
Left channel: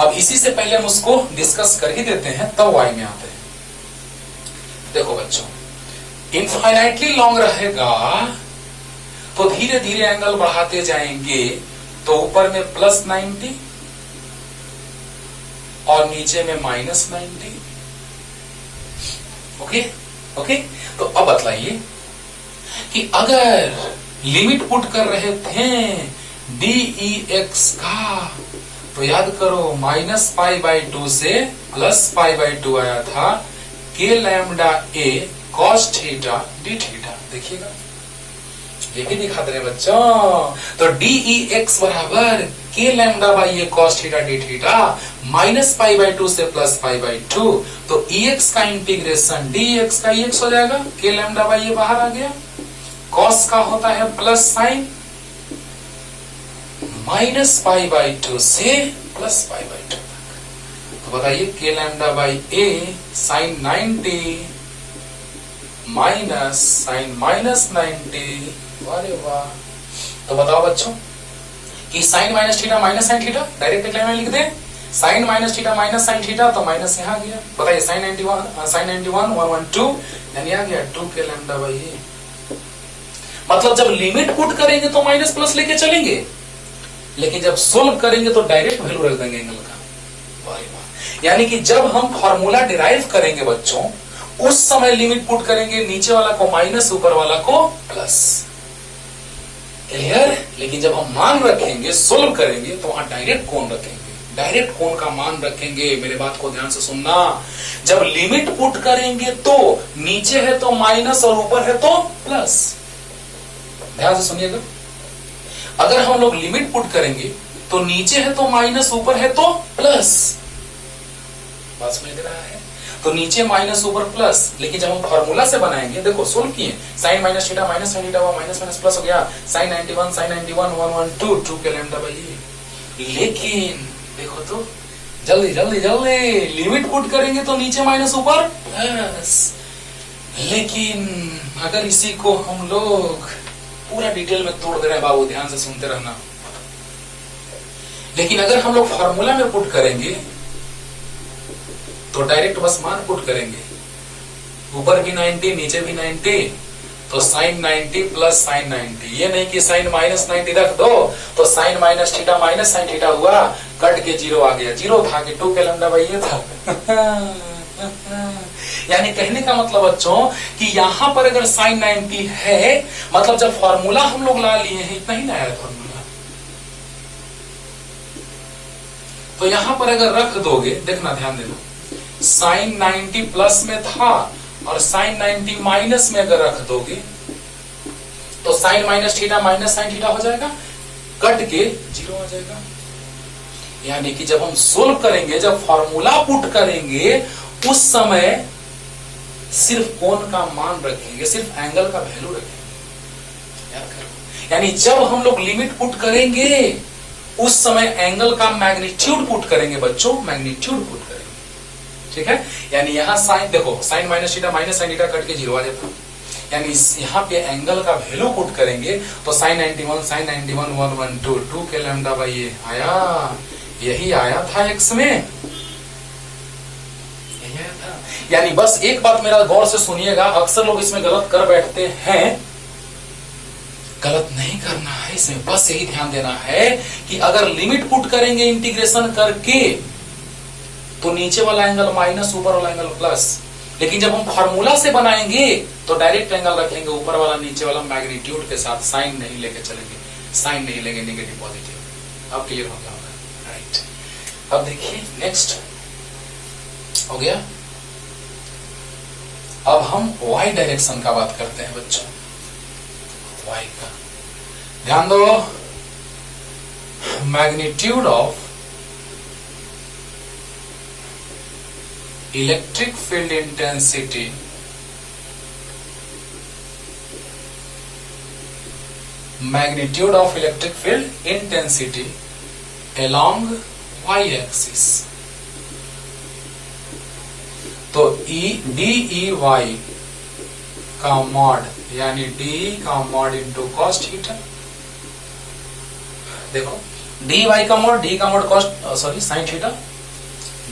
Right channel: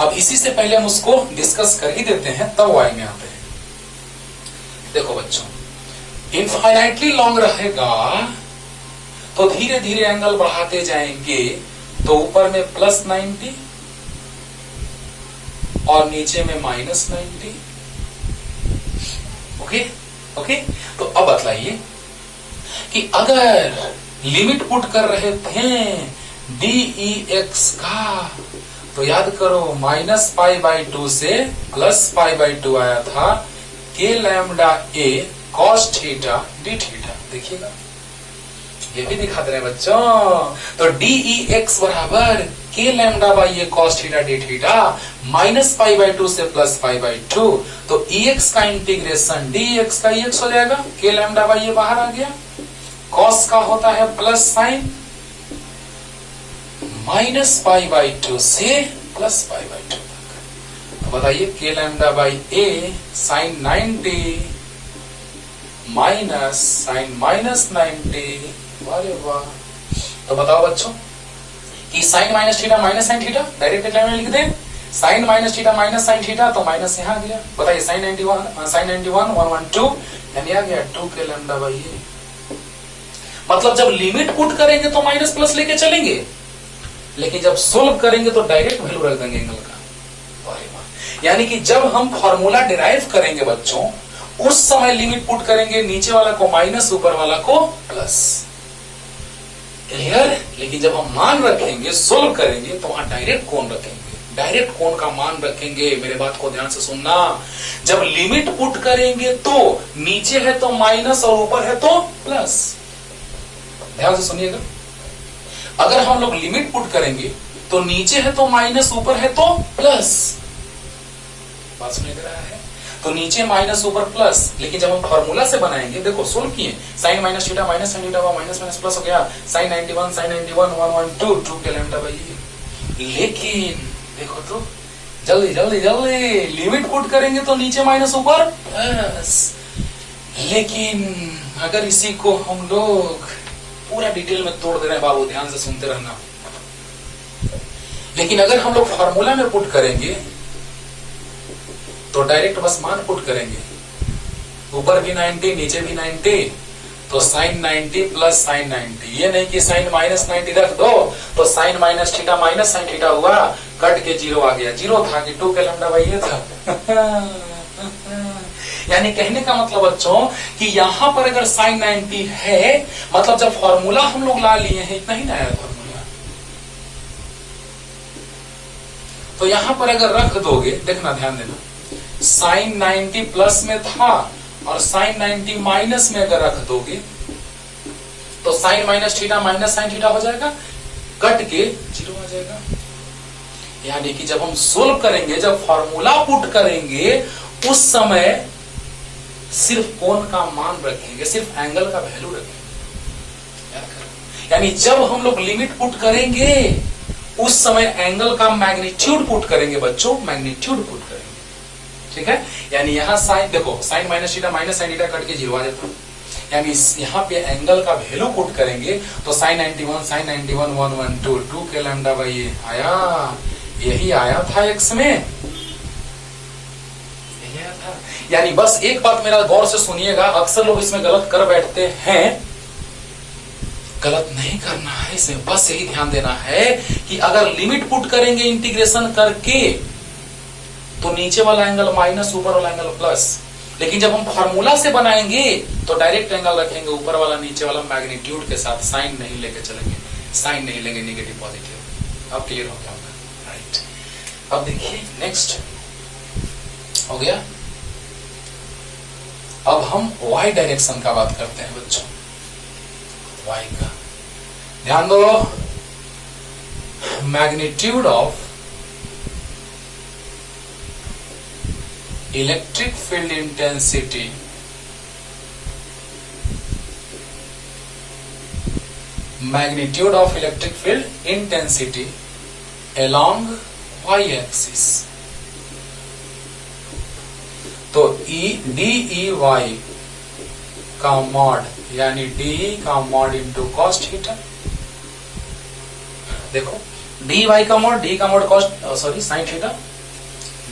अब इसी से पहले हम उसको डिस्कस कर ही देते हैं, तब वाई में आते हैं। देखो बच्चों, इनफाइनाइटली लॉन्ग रहेगा तो धीरे धीरे एंगल बढ़ाते जाएंगे, तो ऊपर में प्लस 90 और नीचे में माइनस 90। Okay okay. तो अब बतलाइए कि अगर लिमिट पुट कर रहे थे DEX का, तो याद करो माइनस पाई बाई 2 से प्लस पाई बाई 2 आया था, k लैम्डा ए कॉस थीटा डी थीटा। देखिएगा ये भी दिखा दे रहे बच्चों, तो DEX बराबर k lambda by A cos theta D theta minus pi by 2 से प्लस पाई बाई 2, तो EX का इंटीग्रेशन DEX का EX हो जाएगा, k लैम्डा बाई ए बाहर आ गया, कॉस का होता है plus sign minus pi by 2 से प्लस पाई बाई 2 तक। तो बताइए k lambda by A sine 90 minus sine minus 90। वाह वाह। तो बताओ बच्चों कि sine minus theta minus sine theta, direct line में लिख दे, sine minus theta minus sine theta, तो माइनस यहां गया। बताइए साइन 91 साइन 91 112 यानी आ गया 2 k लैम्डा बाई ए। मतलब जब लिमिट पुट करेंगे तो माइनस प्लस लेके चलेंगे, लेकिन जब सोल्व करेंगे तो डायरेक्ट वैल्यू रख देंगे एंगल का। यानी कि जब हम फॉर्मूला डिराइव करेंगे बच्चों, उस समय लिमिट पुट करेंगे, नीचे वाला को माइनस ऊपर वाला को प्लस। क्लियर। लेकिन जब हम मान रखेंगे, सोल्व करेंगे, तो वहां डायरेक्ट कोण रखेंगे, डायरेक्ट कोण का मान रखेंगे। मेरे बात को ध्यान से सुनना, जब लिमिट पुट करेंगे तो नीचे है तो माइनस और ऊपर है तो प्लस। ध्यान से सुनिएगा, अगर हम लोग लिमिट पुट करेंगे तो नीचे है तो माइनस, ऊपर है तो प्लस। बात समझ रहा है, तो नीचे माइनस ऊपर प्लस। लेकिन जब हम फॉर्मूला से बनाएंगे, देखो सोल्व किए, sine minus theta minus sine theta minus minus plus हो गया, sine 91 112 2 k lambda by A. लेकिन देखो तो जल्दी जल्दी जल्दी, लिमिट पुट करेंगे तो नीचे माइनस ऊपर प्लस। लेकिन अगर इसी को हम लोग पूरा डिटेल में तोड़ दे रहे हैं बाबू, ध्यान से सुनते रहना। लेकिन अगर हम लोग फॉर्मूला में पुट करेंगे तो डायरेक्ट बस मान पुट करेंगे, ऊपर भी 90 नीचे भी 90, तो साइन 90 प्लस साइन 90। ये नहीं कि साइन माइनस 90 रख दो तो sine minus theta minus sine theta हुआ, कट के जीरो आ गया। जीरो था कि 2 k लैम्डा बाई ए था। यानी कहने का मतलब बच्चों कि यहां पर अगर साइन 90 है, मतलब जब फॉर्मूला हम लोग ला लिए हैं, इतना ही ना आया फॉर्मूला, तो यहां पर अगर रख दोगे, देखना ध्यान देना, साइन 90 प्लस में था और साइन 90 माइनस में अगर रख दोगे तो sine minus theta minus sine theta हो जाएगा, कट के जीरो आ जाएगा। यानी कि जब हम सोल्व करेंगे, जब फॉर्मूला पुट करेंगे, उस समय सिर्फ कोण का मान रखेंगे, सिर्फ एंगल का वैल्यू रखेंगे। यानी जब हम लोग लिमिट पुट करेंगे, उस समय एंगल का मैग्नीट्यूड पुट करेंगे बच्चों, मैग्नीट्यूड पुट करेंगे। ठीक है, यानी यहां साइन देखो, sine minus theta minus sine theta cut के जीरो आ जाता है। यानी यहां पे एंगल का वैल्यू पुट करेंगे तो साइन 91 112 2 k लैम्डा बाई ए आया। यही आया था एक्स में, यही आया था। यानी बस एक बात मेरा गौर से सुनिएगा, अक्सर लोग इसमें गलत कर बैठते हैं, गलत नहीं करना है इसमें, बस यही ध्यान देना है कि अगर लिमिट पुट करेंगे इंटीग्रेशन करके तो नीचे वाला एंगल माइनस, ऊपर वाला एंगल प्लस। लेकिन जब हम फॉर्मूला से बनाएंगे तो डायरेक्ट एंगल रखेंगे, ऊपर वाला नीचे वाला मैग्नीट्यूड के साथ, साइन नहीं लेके चलेंगे। साइन नहीं लेंगे नेगेटिव पॉजिटिव। अब क्लियर हो गया होगा, राइट। अब देखिए नेक्स्ट हो गया। अब हम y डायरेक्शन का बात करते हैं बच्चों, y का ध्यान दो। Magnitude of electric field intensity magnitude of electric field intensity along y-axis। तो DEY का मॉड यानी DE का मॉड इंटू कॉस थीटा। देखो DEY का मॉड, D का mod cos sorry sine theta,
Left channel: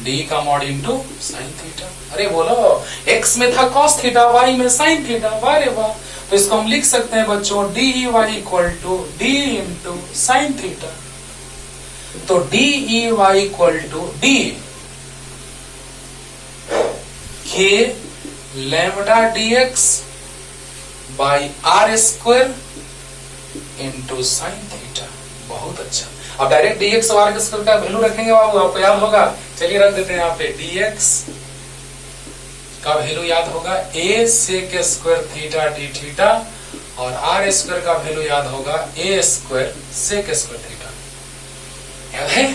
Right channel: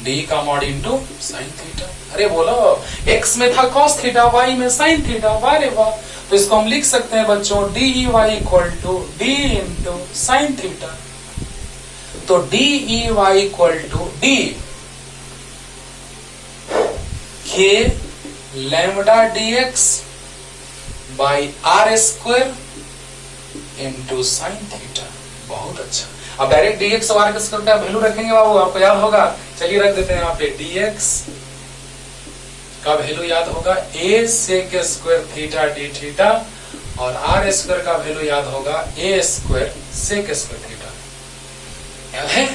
D का मॉड इंटू साइन थीटा। अरे बोलो, x में था कॉस थीटा, y में साइन थीटा, वाह रे वाह। तो इसको हम लिख सकते हैं बच्चों DEY equal to D into sine theta. तो DEY equal to D K lambda dx by R square into sine theta. बहुत अच्छा। अब डायरेक्ट dx और R स्क्वायर का वैल्यू रखेंगे बाबू, आपको याद होगा। चलिए रख देते हैं यहाँ पे, dx का वैल्यू याद होगा a sec square theta D theta, और आर स्क्वायर का वैल्यू याद होगा a square sec square theta. याद है?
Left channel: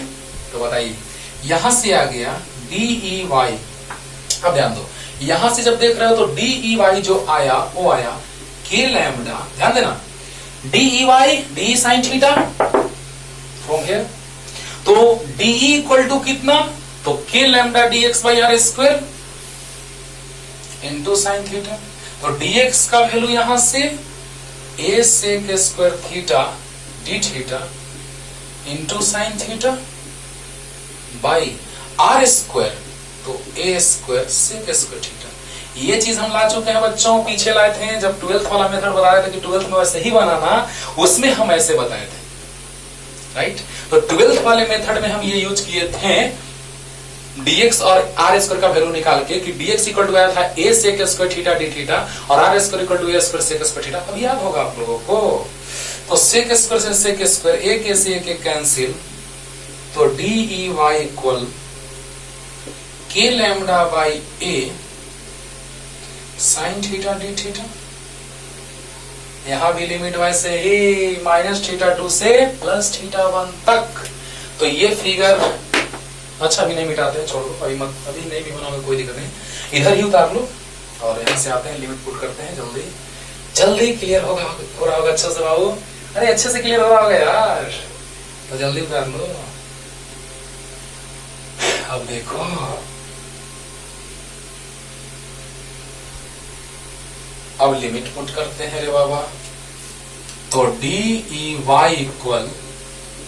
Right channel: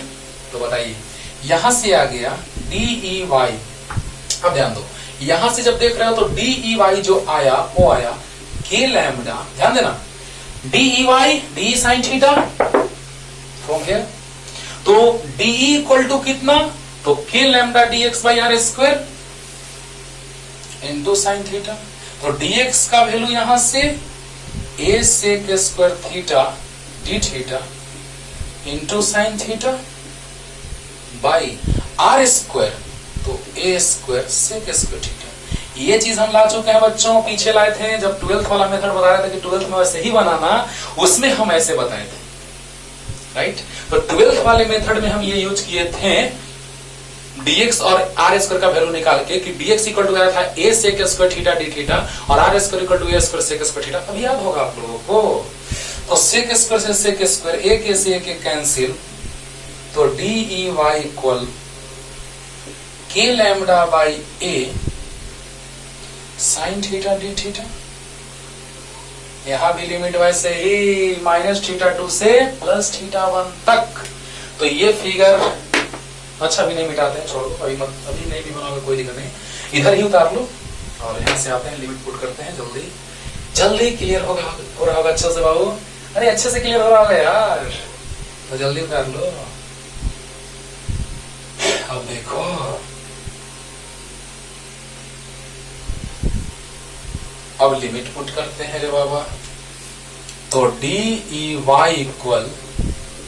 तो बताइए, यहां से आ गया DEY। अब ध्यान दो, यहां से जब देख रहे हो तो DEY जो आया वो आया k लैम्बडा, ध्यान देना, DEY D साइन थीटा हो गया। तो DE इक्वल टू कितना, तो k lambda dx by are square into sine theta. तो dx का वैल्यू यहां से a sec square theta D theta into sine theta by are square, तो a square sec square theta. ये चीज हम ला चुके हैं बच्चों, पीछे लाए थे जब 12th वाला मेथड बता रहे थे कि 12th में वैसे ही बनाना, उसमें हम ऐसे बताए थे, राइट। तो 12th वाले मेथड में हम ये यूज किए थे dx और आर स्क्वायर का वैल्यू निकाल के, कि dx इक्वल टू आया था a sec square theta D theta, और are square equal to a square sec square theta. अब याद होगा आप लोगों को। तो सेक स्क्वायर से सेक स्क्वायर, एक ए से एक कैंसिल, तो DEY equal k lambda by a sine theta D theta. यहां भी लिमिट वैसे ही माइनस थीटा 2 से प्लस थीटा 1 तक। तो ये फिगर अच्छा भी नहीं मिटाते हैं, छोड़ दो, अभी मत, अभी नहीं भी बनाओगे कोई दिक्कत नहीं, इधर ही उतार लो और यहां से आते हैं, लिमिट पुट करते हैं। जल्दी जल्दी क्लियर हो रहा होगा अच्छे से बाबू, अरे अच्छे से क्लियर हो रहा होगा यार, तो जल्दी उतार लो। अब देखो, अब लिमिट पुट करते हैं रे बाबा। तो DEY equal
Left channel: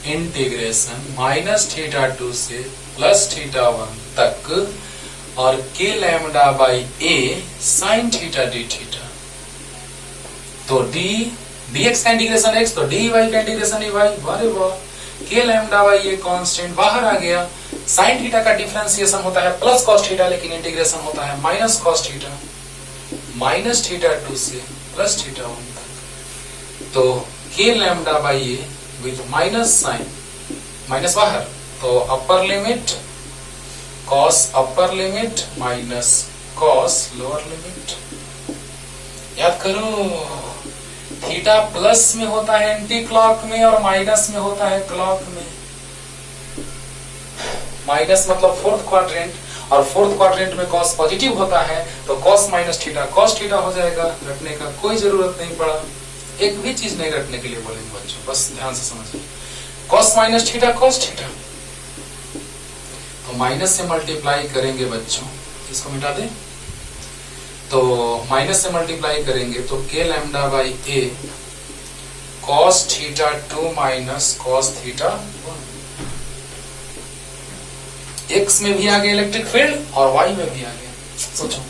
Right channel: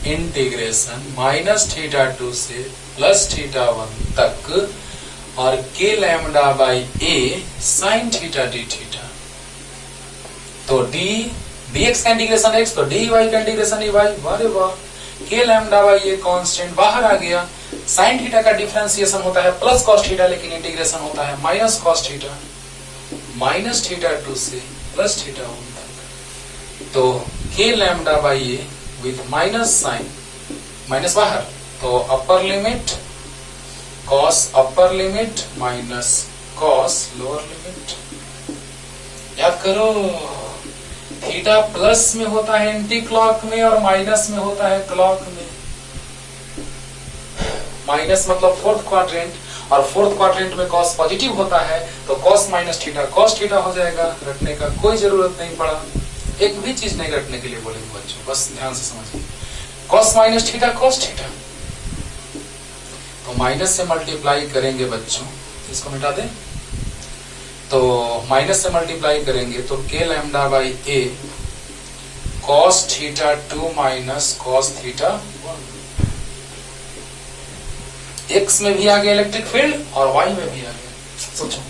integration minus theta 2 से प्लस थीटा 1 तक, और k lambda by a sine theta D theta. तो dx का इंटीग्रेशन x, तो dy का इंटीग्रेशन dy, वाह वाह। k lambda by a constant बाहर आ गया। साइन थीटा का डिफरेंशिएशन होता है प्लस कॉस थीटा, लेकिन इंटीग्रेशन होता है minus cos theta, minus theta 2 से प्लस थीटा 1 तक। तो k lambda by a with minus sine, minus बाहर, तो upper limit cos upper limit minus cos lower limit. याद करो, थीटा प्लस में होता है एंटी क्लॉक में, और माइनस में होता है क्लॉक में। माइनस मतलब फोर्थ क्वाड्रेंट, और फोर्थ क्वाड्रेंट में कॉस पॉजिटिव होता है, तो cos minus theta cos theta हो जाएगा। रखने का कोई जरूरत नहीं पड़ा, एक भी चीज नहीं रखने के लिए बोलेंगे बच्चों, बस ध्यान से समझिए। Cos minus theta cos theta, तो माइनस से मल्टीप्लाई करेंगे बच्चों, इसको मिटा दें, तो माइनस से मल्टीप्लाई करेंगे तो k lambda by a cos theta 2 minus cos theta 1। x में भी आ गया इलेक्ट्रिक फील्ड और y में भी आ गया। सोचो,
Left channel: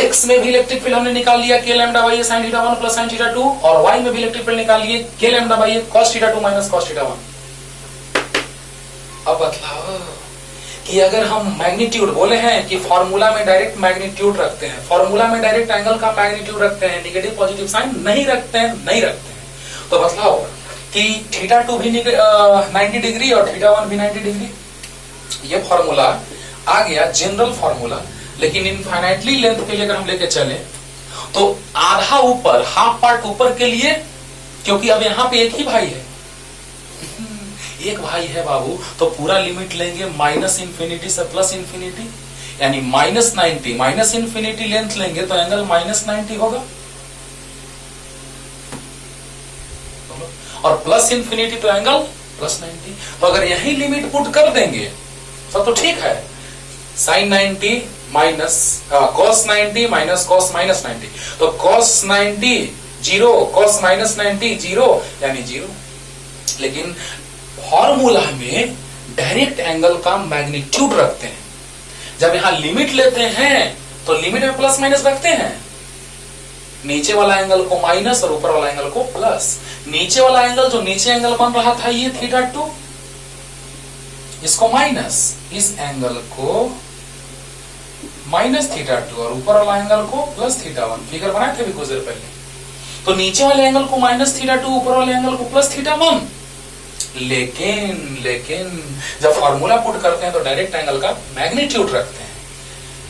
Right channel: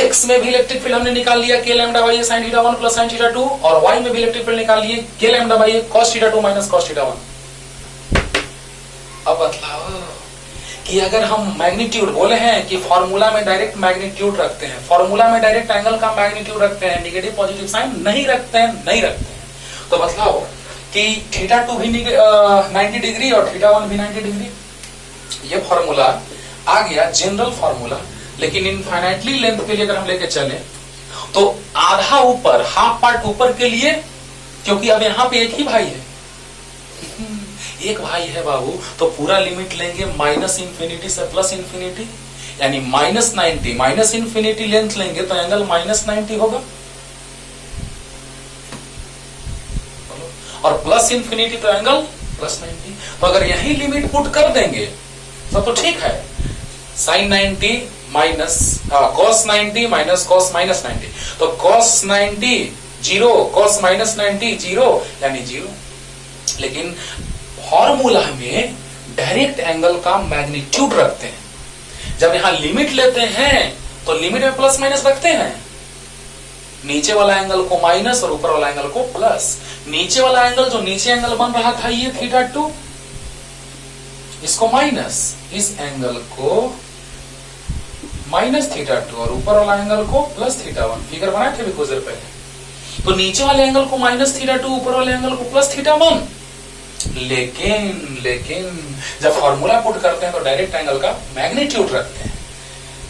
x में भी इलेक्ट्रिक फील्ड हमने निकाल लिया k lambda by a sign theta 1 plus sine theta 2, और y में भी इलेक्ट्रिक फील्ड निकाल लिए k lambda by a cos theta 2 minus cos theta 1। अब बतलाओ कि अगर हम मैग्नीट्यूड बोले हैं कि फॉर्मूला में डायरेक्ट मैग्नीट्यूड रखते हैं, फॉर्मूला में डायरेक्ट एंगल का मैग्नीट्यूड रखते हैं, नेगेटिव पॉजिटिव साइन नहीं रखते हैं, नहीं रखते हैं। तो बतलाओ कि थीटा 2 भी 90 डिग्री और थीटा 1 भी 90 डिग्री। ये फॉर्मूला आ गया जनरल फॉर्मूला। लेकिन इनफाइनाइटली लेंथ के लिए अगर हम लेके चले तो आधा ऊपर, हाफ पार्ट ऊपर के लिए, क्योंकि अब यहां पे एक ही भाई है, एक भाई है बाबू, तो पूरा लिमिट लेंगे माइनस इंफिनिटी से प्लस इंफिनिटी, यानी -90 माइनस इंफिनिटी लेंथ लेंगे तो एंगल -90 होगा, और प्लस इंफिनिटी तो एंगल +90। तो अगर यही लिमिट पुट कर देंगे तो ठीक है। sin 90 minus cos 90 minus cos -90, तो cos 90 0, cos -90 0, यानी 0। लेकिन फॉर्मूला में डायरेक्ट एंगल का मैग्नीट्यूड रखते हैं। जब यहां लिमिट लेते हैं तो लिमिट में प्लस माइनस रखते हैं, नीचे वाला एंगल को माइनस और ऊपर वाला एंगल को प्लस। नीचे वाला एंगल, जो नीचे एंगल बन रहा था ये थीटा 2, इसको माइनस, इस एंगल को माइनस थीटा 2 और ऊपर वाला एंगल को प्लस थीटा 1। फिगर बनाए थे भी कुछ देर पहले। तो नीचे वाले एंगल को माइनस थीटा 2, ऊपर वाले एंगल को प्लस थीटा 1। लेकिन जब फॉर्मूला पुट करते हैं तो डायरेक्ट एंगल का मैग्नीट्यूड रखते हैं।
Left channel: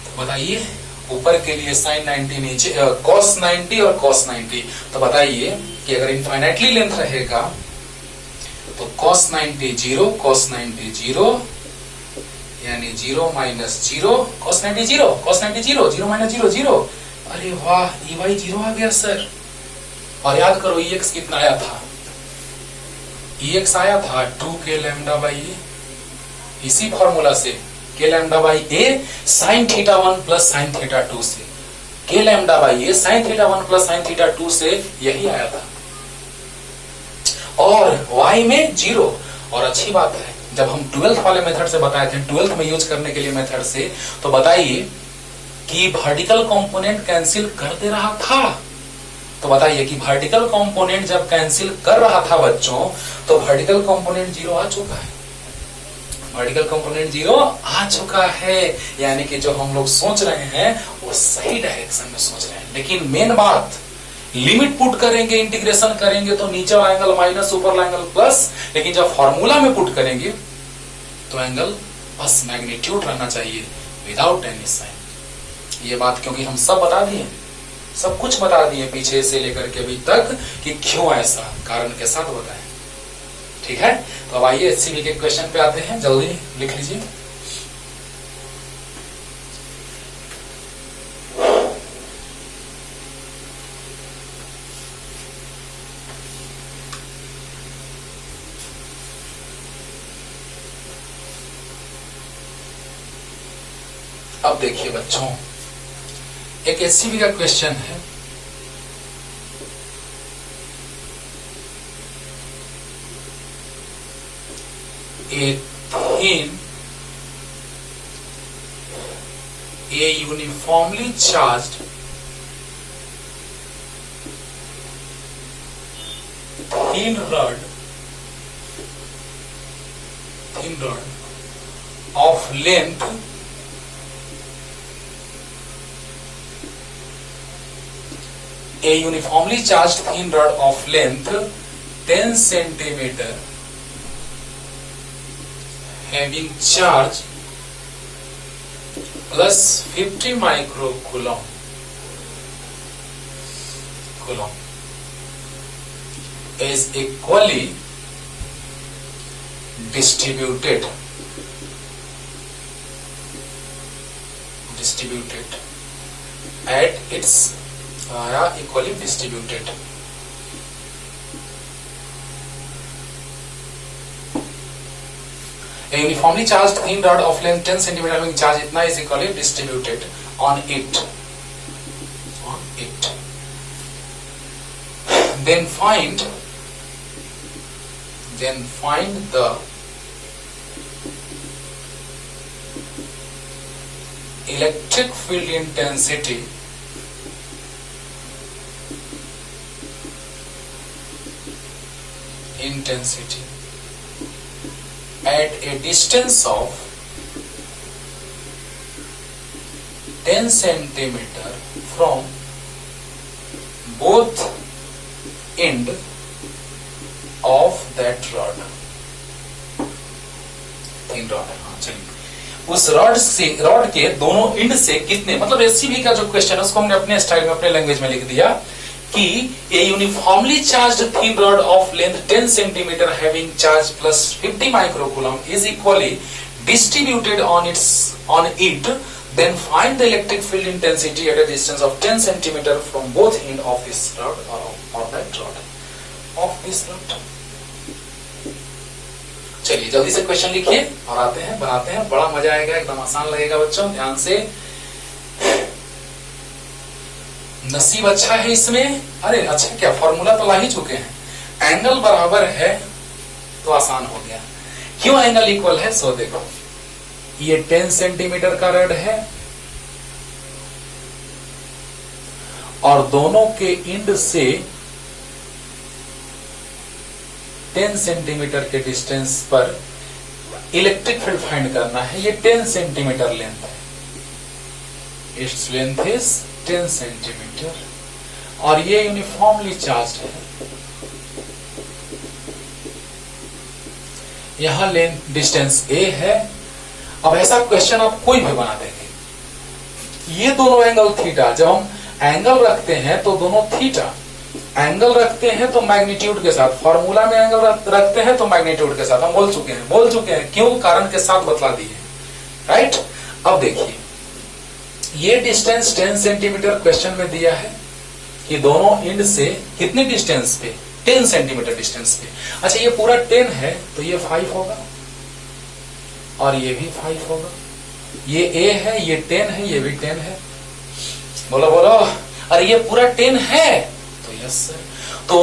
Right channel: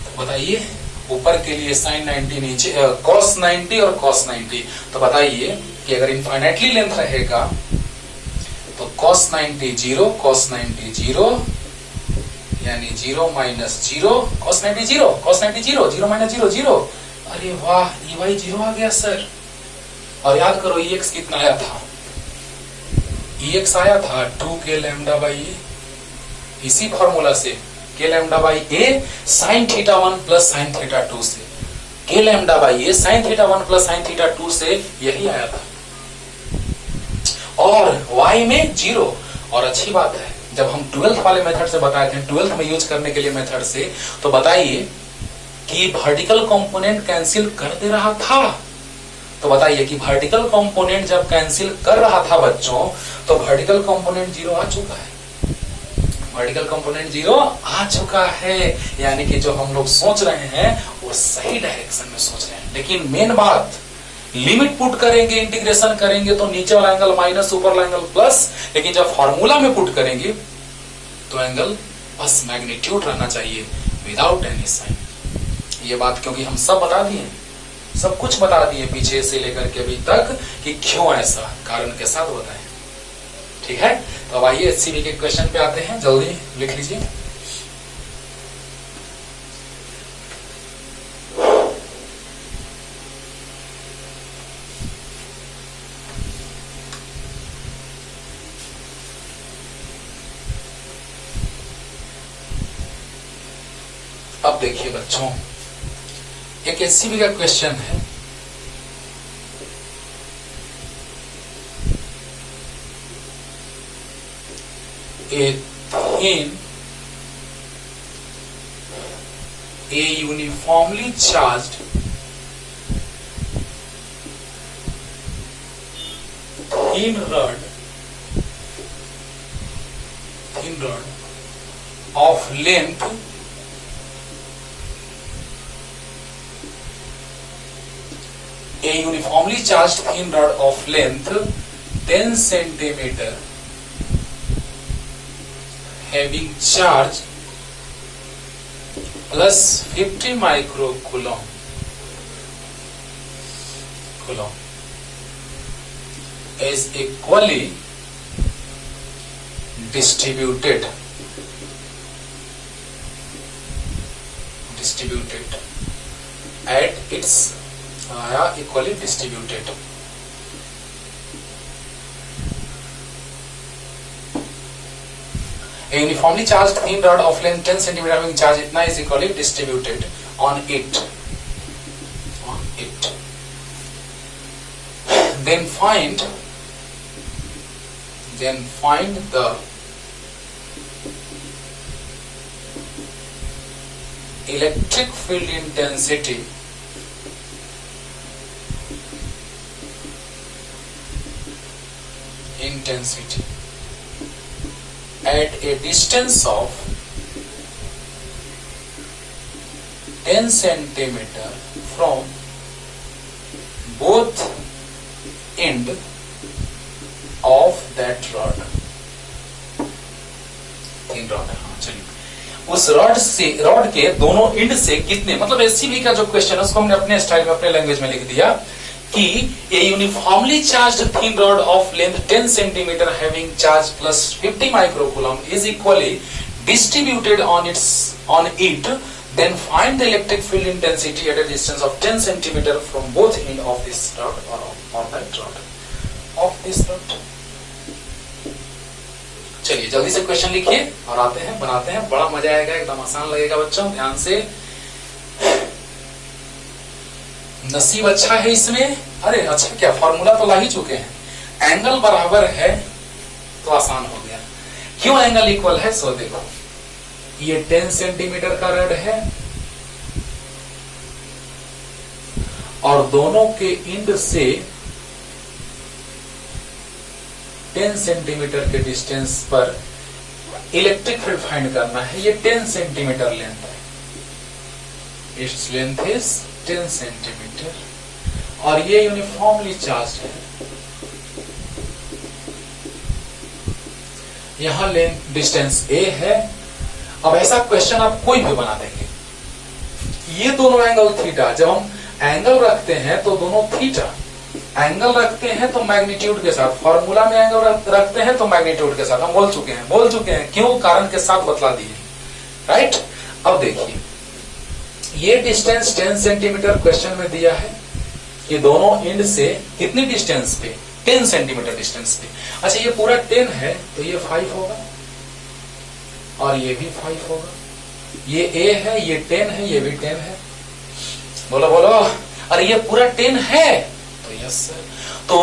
तो बताइए, ऊपर के लिए sin 90, नीचे cos 90 और cos 90। तो बताइए कि अगर इनफाइनाइटली लेंथ रहेगा तो cos 90 0, cos 90 0, यानी 0 माइनस 0, cos 90 0, cos 90 0, 0 माइनस 0 0। अरे वाह, ये भाई 0 आ गया सर। और याद करो EX कितना आया था, EX आया था 2k लैम्डा बाई ए। इसी फॉर्मूला से k lambda by A sine theta 1 plus sine theta 2 से, k lambda by A sine theta 1 plus sine theta 2 से यही आया था। और y में 0। और अच्छी बात है, जब हम 12th वाले मेथड से बताए थे, 12th में यूज करने के लिए मेथड से, तो बताइए कि वर्टिकल कंपोनेंट कैंसिल कर दे रहा था। तो बताइए कि वर्टिकल कंपोनेंट जब कैंसिल कर रहा था बच्चों, तो वर्टिकल कंपोनेंट 0 आ चुका है। वर्टिकल कंपोनेंट 0 आ चुका है, यानी कि जो हम लोग सोच रहे हैं वो सही डायरेक्शन में सोच रहे हैं। लेकिन मेन बात, लिमिट पुट करेंगे, इंटीग्रेशन करेंगे तो नीचे वाला एंगल माइनस, ऊपर वाला एंगल प्लस। लेकिन जब फॉर्मूला में पुट करेंगे तो एंगल बस मैग्नीट्यूड रहना चाहिए, विदाउट एनी साइन। ये बात क्योंकि हम सब बता दिए, सब कुछ बता दिए पीछे से लेकर के अभी तक कि क्यों ऐसा, कारण के साथ बताएं। ठीक है, तो अब आइए एचसीबी के क्वेश्चन पे आते हैं, जल्दी लिख लीजिए। अब देखिए बच्चों, एक एचसीबी का क्वेश्चन है। A uniformly charged thin rod of length a uniformly charged thin rod of length 10 centimeter having charge plus 50 microcoulomb is equally distributed at its equally distributed. A uniformly charged thin rod of length 10 cm having charge itna is equally distributed on it. Then find the electric field intensity at a distance of 10 centimeter from both end of उस रॉड के दोनों इंड से कितने, मतलब एससीबी का जो क्वेश्चन है उसको हमने अपने स्टाइल में अपने लैंग्वेज में लिख दिया कि ए uniformly charged thin rod of length 10 centimetre having charge plus 50 microcoulomb is equally distributed on it, then find the electric field intensity at a distance of 10 centimeter from both end of this rod or that rod of this rod. चलिए जल्दी से क्वेश्चन लिखिए और आते हैं बनाते हैं, बड़ा मजा आएगा, एकदम आसान लगेगा बच्चों, ध्यान से। नसीब अच्छा है इसमें, अरे अच्छा क्या फॉर्मूला तो ला ही चुके हैं। एंगल बराबर है तो आसान हो गया। क्यों एंगल इक्वल है, सो देखो ये 10 सेंटीमीटर का रड है और दोनों के इंड से 10 सेंटीमीटर के डिस्टेंस पर इलेक्ट्रिक फील्ड फाइंड करना है। ये 10 सेंटीमीटर लेंथ है, इट्स लेंथ इज 10 सेंटीमीटर और ये यूनिफॉर्मली चार्ज है। यहां लेंथ डिस्टेंस ए है। अब ऐसा क्वेश्चन आप कोई भी बना देंगे, ये दोनों एंगल थीटा, जब हम एंगल रखते हैं तो दोनों थीटा, एंगल रखते हैं तो मैग्नीट्यूड के साथ, फॉर्मूला में एंगल रखते हैं तो मैग्नीट्यूड के साथ, हम बोल चुके हैं क्यों, कारण के साथ बतला दिए, राइट। अब देखिए ये डिस्टेंस 10 सेंटीमीटर क्वेश्चन में दिया है कि दोनों इंड से कितने डिस्टेंस पे, 10 सेंटीमीटर डिस्टेंस पे। अच्छा ये पूरा 10 है तो ये 5 होगा और ये भी 5 होगा, ये A है, ये 10 है, ये भी 10 है। बोलो बोलो, अरे ये पूरा 10 है तो यस सर। तो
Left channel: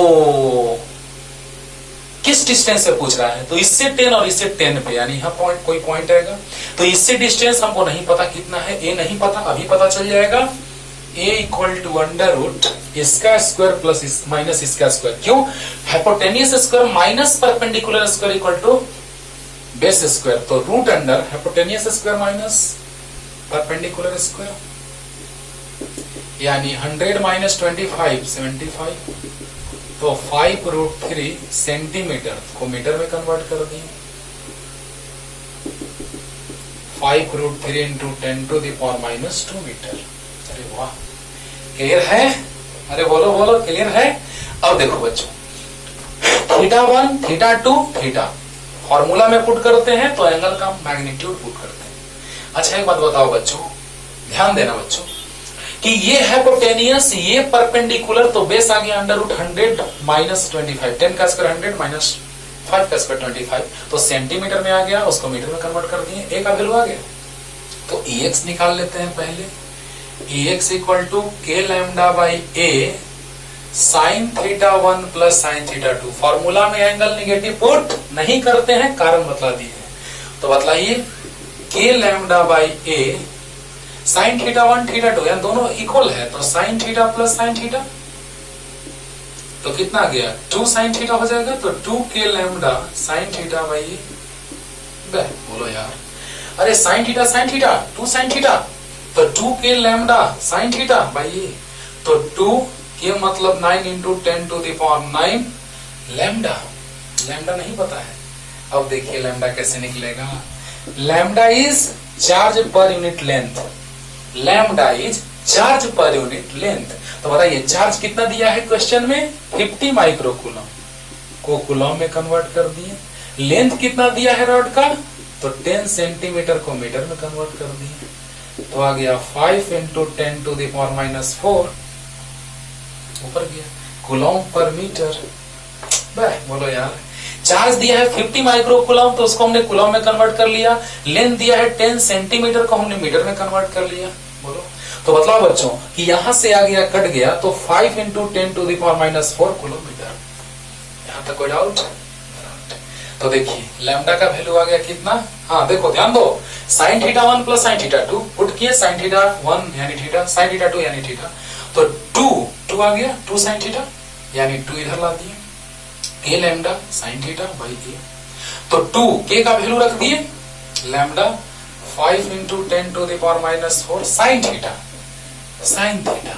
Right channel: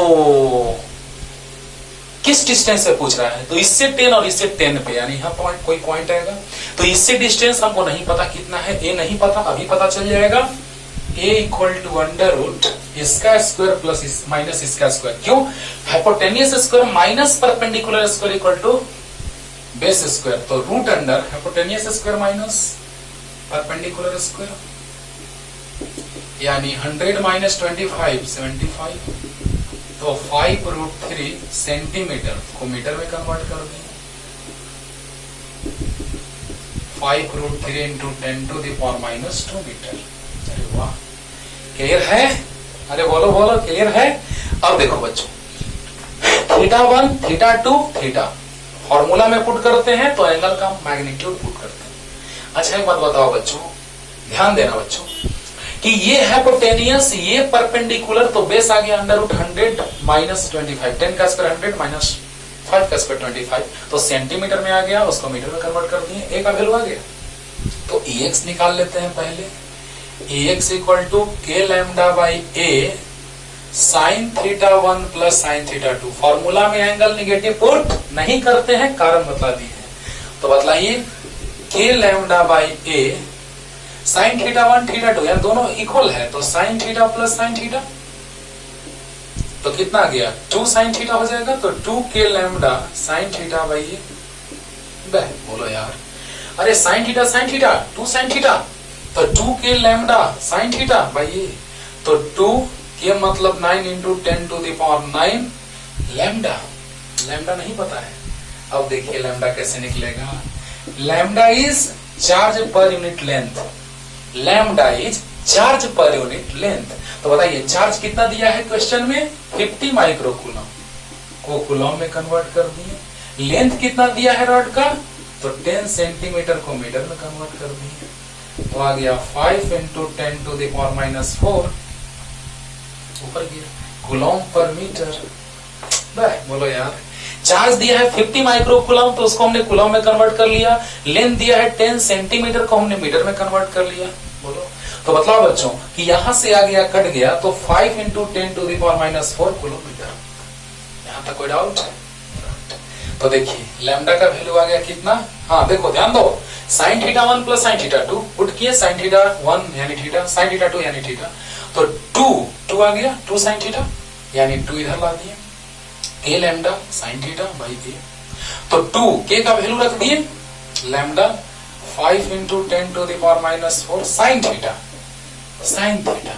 किस डिस्टेंस से पूछ रहा है, तो इससे 10 और इससे 10 पे, यानी यहाँ पॉइंट कोई पॉइंट आएगा। तो इससे डिस्टेंस हमको नहीं पता कितना है, A नहीं पता, अभी पता चल जाएगा। A equal to under root इसका स्क्वायर प्लस माइनस इसका स्क्वायर। क्यों, hypotenuse square minus perpendicular square equal to base square, तो root under hypotenuse square minus perpendicular square, यानी 100 माइनस 25 75, तो 5√3 सेंटीमीटर को मीटर में कन्वर्ट कर दिए। 5√3 इंटू 10⁻⁻² मीटर। अरे वाह, क्लियर है, अरे बोलो बोलो क्लियर है। अब देखो बच्चों, θ1 θ2 θ फॉर्मूला में पुट करते हैं तो एंगल का मैग्नीट्यूड पुट करते हैं। अच्छा एक बात बताओ बच्चों, ध्यान देना बच्चों कि ये हाइपोटेनियस, ये परपेंडिकुलर, तो बेस आ गया अंडर रूट 100 माइनस 25, 10 का स्क्वायर 100 माइनस 5 का स्क्वायर 25, तो सेंटीमीटर में आ गया, उसको मीटर में कन्वर्ट कर दिए, ए का वैल्यू आ गया। तो EX निकाल लेते हैं पहले। EX equal to K lambda by A sine θ1 plus sine θ2। Formula में एंगल निगेटिव पुट नहीं करते हैं, कारण बतला दिए हैं। तो बतलाइए K lambda by A sine θ1 θ2, यानी दोनों इक्वल है, तो sine theta plus sine theta, तो कितना गया 2 साइन थीटा हो जाएगा, तो 2K lambda sign theta by A। बोलो यार, अरे साइन थीटा 2 साइन थीटा, तो 2K lambda sign theta by A, तो 2K मतलब 9 इंटू 10⁹ लैम्डा। लैम्डा नहीं पता है, अब देखिए लैम्डा कैसे निकलेगा। Lambda is charge per unit length, lambda is charge per unit length. तो बताइए चार्ज कितना दिया है क्वेश्चन में, 50 माइक्रोकूलम को कूलम में कन्वर्ट कर दिए। लेंथ कितना दिया है रॉड का, तो 10 सेंटीमीटर को मीटर में कन्वर्ट कर दिए, तो आ गया 5 इंटू 10⁻⁴ ऊपर गया कूलम पर मीटर। बोलो यार, चार्ज दिया है 50 माइक्रोकूलम, तो उसको हमने कूलम में कन्वर्ट कर लिया। लेंथ दिया है 10 सेंटीमीटर को हमने मीटर में कन्वर्ट कर लिया। बोलो, तो बताओ बच्चों कि यहां से आ गया कट गया, तो 5 इंटू 10⁻⁴ किलोमीटर। यहां तक कोई डाउट? तो देखिए लैम्डा का वैल्यू आ गया कितना, हाँ देखो ध्यान दो, साइन θ1 प्लस साइन θ2 पुट किए, साइन θ1 यानी थीटा, साइन θ2 यानी थीटा, तो 2 आ गया 2 साइन थीटा, यानी 2 इधर ला दिए। K lambda sign theta by A, तो 2K का वैल्यू रख दिए, lambda 5 into 10⁻⁴ sine theta, sine theta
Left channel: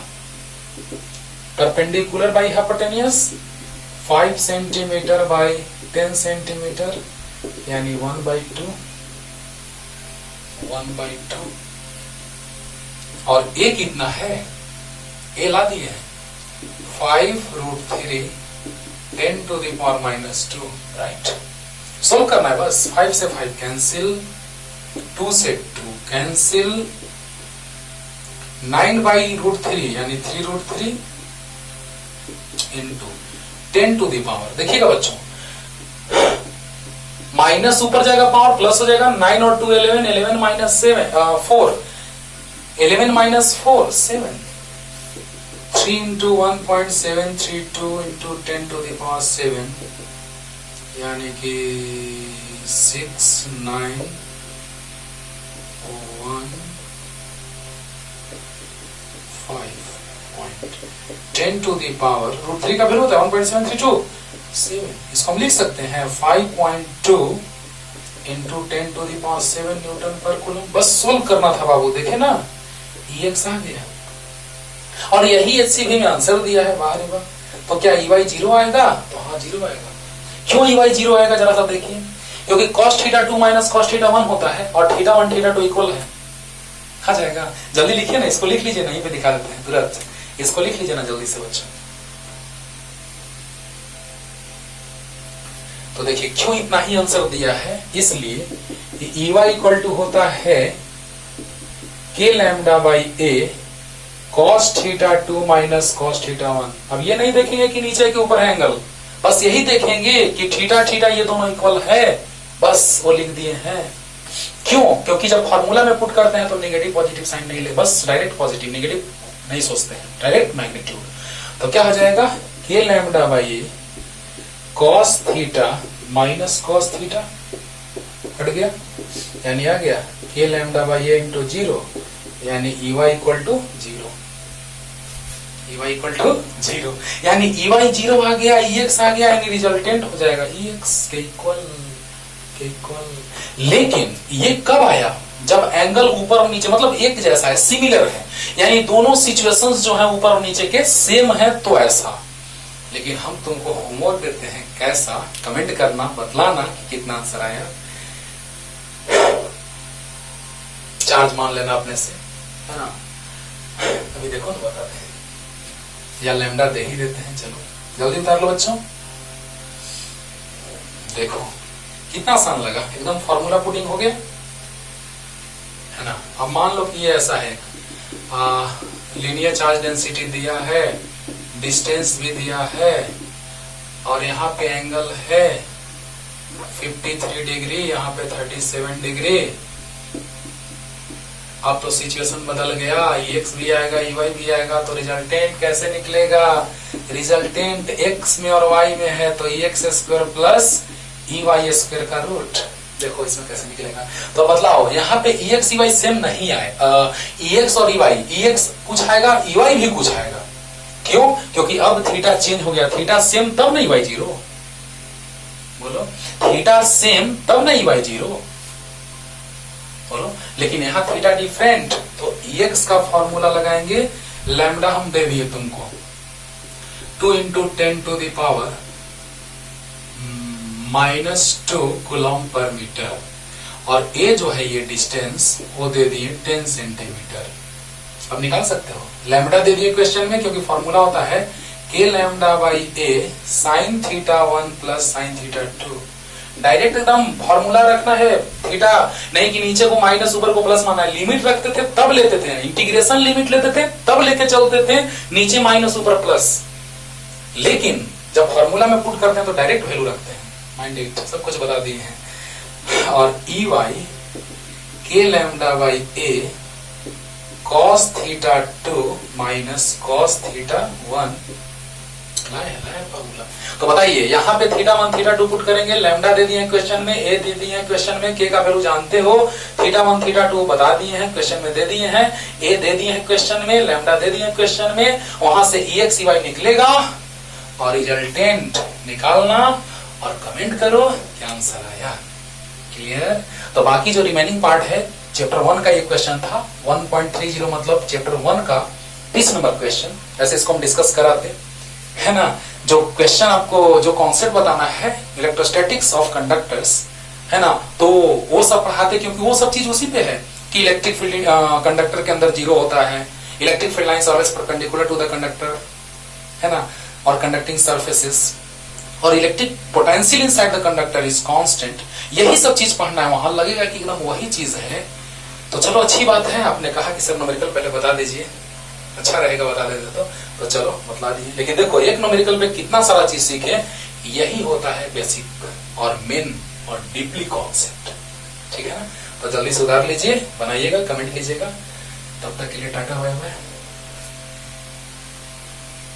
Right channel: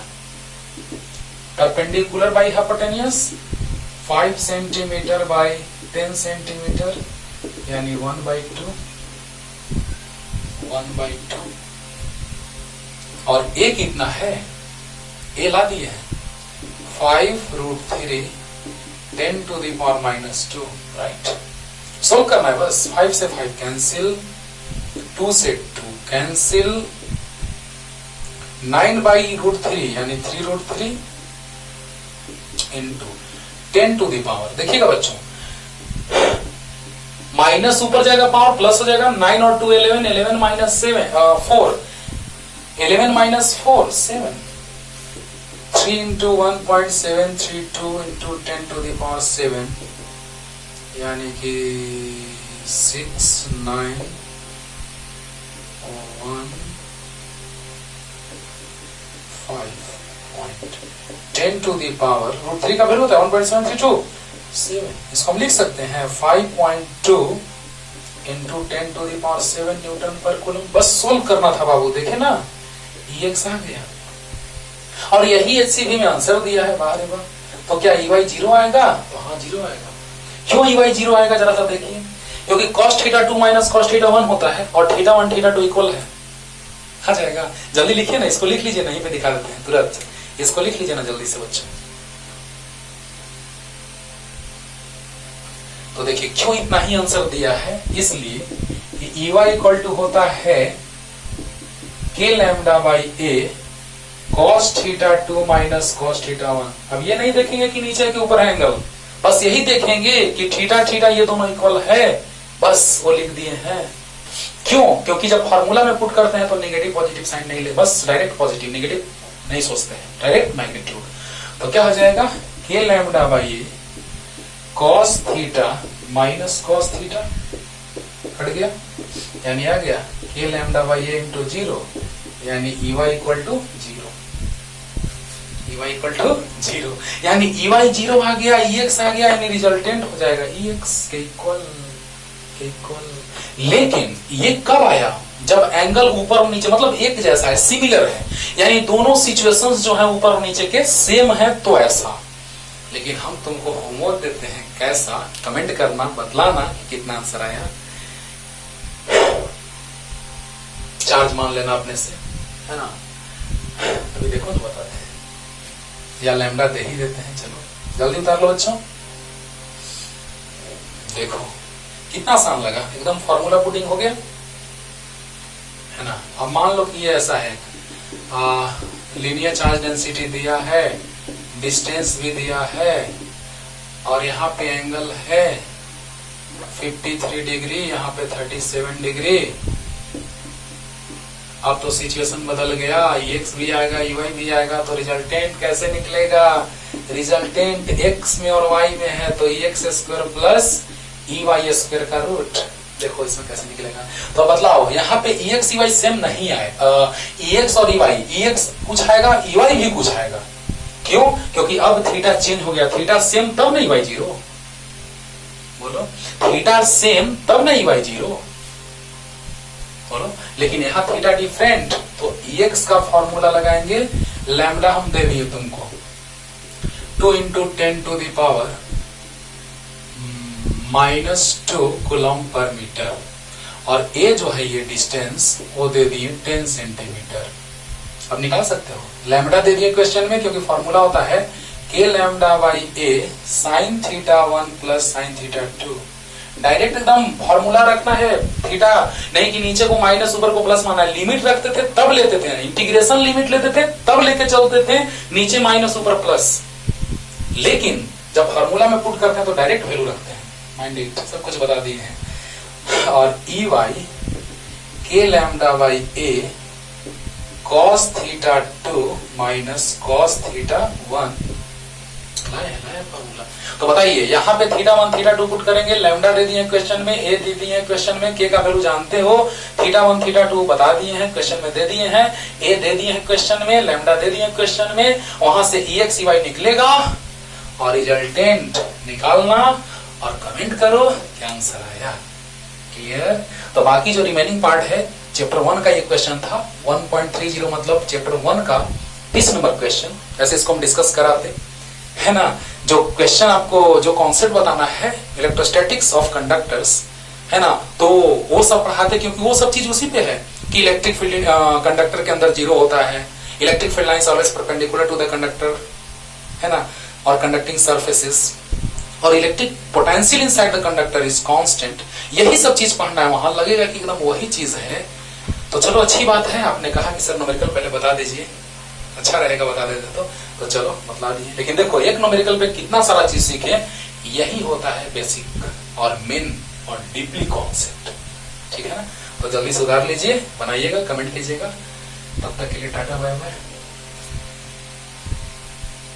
perpendicular by hypotenuse 5 centimetre by 10 centimetre, यानी 1/2 1/2 और ए कितना है, ए ला दिए 5√3 10⁻², राइट। सोल्व करना है बस। 5 से 5 कैंसिल, 2 से 2 कैंसिल, 9/√3 यानी 3√3 इंटू 10⁻। देखिएगा बच्चों, माइनस ऊपर जाएगा पावर, प्लस हो जाएगा। 9 और 2 11, 11 माइनस 4 11 माइनस 4 7, 3 इंटू 1.732 इंटू 10⁻7 यानी कि 6 9 1 5 10⁻√3 का वैल्यू होता है 1.732 7। इसको हम लिख सकते हैं 5.2 इंटू 10⁻7 न्यूटन पर कूलम। बस सोल्व करना था बाबू, देखे ना EX आ गया और यही HCV में आंसर दिया है। बाहर है, तो क्या EY 0 आएगा? हाँ 0 आएगा। क्यों EY 0 आएगा जरा सा देखिए, क्योंकि cos θ2 माइनस cos θ1 होता है और θ1 θ2 इक्वल है। आ जाएगा। जल्दी लिखिए ना, इसको लिख लीजिए, नहीं पे दिखा देते हैं तुरंत। इसको लिख लीजिए ना जल्दी से बच्चों। तो देखिए क्यों इतना ही आंसर दिया है, इसलिए कि EY इक्वल टू होता है K λ/A cos θ2 minus cos θ1। अब ये नहीं देखेंगे कि नीचे के ऊपर है एंगल, बस यही देखेंगे कि थीटा थीटा ये दोनों इक्वल है, बस वो लिख दिए हैं। क्यों? क्योंकि जब फॉर्मूला में पुट करते हैं तो नेगेटिव पॉजिटिव साइन नहीं ले, बस डायरेक्ट पॉजिटिव नेगेटिव नहीं सोचते हैं, डायरेक्ट मैग्नीट्यूड। तो क्या हो जाएगा K λ/A cos theta minus cos theta, हट गया, यानी आ गया K λ/A इंटू 0 यानी EY equal to 0, EY equal to 0 यानी EY 0 आ गया, EX आ गया, यानी रिजल्टेंट हो जाएगा EX के इक्वल। लेकिन ये कब आया? जब एंगल ऊपर और नीचे मतलब एक जैसा है, सिमिलर है, यानी दोनों सिचुएशंस जो है ऊपर और नीचे के सेम है, तो ऐसा। लेकिन हम तुमको होमवर्क देते हैं, कैसा कमेंट करना, बतलाना कि कितना आंसर आया। चार्ज मान लेना अपने से, है ना। अभी देखो तो बताते हैं, या लैम्डा दे ही देते हैं। चलो जल्दी उतार लो बच्चों। देखो कितना आसान लगा, एकदम फॉर्मूला पुटिंग हो गया, है ना। अब मान लो कि ये ऐसा है, लीनियर चार्ज डेंसिटी दिया है, डिस्टेंस भी दिया है, और यहाँ पे एंगल है 53 डिग्री, यहाँ पे 37 डिग्री। अब तो सिचुएशन बदल गया, EX भी आएगा, EY भी आएगा, तो रिजल्टेंट कैसे निकलेगा? रिजल्टेंट X में और Y में है, तो EX² प्लस EY² का रूट। देखो इसमें कैसे निकलेगा, तो बदलाओ, यहाँ पे EX EY सेम नहीं आए, EX और EY, EX कुछ आएगा, EY भी कुछ आएगा। क्यों? क्योंकि अब थीटा चेंज हो गया, थीटा सेम तब नहीं EY 0, बोलो थीटा सेम तब नहीं EY 0, बोलो। लेकिन यहाँ थीटा डिफरेंट, तो EX का फॉर्मूला लगाएंगे, लैम्डा हम दे दिए तुमको 2 इंटू 10⁻⁻² कूलम पर मीटर, और A जो है ये डिस्टेंस वो दे दिए 10 सेंटीमीटर। अब निकाल सकते हो, लैम्डा दे दिए क्वेश्चन में, क्योंकि फॉर्मूला होता है K λ/A sin θ1 plus sin θ2। Direct एकदम फॉर्मूला रखना है, थीटा नहीं कि नीचे को माइनस ऊपर को प्लस माना है। लिमिट रखते थे तब लेते थे, इंटीग्रेशन लिमिट लेते थे तब लेके चलते थे, नीचे माइनस ऊपर प्लस। लेकिन जब फॉर्मूला में पुट करते हैं तो डायरेक्ट वैल्यू रखते हैं, माइंडेड, सब कुछ बता दिए हैं। और EY K λ/A cos θ2 minus cos θ1 लाया फॉर्मूला। तो बताइए यहाँ पे θ1 θ2 पुट करेंगे, लैम्डा दे दिए क्वेश्चन में, A दे दिए हैं क्वेश्चन में, K का वैल्यू जानते हो, θ1 θ2 बता दिए हैं क्वेश्चन में, दे दिए हैं, A दे दिए हैं क्वेश्चन में, लैम्डा दे दिए क्वेश्चन में, वहां से EX EY निकलेगा और रिजल्टेंट निकालना और कमेंट करो क्या आंसर आया। क्लियर? तो बाकी जो रिमेनिंग पार्ट है, चैप्टर 1 का ये क्वेश्चन था, 1.30 मतलब चैप्टर 1 का 20 नंबर क्वेश्चन, ऐसे इसको हम डिस्कस कराते, है ना। जो क्वेश्चन आपको जो कॉन्सेप्ट बताना है इलेक्ट्रोस्टैटिक्स ऑफ कंडक्टर्स, है ना, तो वो सब पढ़ाते, क्योंकि वो सब चीज उसी पे है। कि इलेक्ट्रिक फील्ड कंडक्टर के अंदर जीरो होता है, electric field lines always perpendicular to the conductor, है ना, और कंडक्टिंग सरफेसेस, और electric potential inside the conductor is constant. यही सब चीज पढ़ना है, वहां लगेगा कि एकदम वही चीज है। तो चलो अच्छी बात है, आपने कहा कि सर न्यूमेरिकल पहले बता दीजिए, अच्छा रहेगा बता देते तो चलो बतला दिए। लेकिन देखो एक न्यूमेरिकल पे कितना सारा चीज सीखे, यही होता है बेसिक और मेन और डीपली कॉन्सेप्ट, ठीक है ना। तो जल्दी सुधार लीजिए, बनाइएगा, कमेंट कीजिएगा। तब तक के लिए टाटा बाय बाय।